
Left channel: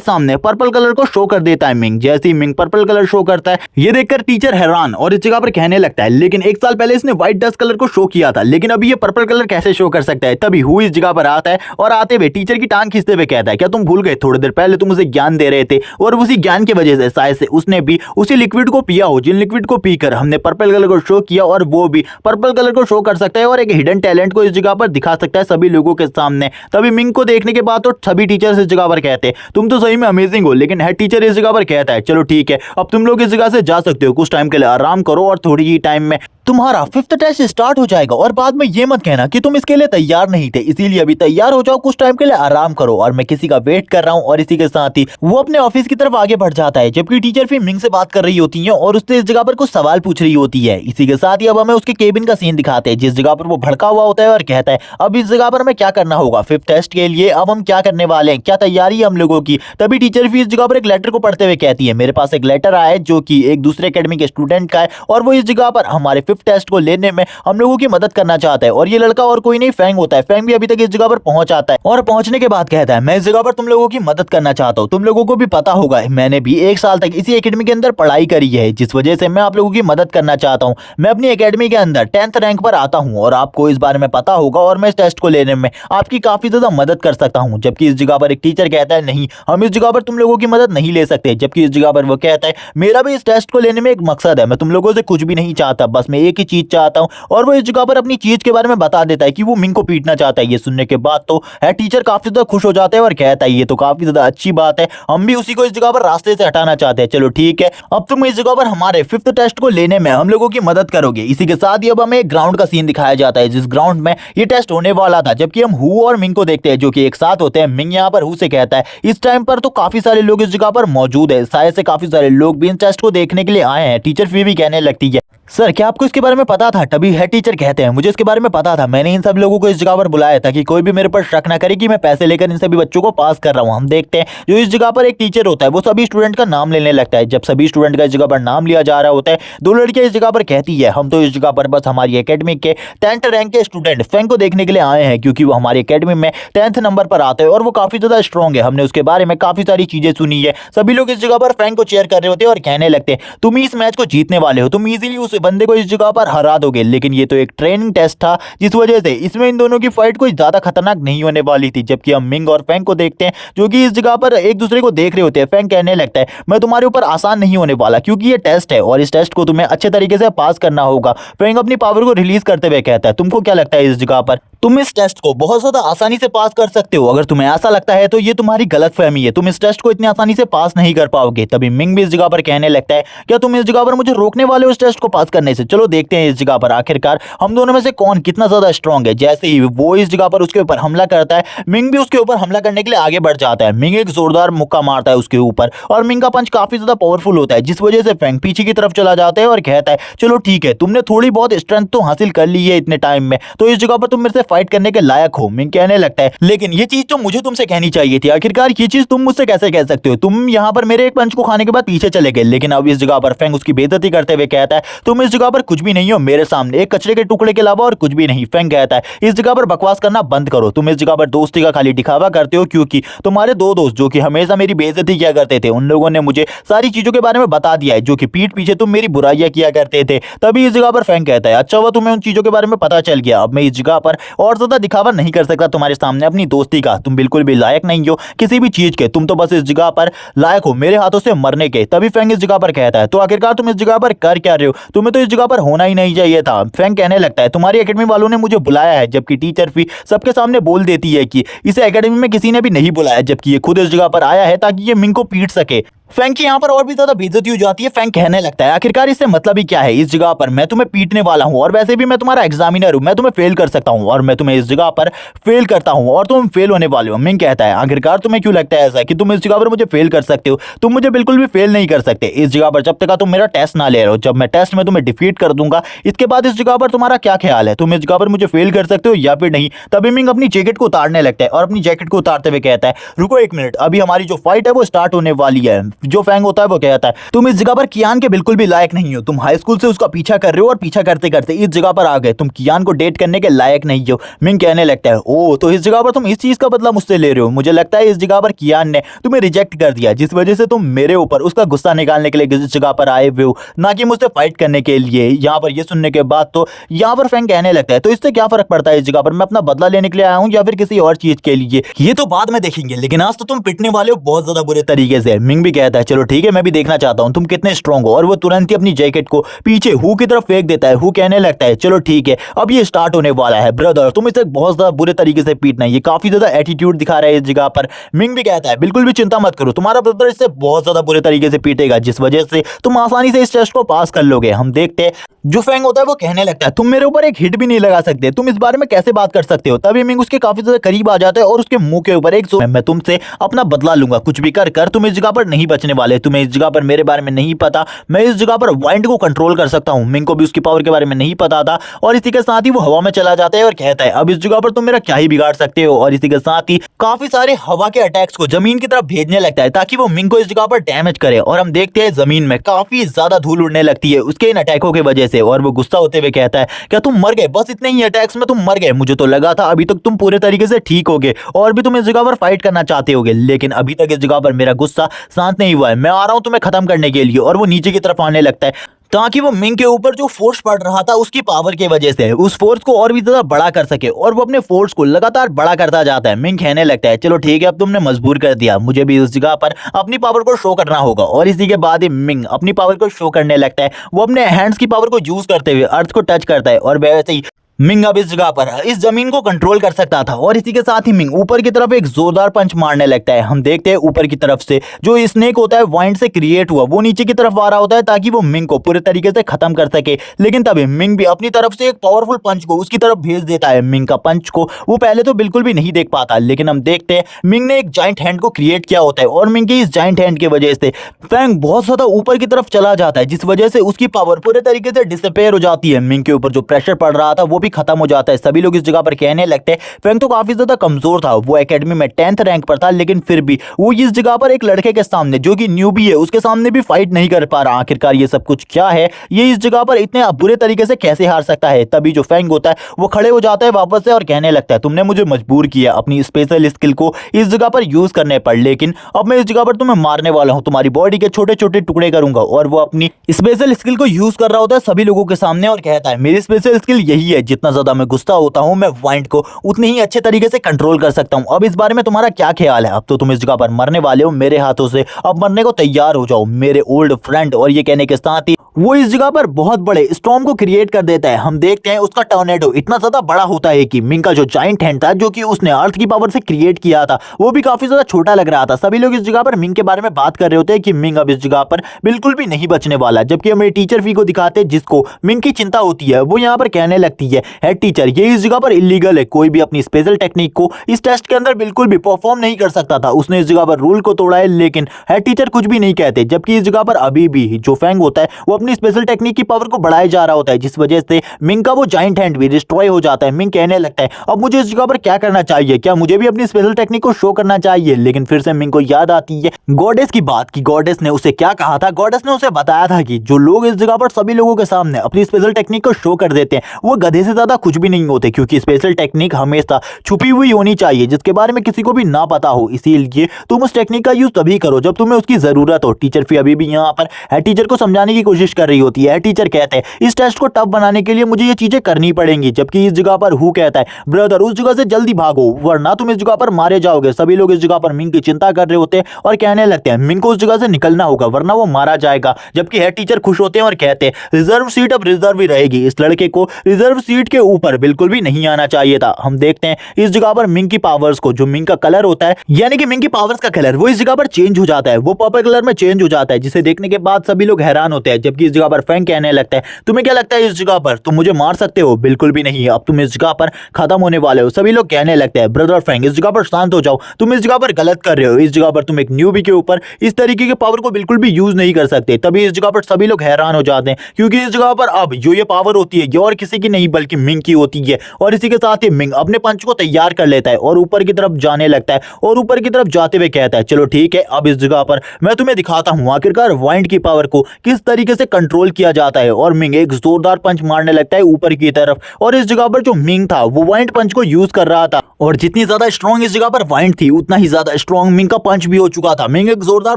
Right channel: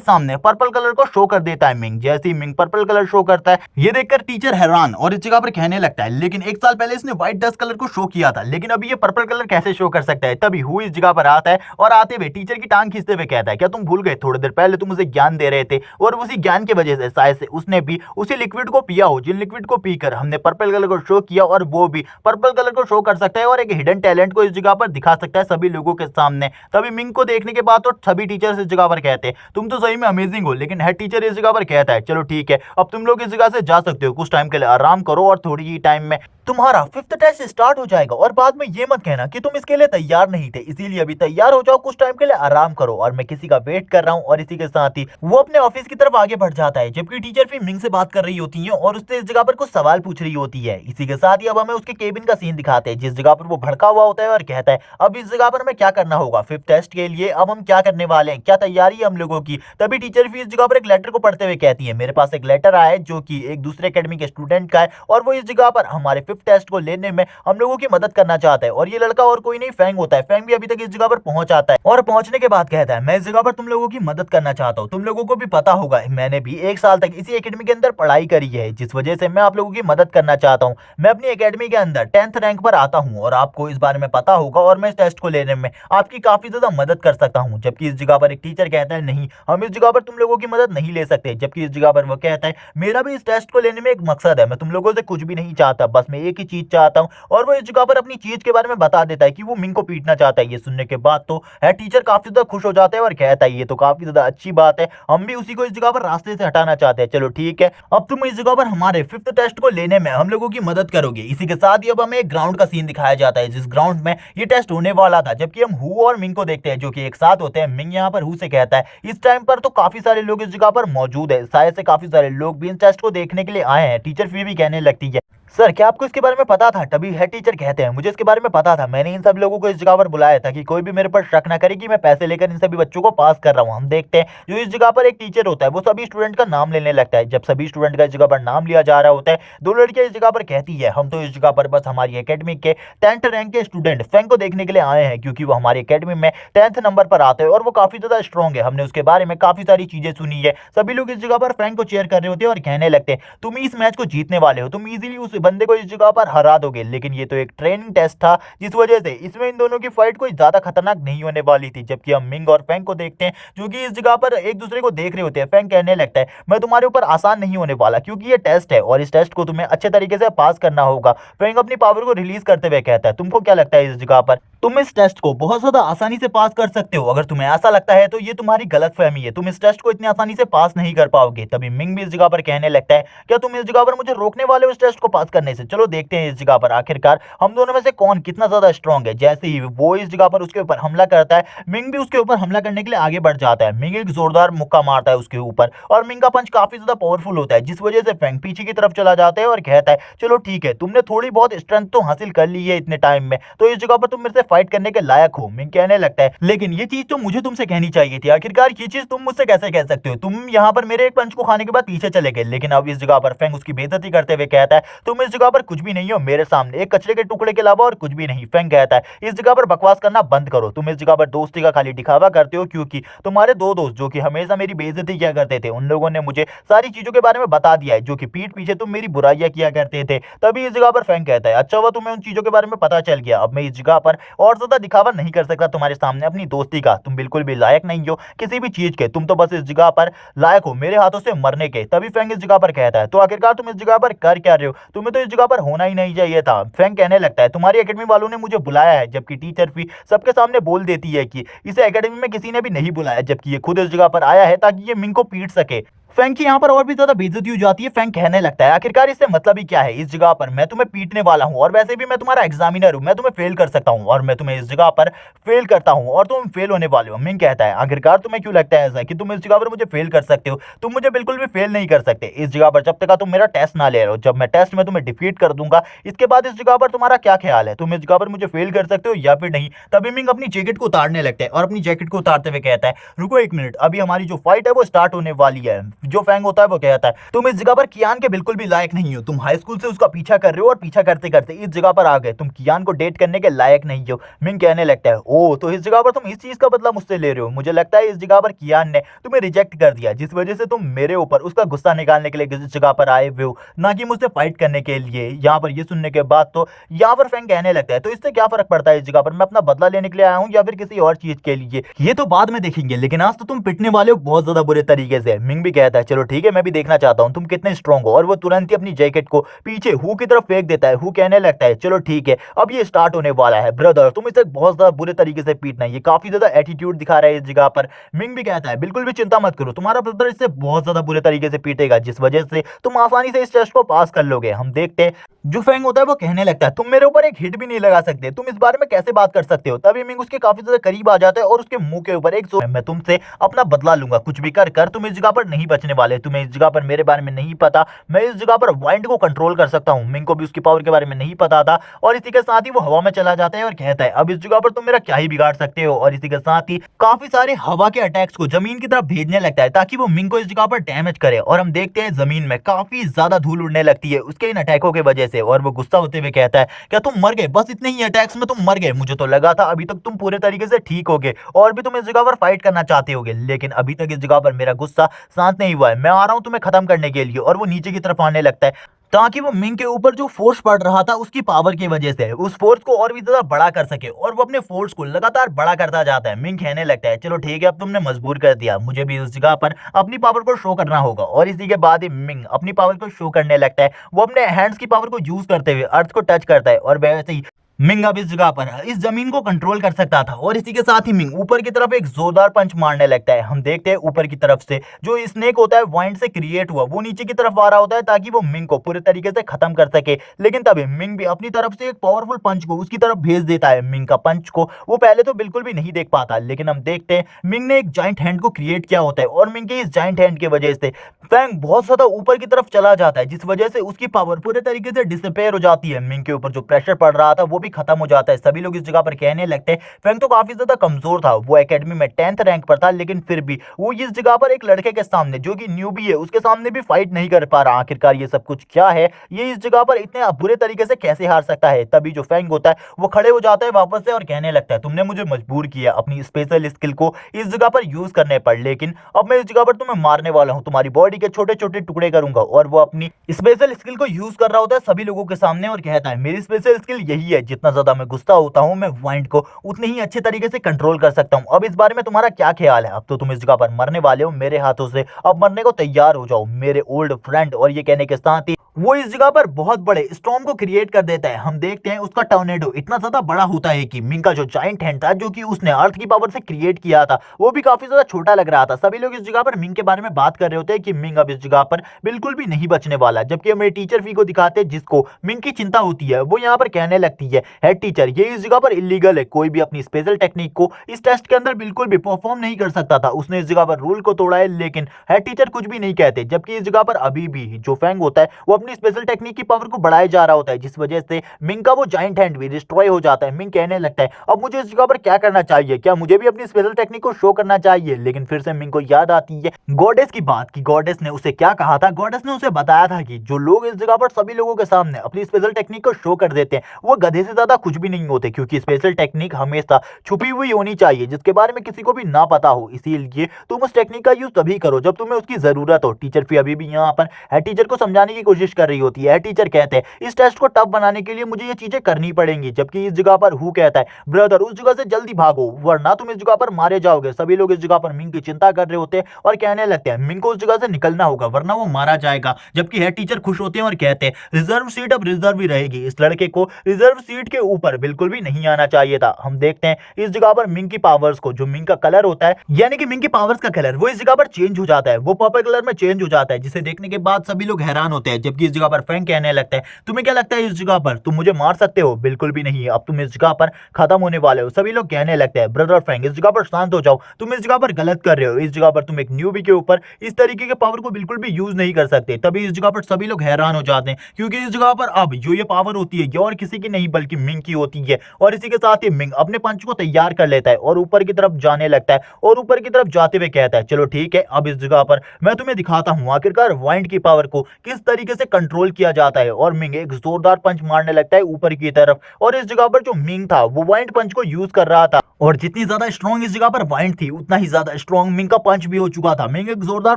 सामने पर्पल कलर को शो कर देता है मिंग। जैसे ही मिंग पर्पल कलर शो करता है ये देखकर टीचर हैरान और इस जगह पर कहने लगता है लेकिन 1 साल पहले इसने व्हाइट डस्ट कलर को शो किया था लेकिन अभी ये पर्पल कलर कैसे शो कर सकता है। तभी हु इस जगह पर आता है और आते हुए टीचर की टांग खींचते हुए कहता है क्या तुम भूल गए थोड़ी देर पहले तुम उसे ज्ञान दे रहे थे और उसी ज्ञान की वजह से शायद से उसने भी उसी लिक्विड को पिया हो जिन लिक्विड को पीकर हमने पर्पल कलर को शो किया और वो भी पर्पल कलर को शो कर सकता है और एक हिडन टैलेंट को इस जगह पर दिखा सकता है सभी लोगों के सामने। तभी मिंग को देखने के बाद तो सभी टीचर्स इस जगह पर कहते हैं तुम तो सही में अमेजिंग हो। लेकिन हेड टीचर इस जगह पर कहता है चलो ठीक है अब तुम लोग इस जगह से जा सकते हो, कुछ टाइम के लिए आराम करो और थोड़ी ही टाइम में तुम्हारा 5th टेस्ट स्टार्ट हो जाएगा और बाद में ये मत कहना कि तुम इसके लिए तैयार नहीं थे, इसीलिए अभी तैयार हो जाओ, कुछ टाइम के लिए आराम करो और मैं किसी का वेट कर रहा हूँ। और इसी के साथ ही वो अपने ऑफिस की तरफ आगे बढ़ जाता है जबकि टीचर फिर मिंग से बात कर रही होती है और उससे इस जगह पर कुछ सवाल पूछ रही होती है। इसी के साथ ही अब हमें उसके केबिन का सीन दिखाते हैं जिस जगह पर वो भड़का हुआ होता है और कहता है अब इस जगह पर हमें क्या करना होगा 5th टेस्ट के लिए, अब हम क्या करने वाले हैं, क्या तैयारी है हम लोगों की। तभी टीचर फिर इस जगह पर एक लेटर को पढ़ते हुए कहती है मेरे पास एक लेटर आया है जो कि एक दूसरे एकेडमी के स्टूडेंट का है और वो इस जगह पर हमारे 5th टेस्ट को लेने में हम लोगों की मदद करना चाहता है। और ये लड़का और कोई नहीं फैंग होता है। फैंग भी अभी तक इस जगह पर पहुंच आता है और पहुंचने के बाद कहता है मैं इस जगह पर तुम लोगों की मदद करना चाहता हूँ। तुम लोगों को भी पता होगा मैंने भी 1 साल तक इसी एकेडमी के अंदर पढ़ाई करी है जिस वजह से मैं आप लोगों की मदद करना चाहता हूँ। मैं अपनी एकेडमी के अंदर 10th रैंक पर आता हूँ और आपको इस बारे में पता होगा और मैं इस टेस्ट को लेने में आपकी काफी ज्यादा मदद कर सकता हूँ। जबकि इस जगह पर एक टीचर कहता है नहीं हम इस जगह पर तुम लोगों की मदद नहीं ले सकते। जबकि इस जगह पर वो कहता है मेरा भी इस टेस्ट को लेने में एक मकसद है, मैं तुम लोगों से कुछ भी नहीं चाहता, बस मैं एक ही चीज चाहता हूँ। और वो इस जगह पर अपनी चीज के बारे में बता देता है कि वो मिंग को पीटना चाहता है। ये सुनने के बाद तो हेड टीचर काफी ज्यादा खुश हो जाता है और कहता है ये तो काफी ज्यादा अच्छी बात है, हम भी उसी को इस जगह पर रास्ते से हटाना चाहते हैं। चलो ठीक है अब तुम इस जगह पर हमारे 5th टेस्ट को लेने में हम लोगों की मदद करोगे। इसी के साथ ही अब हमें एक ग्राउंड का सीन दिखाया जाता है जिस ग्राउंड में ये टेस्ट होने वाला था। जबकि हम हु और मिंग को देखते हैं जो कि एक साथ होते हैं। मिंग यहाँ पर हु से कहता है इस टाइम पर तो काफी सारे लोग इस जगह पर मौजूद है, शायद से काफी सारे लोग भी इन टेस्ट को देखने के लिए आए हैं। टीचर फिर भी कहने लगती है सर क्या आपको इसके बारे में पता था। तभी हेड टीचर कहते हैं मुझे इसके बारे में पता था, मैंने इन सब लोगों को इस जगह पर बुलाया था कि कोई भी मेरे पर शक ना करे कि मैं पैसे लेकर इन सभी बच्चों को पास कर रहा हूँ। हम देखते हैं जो इस जगह पर एक टीचर होता है वो सभी स्टूडेंट का नाम लेने लगता है। जब सभी स्टूडेंट का इस जगह पर नाम लिया जा रहा होता है 2 लड़कियां इस जगह पर कहती है हम तो इस जगह पर बस हमारी एकेडमी के 10th रैंक के स्टूडेंट फैंग को देखने के लिए आए हैं क्योंकि वो हमारी एकेडमी में 10th नंबर पर आते हैं और वो काफी ज्यादा स्ट्रॉन्ग है। हमने उसके बारे में काफी सारी चीजें सुनी है। सभी लोग इस जगह पर फैंग को चेयर कर रहे होते हैं और कहने लगते हैं तुम इस मैच को जीतने वाले हो, तुम इजीली उस बंदे को इस जगह पर हरा दोगे। लेकिन ये तो एक ट्रेनिंग टेस्ट था जिस वजह से इसमें इन दोनों की फाइट कोई ज्यादा खतरनाक नहीं होने वाली थी। जबकि हम मिंग और फैंग को देखते हैं जो कि इस जगह पर एक दूसरे को देख रहे होते हैं। फैंग कहने लगता है मैं तुम्हारे ऊपर आसान नहीं होने वाला क्योंकि ये टेस्ट है और इस टेस्ट को तुम्हें अच्छे तरीके से पास करना होगा। फैंग अपनी पावर को रिलीज करते हुए कहता है तुमको क्या लगता है इस जगह पर तुम इस टेस्ट को बहुत ज्यादा आसानी से पास कर सकते हो। अगर तुम्हें ऐसा लगता है तो ये तुम्हारी गलतफहमी है, तुम इस टेस्ट को इतनी आसानी से पास नहीं कर पाओगे। तभी मिंग भी इस जगह पर कहने लगता है क्या तुम इस जगह पर मुझे रोकने वाले हो इस टेस्ट को पास करने से। चलो देखते हैं इस जगह पर आखिरकार हम दोनों में से कौन कितना ज्यादा स्ट्रांग है। जैसे ही वो इस जगह पर उसके ऊपर हमला करता है मिंग भी उसके ऊपर हमला करने के लिए आगे बढ़ जाता है। मिंग एक जोरदार मुक्का मारता है उसके ऊपर और मिंग का पंच काफी ज्यादा पावरफुल होता है जिस वजह से फैंग पीछे की तरफ चला जाता है और कहता है चलो ठीक है तुमने थोड़ी बहुत स्ट्रेंथ तो हासिल कर ली है इतने टाइम में, तो इस जगह पर तुम मेरे से फाइट करने के लायक हो। मिंग कहने लगता है लेकिन ये चीज तो मुझे तुमसे कहनी चाहिए थी, आखिरकार ये चीज तुम मुझसे कैसे कह सकते हो, तुम यहाँ पर मेरे एक पंच को खाने के बाद पीछे चले गए। लेकिन अब इस जगह पर फैंग उसकी बेइज्जती करते हुए कहता है तुम इस जगह पर कुछ भी नहीं हो, मेरे सामने एक कचरे के टुकड़े के अलावा और कुछ भी नहीं। फैंग कहता है इस जगह पर बकवास करना बंद करो, तुम इस जगह पर दोस्ती का खाली दिखावा करते हो क्योंकि तुम्हारे 2 दोस्त जो कि हमेशा मेरी बेइज्जती किया करते थे उन लोगों ने मुझे सारी चीजों के बारे में बता दिया है जो कि पीठ पीछे तुम मेरी बुराइयां किया करते थे। तभी इस जगह पर फैंग कहता है अच्छा हुआ तुम्हें उन चीजों के बारे में पता चल गया, अब मैं इस जगह पर और ज्यादा दिखावा नहीं कर सकता तुम्हारे सामने अपनी दोस्ती का, तुम बिल्कुल भी लायक नहीं हो किसी भी चीज के, तुम तो बस इस जगह पर लायक हो मेरे हाथों से मरने के। तभी फैंग इस जगह पर कहता है तो आखिरकार तुम इस जगह पर कर क्या रहे हो, तुम तुम्हें तो इस जगह पर होना ही नहीं चाहिए था। फैंग कहने लगता है तुम्हारी एकेडमी वालों ने मुझे बुलाया है, जबकि टीचर फी सबके सामने बोल देती है कि इसे एकेडमी में किसी ने भी नहीं बुलाया, जबकि ये खुद इस जगह पर आया है ताकि ये मिंग को पीट सके। फैंग की यहाँ पर और भी ज्यादा बेइज्जती हो जाती है। फैंग कहने लगता है आखिरकार इससे मतलब ही क्या है, इस जगह पर मैं तुम्हें पीटने वाला हूँ और वैसे भी मैं तुम्हारा एग्जामिनर हूँ, मैं तुम्हें फेल कर सकता हूँ और मैं तुम्हें इस जगह पर फेल करता हूँ और तुम फेल होने वाले हो। मिंग कहता है आखिरकार तुम्हें क्यों लगता है ऐसा कि तुम इस जगह पर मुझे फेल कर सकते हो, तुम मुझे बिल्कुल भी फेल नहीं कर सकते इस जगह पर जब तक तुम मेरा टेस्ट ना ले रहे हो। जब मैं टेस्ट में तुम्हें डिफीट कर दूंगा इसके बाद इस जगह पर तुम्हारा क्या ख्याल है, तुम इस जगह पर मुझे फेल कर सकते हो या फिर नहीं। तभी मिंग अपनी जैकेट को उतारने लगता है और अपनी जैकेट को उतारते हुए कहता है रुको एक मिनट, अभी हमारी जो फाइट है वो स्टार्ट होने वाली है। जो फैंग होता है वो कहता है तुम इस जगह पर कियान के बिल्कुल भी लायक नहीं हो, तुम हाई स्कूल से उसका पीछा कर रहे हो और पीछा करते करते इस जगह पर आ गए, तुम कियान को डेट करने के लायक नहीं हो। मिंग कहने लगता है ओह तो इस जगह पर तुम इस चीज का बदला मुझसे ले रहे हो, मुझे लगता है इस जगह पर कियान ने तुम्हें रिजेक्ट कर दिया जिस वजह से तुम मेरे ऊपर उसका गुस्सा निकालने के लिए इस जगह पर आए हुए हो, ना कि मुझसे फाइट करने के लिए। यहाँ पर ये सुनने के बाद तो यहाँ पर फैंग कहने लगता है तो इससे क्या फर्क पड़ता है, इस जगह पर मैं अपना बदला लेने के लिए आया हूँ या फिर किसी और चीज के लिए, ये तो बाद में देखेंगे, लेकिन आज तो तुम पिटने वाले हो बहुत ज्यादा बुरे तरीके से। मिंग भी कहता है चलो ठीक है मैं भी देखना चाहता हूँ तुम कितने स्ट्रांग हो, और वो तुरंत ही अपनी जैकेट को पीछे हु की तरफ फेंक देता है। हु कहने लगता है चलो ठीक है अब ये स्टार्ट होने वाला है ब्रदर, तुम इसे बहुत ज्यादा बुरे तरीके से पीटना है, ये काफी ज्यादा एटीट्यूड दिखा रहा है इस जगह पर। मिंग भी कहता है बिल्कुल भी चिंता मत करो, तुम्हारा ब्रदर इससे बहुत ज्यादा बुरे तरीके से पीटेगा जिस वजह से तुम आसानी से इस टेस्ट को पास कर लोगे। हम देखते हैं जो फैंग होता है वो कहने लगता है तुम मेरे ऊपर एक हिट भी नहीं लगा सकते, तुम इस बारे में कैसे बात कर सकते हो। तभी मिंग उसके काफी ज्यादा करीब आ जाता है और उसके मुंह के ऊपर एक मैं तुमसे अपना बदला लूंगा, कुछ भी कर कर तुम इस जगह पर नहीं बचने वाले, तुम्हें इस जगह पर मेरे बारे में नहीं पता, मैं इस जगह पर वाइंड को कंट्रोल कर सकता हूं। मिंग को भी उसकी पावर के बारे में नहीं पता था और इसी के साथ ही वो हवा में चला जाता है और कहता है अब इस जगह पर तुम मेरा क्या ही बिगाड़ सकते हो, और इसी के साथ ही काफी सारे हवा के अटैक्स को जमीन की तरफ भेजने लगता है ताकि वो मिंग को इस जगह पर डैमेज करे। और हम देखते हैं जमीन में काफी ज्यादा धूल उड़ने लगती है उसके इन अटैकों की वजह से, और वो गुस्सा होते हुए कहता है क्या तुम मर गए, बस इतने ही अटैक्स में तुम मर गए, मुझे तो लगा था अभी तक तुम पूरे तरीके से ठीक होगे और भी तुम इस जगह पर फाइट करना चाहते होगे, लेकिन अभी तक इस जगह पर मेरा गुस्सा शांत नहीं हुआ है, मैं आ रहा हूं तुम्हें खत्म करने के लिए। और वो नीचे की तरफ आने लगता है ताकि वो मिंग के ऊपर जो फोर्स पड़ रहा था उसकी पावर की वजह से उस फोर्स को और भी ज्यादा बड़ा कर सके, और वो अपने फोर्स को लगातार बड़ा करता जाता है। मिंग कहने लगता है चलो ठीक है अब तुमने मजबूर कर दिया, मुझे भी उस जगह पर अपनी पावर को शो करना होगा। और इसी के बाद ही मिंग अपनी पावर को शो करने लगता है, वो अपने हैंड्स की पावर को यूज करते हुए अर्थ को टच करता है और वैसे ही मिंग अब इस जगह पर इस जमीन को कंट्रोल कर सकता था। और इसी के साथ ही मिंग ऊपर की तरफ एक जोरदार पंच मारने लगता है। हम देखते हैं ऊपर की तरफ से जो स्नेक होता है वाइंड से क्रिएट हुआ वो नीचे की तरफ आ रहा होता है ताकि वो मिंग को पूरे तरीके से खत्म कर सके, लेकिन तभी मिंग भी अपनी तरफ से एक पावरफुल पंच को उसकी तरफ भेज देता है। मिंग का पंच को वो पहले तो बिल्कुल भी नहीं देख पाता, लेकिन हम देखते हैं मिंग ने एक जाइंट हैंड को क्रिएट किया होता है और मिंग की इस जाइंट हैंड की वजह से फैंग बहुत ज्यादा ऊपर की तरफ चला जाता है जिस वजह से उसकी पावर पूरे तरीके से डिसअपेयर हो जाती है। मिंग के ऊपर जो प्रेशर पड़ रहा था वो भी खत्म हो जाता है। सभी लोग इस जगह पर कहने लगते हैं फैंग तो काफी ज्यादा कमजोर था, वो एकेडमी में 10th रैंक पर था, लेकिन फिर भी वो इस जगह पर एक लड़के के सामने जो कि न्यूबी है उसके सामने भी फाइट नहीं कर पा रहा। आखिरकार ये सब कुछ क्या है, ये इस जगह पर इतने बुरे तरीके से कैसे हार सकता है। तभी जो फैंग होता है वो खड़े हो जाता है वापस से और कहने लगता है तुमने मुझे मजबूर किया अपनी स्पेशल स्किल को इस जगह पर यूज करने पर, लेकिन अब मैं इस जगह पर तुम्हें मारने वाला हूं, तुम्हारी बॉडी के छोटे छोटे टुकड़े करूंगा। और वो अपनी स्पेशल स्किल को यूज कर रहा होता है सभी लोगों के सामने और कहता है मेरी स्पेशल स्किल यही है, जितना ज्यादा मैं गुस्सा होता हूं मैं वाइंड को उतने ही अच्छे तरीके से कंट्रोल कर सकता हूं। अब इस बारे में तुम्हारा क्या ख्याल है, अब तो तुम इस जगह पर मरने वाले हो मेरे हाथों से, अब मरने को तैयार हो जाओ मेरे ओल्ड फ्रेंड। और ये कहने के साथ ही वो इस जगह पर बहुत बड़े स्टॉर्म को क्रिएट कर देता है। हम देखते हैं उसका टॉर्नेडो इतना ज्यादा बड़ा होता है कि मिंग का जो जाइंट हैंड था जो कि उसने अर्थ की पावर से क्रिएट किया था वो भी काफी ज्यादा छोटा लग रहा था। सभी लोग इस जगह पर मिंग के बारे में बात कर रहे होते हैं कि मिंग अब इस जगह पर बिल्कुल भी नहीं बचने वाला, जबकि हमारे टीचर फी को दिखाते हैं जिसको मिंग की चिंता होती है। वो यहाँ पर कहने लगती है हेड टीचर ये इस जगह पर इलीगल है, कोई भी अपनी स्पेशल टेक्निक को इस टेस्ट के अंदर बिल्कुल भी परफॉर्म नहीं कर सकता था, उसने इस जगह पर रूल को तोड़ा है। लेकिन हेड टीचर कुछ भी नहीं कहते, जबकि इस जगह पर अभी भी जो फैंग होता है वो अपनी स्पेशल टेक्निक की पावर को बढ़ाया जा रहा होता है जिस वजह से मिंग का वो जाइंट हैंड भी डिस्ट्रॉय हो जाता है। मिंग कहने लगता है अब मुझे इस जगह पर क्या करना चाहिए, क्या मुझे भी अपनी स्पेशल टेक्निक को शो करना चाहिए। लेकिन फिर से मिंग को याद आती है गॉडेस की बात की गॉडेस ने उसे क्या कहा था। गॉडेस ने उसे बताया था कि जो लोग इस जगह पर सभी लोगों के सामने अपनी स्पेशल टेक्निक को शो कर देते हैं वो गधे से ज्यादा कुछ भी नहीं होते, क्योंकि स्पेशल टेक्निक हमेशा छुपी हुई होनी चाहिए जिसके बारे में किसी को भी ना पता हो। इसीलिए तुम उस टेक्निक का यूज तभी करो जब तुम्हें उसकी जरूरत हो। टीचर फी अभी भी यहाँ पर हेड टीचर को समझाने की कोशिश कर रही होती है। टीचर कहते हैं इस टेस्ट को टफ बनाने के लिए मुझे ये चीजें करनी पड़ेंगी, जबकि इस जगह पर हु कहता है ब्रदर उस जगह से जल्दी भागो वरना तुम इस जगह पर मारे जाओगे। सभी लोग इस जगह पर मिंग की चिंता कर रहे होते हैं और कहने लगते हैं मिंग को उस जगह से निकलना होगा वरना वो मारा जाएगा। जबकि हेड टीचर खुश होते हैं और कहते हैं रिजर्व सीट अब रिजर्व ही रहेगी, इस लड़के को रिजर्व सीट के ऊपर बिल्कुल भी नहीं आना चाहिए था। हम देखते हैं इस जगह पर मिंग की पावर्स को, जो मिंग का कलर होता है यानी कि मिंग की पावर्स का कलर वो इस जगह पर चेंज हो जाता है, वो पर्पल कलर में चेंज हो जाता है, जिसे देखने के बाद सभी लोग हैरान होते हैं। जबकि इस जगह पर फैंग कहने लगता है तुम्हें क्या लगता है इस जगह पर तुम मुझे मार सकते हो? बिल्कुल भी नहीं, अब तुम इस जगह पर खत्म होने वाले हो। सभी लोग कहने लगते हैं ब्रदर फैंग इस जगह पर शांत हो जाओ, तुम इस जगह पर गलत कर रहे हो, इस जगह पर तुम एक न्यूबी के ऊपर इस तरीके के पावर को बिल्कुल भी यूज नहीं कर सकते। तभी इस जगह पर सभी लोग हैरान हो जाते हैं क्योंकि इस जगह पर अब जो ये पावर होती है ये और किसी की नहीं बल्कि मिंग की होती है। और इसी के साथ ही मिंग अपने पंच को तैयार कर लेता है और ऊपर की तरफ जाने लगता है और ऊपर की तरफ जाते हुए कहता है चलो ठीक है अब इस जगह पर मैं तुम्हें दिखाता हूं आखिरकार वाइंड की पावर को किस तरीके से कंट्रोल किया जाता है। और मिंग एक जोरदार पंच मारने लगता है ऊपर की तरफ और इस जगह पर जो मिंग था वो वाइंड पंच को यूज कर रहा था और जितनी ज्यादा स्ट्रॉन्ग इस जगह पर वाइंड थी उतना ही ज्यादा स्ट्रॉन्ग मिंग का पंच भी हो चुका था। मिंग एक जोरदार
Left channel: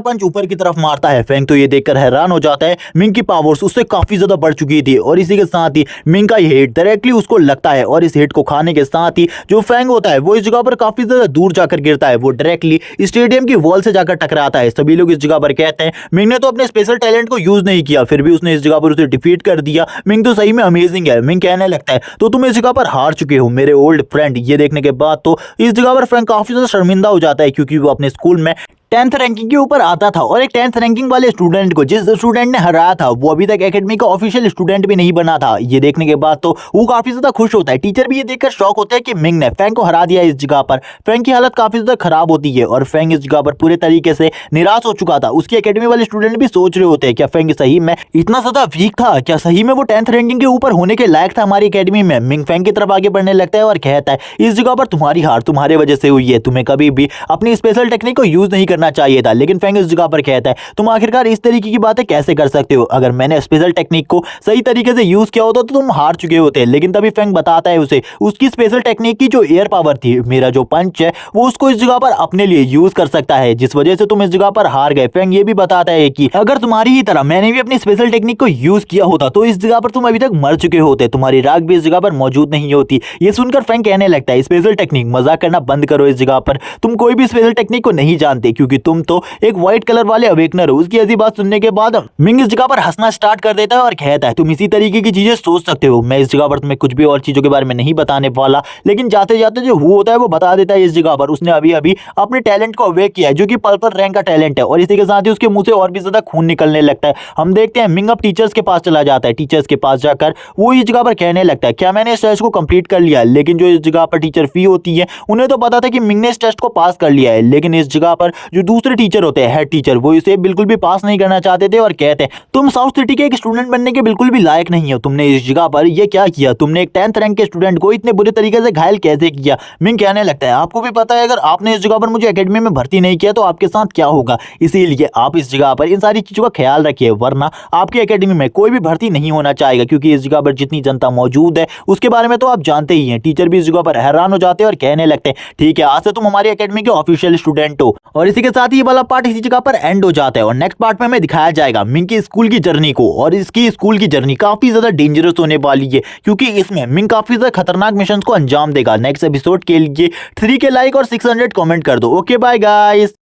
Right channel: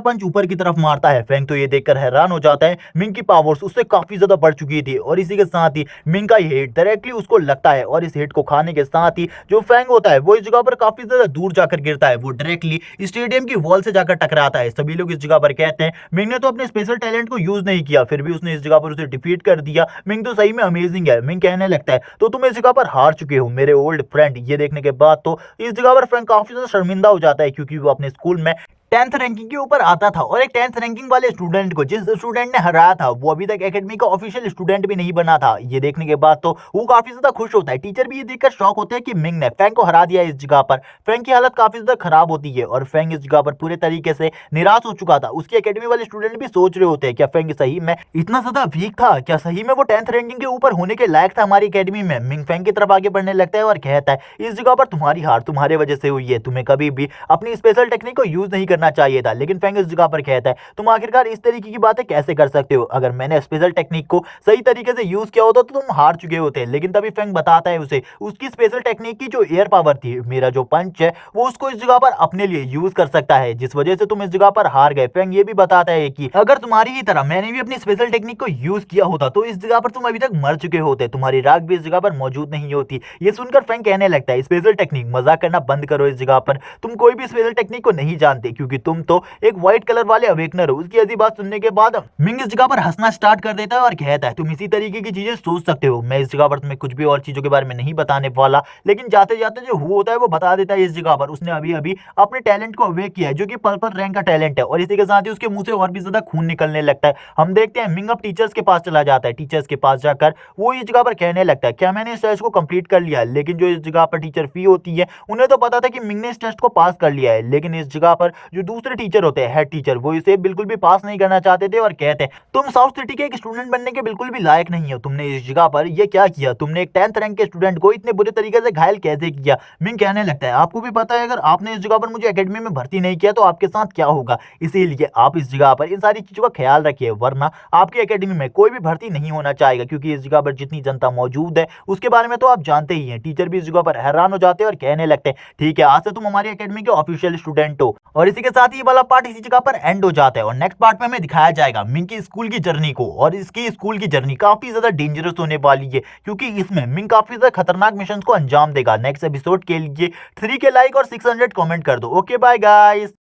पंच ऊपर की तरफ मारता है, फैंग तो ये देखकर हैरान हो जाता है मिंग की पावर्स उससे काफी ज्यादा बढ़ चुकी थी और इसी के साथ ही मिंग का ये हिट डायरेक्टली उसको लगता है और इस हिट को खाने के साथ ही जो फैंग होता है वो इस जगह पर काफी ज्यादा दूर जाकर गिरता है, वो डायरेक्टली स्टेडियम की वॉल से जाकर टकराता है। सभी लोग इस जगह पर कहते हैं मिंग ने तो अपने स्पेशल टैलेंट को यूज नहीं किया फिर भी उसने इस जगह पर उसे डिफीट कर दिया, मिंग तो सही में अमेजिंग है। मिंग कहने लगता है तो तुम इस जगह पर हार चुके हो मेरे ओल्ड फ्रेंड। ये देखने के बाद तो इस जगह पर फैंग काफी ज्यादा शर्मिंदा हो जाता है क्योंकि वो अपने स्कूल में 10th रैंकिंग के ऊपर आता था और एक 10th रैंकिंग वाले स्टूडेंट को जिस स्टूडेंट ने हराया था वो अभी तक एकेडमी का ऑफिशियल स्टूडेंट भी नहीं बना था। ये देखने के बाद तो वो काफी ज्यादा खुश होता है। टीचर भी ये देखकर शॉक होता है कि मिंग ने फैंग को हरा दिया इस जगह पर। फैंग की हालत काफी ज्यादा खराब होती है और फैंग इस जगह पर पूरे तरीके से निराश हो चुका था। उसकी एकेडमी वाले स्टूडेंट भी सोच रहे होते हैं क्या फैंग सही में इतना ज्यादा वीक था, क्या सही में वो 10th रैंकिंग के ऊपर होने के लायक था हमारी एकेडमी में। मिंग फैंग की तरफ आगे बढ़ने लगता है और कहता है इस जगह पर तुम्हारी हार तुम्हारे वजह से हुई है, तुम्हें कभी भी अपनी स्पेशल टेक्निक को यूज नहीं करना चाहिए था। लेकिन फैंग इस जगह पर कहता है तुम आखिरकार इस तरीके की बातें कैसे कर सकते हो, अगर मैंने स्पेशल टेक्निक को सही तरीके से यूज किया होता तो तुम हार चुके होते। लेकिन तभी फैंग बताता है उसे उसकी स्पेशल टेक्निक की जो एयर पावर थी, मेरा जो पंच है वो उसको इस जगह पर अपने लिए यूज कर सकता है जिस वजह से तुम इस जगह पर हार गए। फैंग ये भी बताता है कि अगर तुम्हारी ही तरह मैंने भी अपनी स्पेशल टेक्निक को यूज किया होता तो इस जगह पर तुम अभी तक मर चुके होते, तुम्हारी राख भी इस जगह पर मौजूद नहीं होती। ये सुनकर फैंग कहने लगता है स्पेशल टेक्निक मजाक करना बंद करो, इस जगह पर तुम कोई भी स्पेशल टेक्निक को नहीं जानते क्योंकि तुम तो एक व्हाइट कलर वाले अवेकनर हो। उसकी ऐसी बात सुनने के बाद मिंग इस जगह पर हंसना स्टार्ट कर देता है और कहता है तुम इसी तरीके की चीजें सोच सकते हो, मैं इस जगह पर तुम्हें कुछ भी और चीजों के बारे में नहीं बताने वाला। लेकिन जाते जाते जो हु होता है वो बता देता है इस जगह पर उसने अभी अभी अपने टैलेंट को अवेक किया है जो कि पर्पल रैंक का टैलेंट है और इसी के साथ ही उसके मुंह से और भी ज्यादा खून निकलने लगता है। हम देखते हैं मिंग अब टीचर्स के पास चला जाता है। टीचर्स के पास जाकर वो इस जगह पर कहने लगता है क्या मैंने इस टेस्ट को कंप्लीट कर लिया। लेकिन जो इस जगह पर टीचर फी होती है उन्हें तो पता था कि मिंग ने इस टेस्ट को पास कर लिया है, लेकिन इस जगह पर जो दूसरे टीचर होते हैं हेड टीचर वो इसे बिल्कुल भी पास नहीं करना चाहते थे और कहते हैं तुम साउथ सिटी के एक स्टूडेंट बनने के बिल्कुल भी लायक नहीं हो, तुमने इस जगह पर यह क्या किया, तुमने एक 10th रैंक के स्टूडेंट को इतने बुरे तरीके से घायल कैसे किया। मिंग कहने लगता है आपको भी पता है अगर आपने इस जगह पर मुझे एकेडमी में भर्ती नहीं किया तो आपके साथ क्या होगा, इसीलिए आप इस जगह पर इन सारी चीजों का ख्याल रखिए वरना आपकी एकेडमी में कोई भी भर्ती नहीं होना चाहेगा क्योंकि इस जगह पर जितनी जनता मौजूद है उसके बारे में तो आप जानते ही हैं। टीचर भी इस जगह पर हैरान हो जाते हैं और कहने लगते हैं ठीक है आज से तुम हमारी एकेडमी के ऑफिशियल स्टूडेंट हो। और इसी के साथ ही ये वाला पार्ट इसी जगह पर एंड हो जाता है और नेक्स्ट पार्ट में हमें दिखाया जाएगा मिंग की स्कूल की जर्नी को। और इसकी स्कूल की जर्नी काफी ज्यादा डेंजरस होने वाली है क्योंकि इसमें मिंग काफी ज्यादा खतरनाक मिशन को अंजाम देगा। नेक्स्ट एपिसोड के लिए 3K लाइक और 600 कमेंट कर दो। Okay bye guys.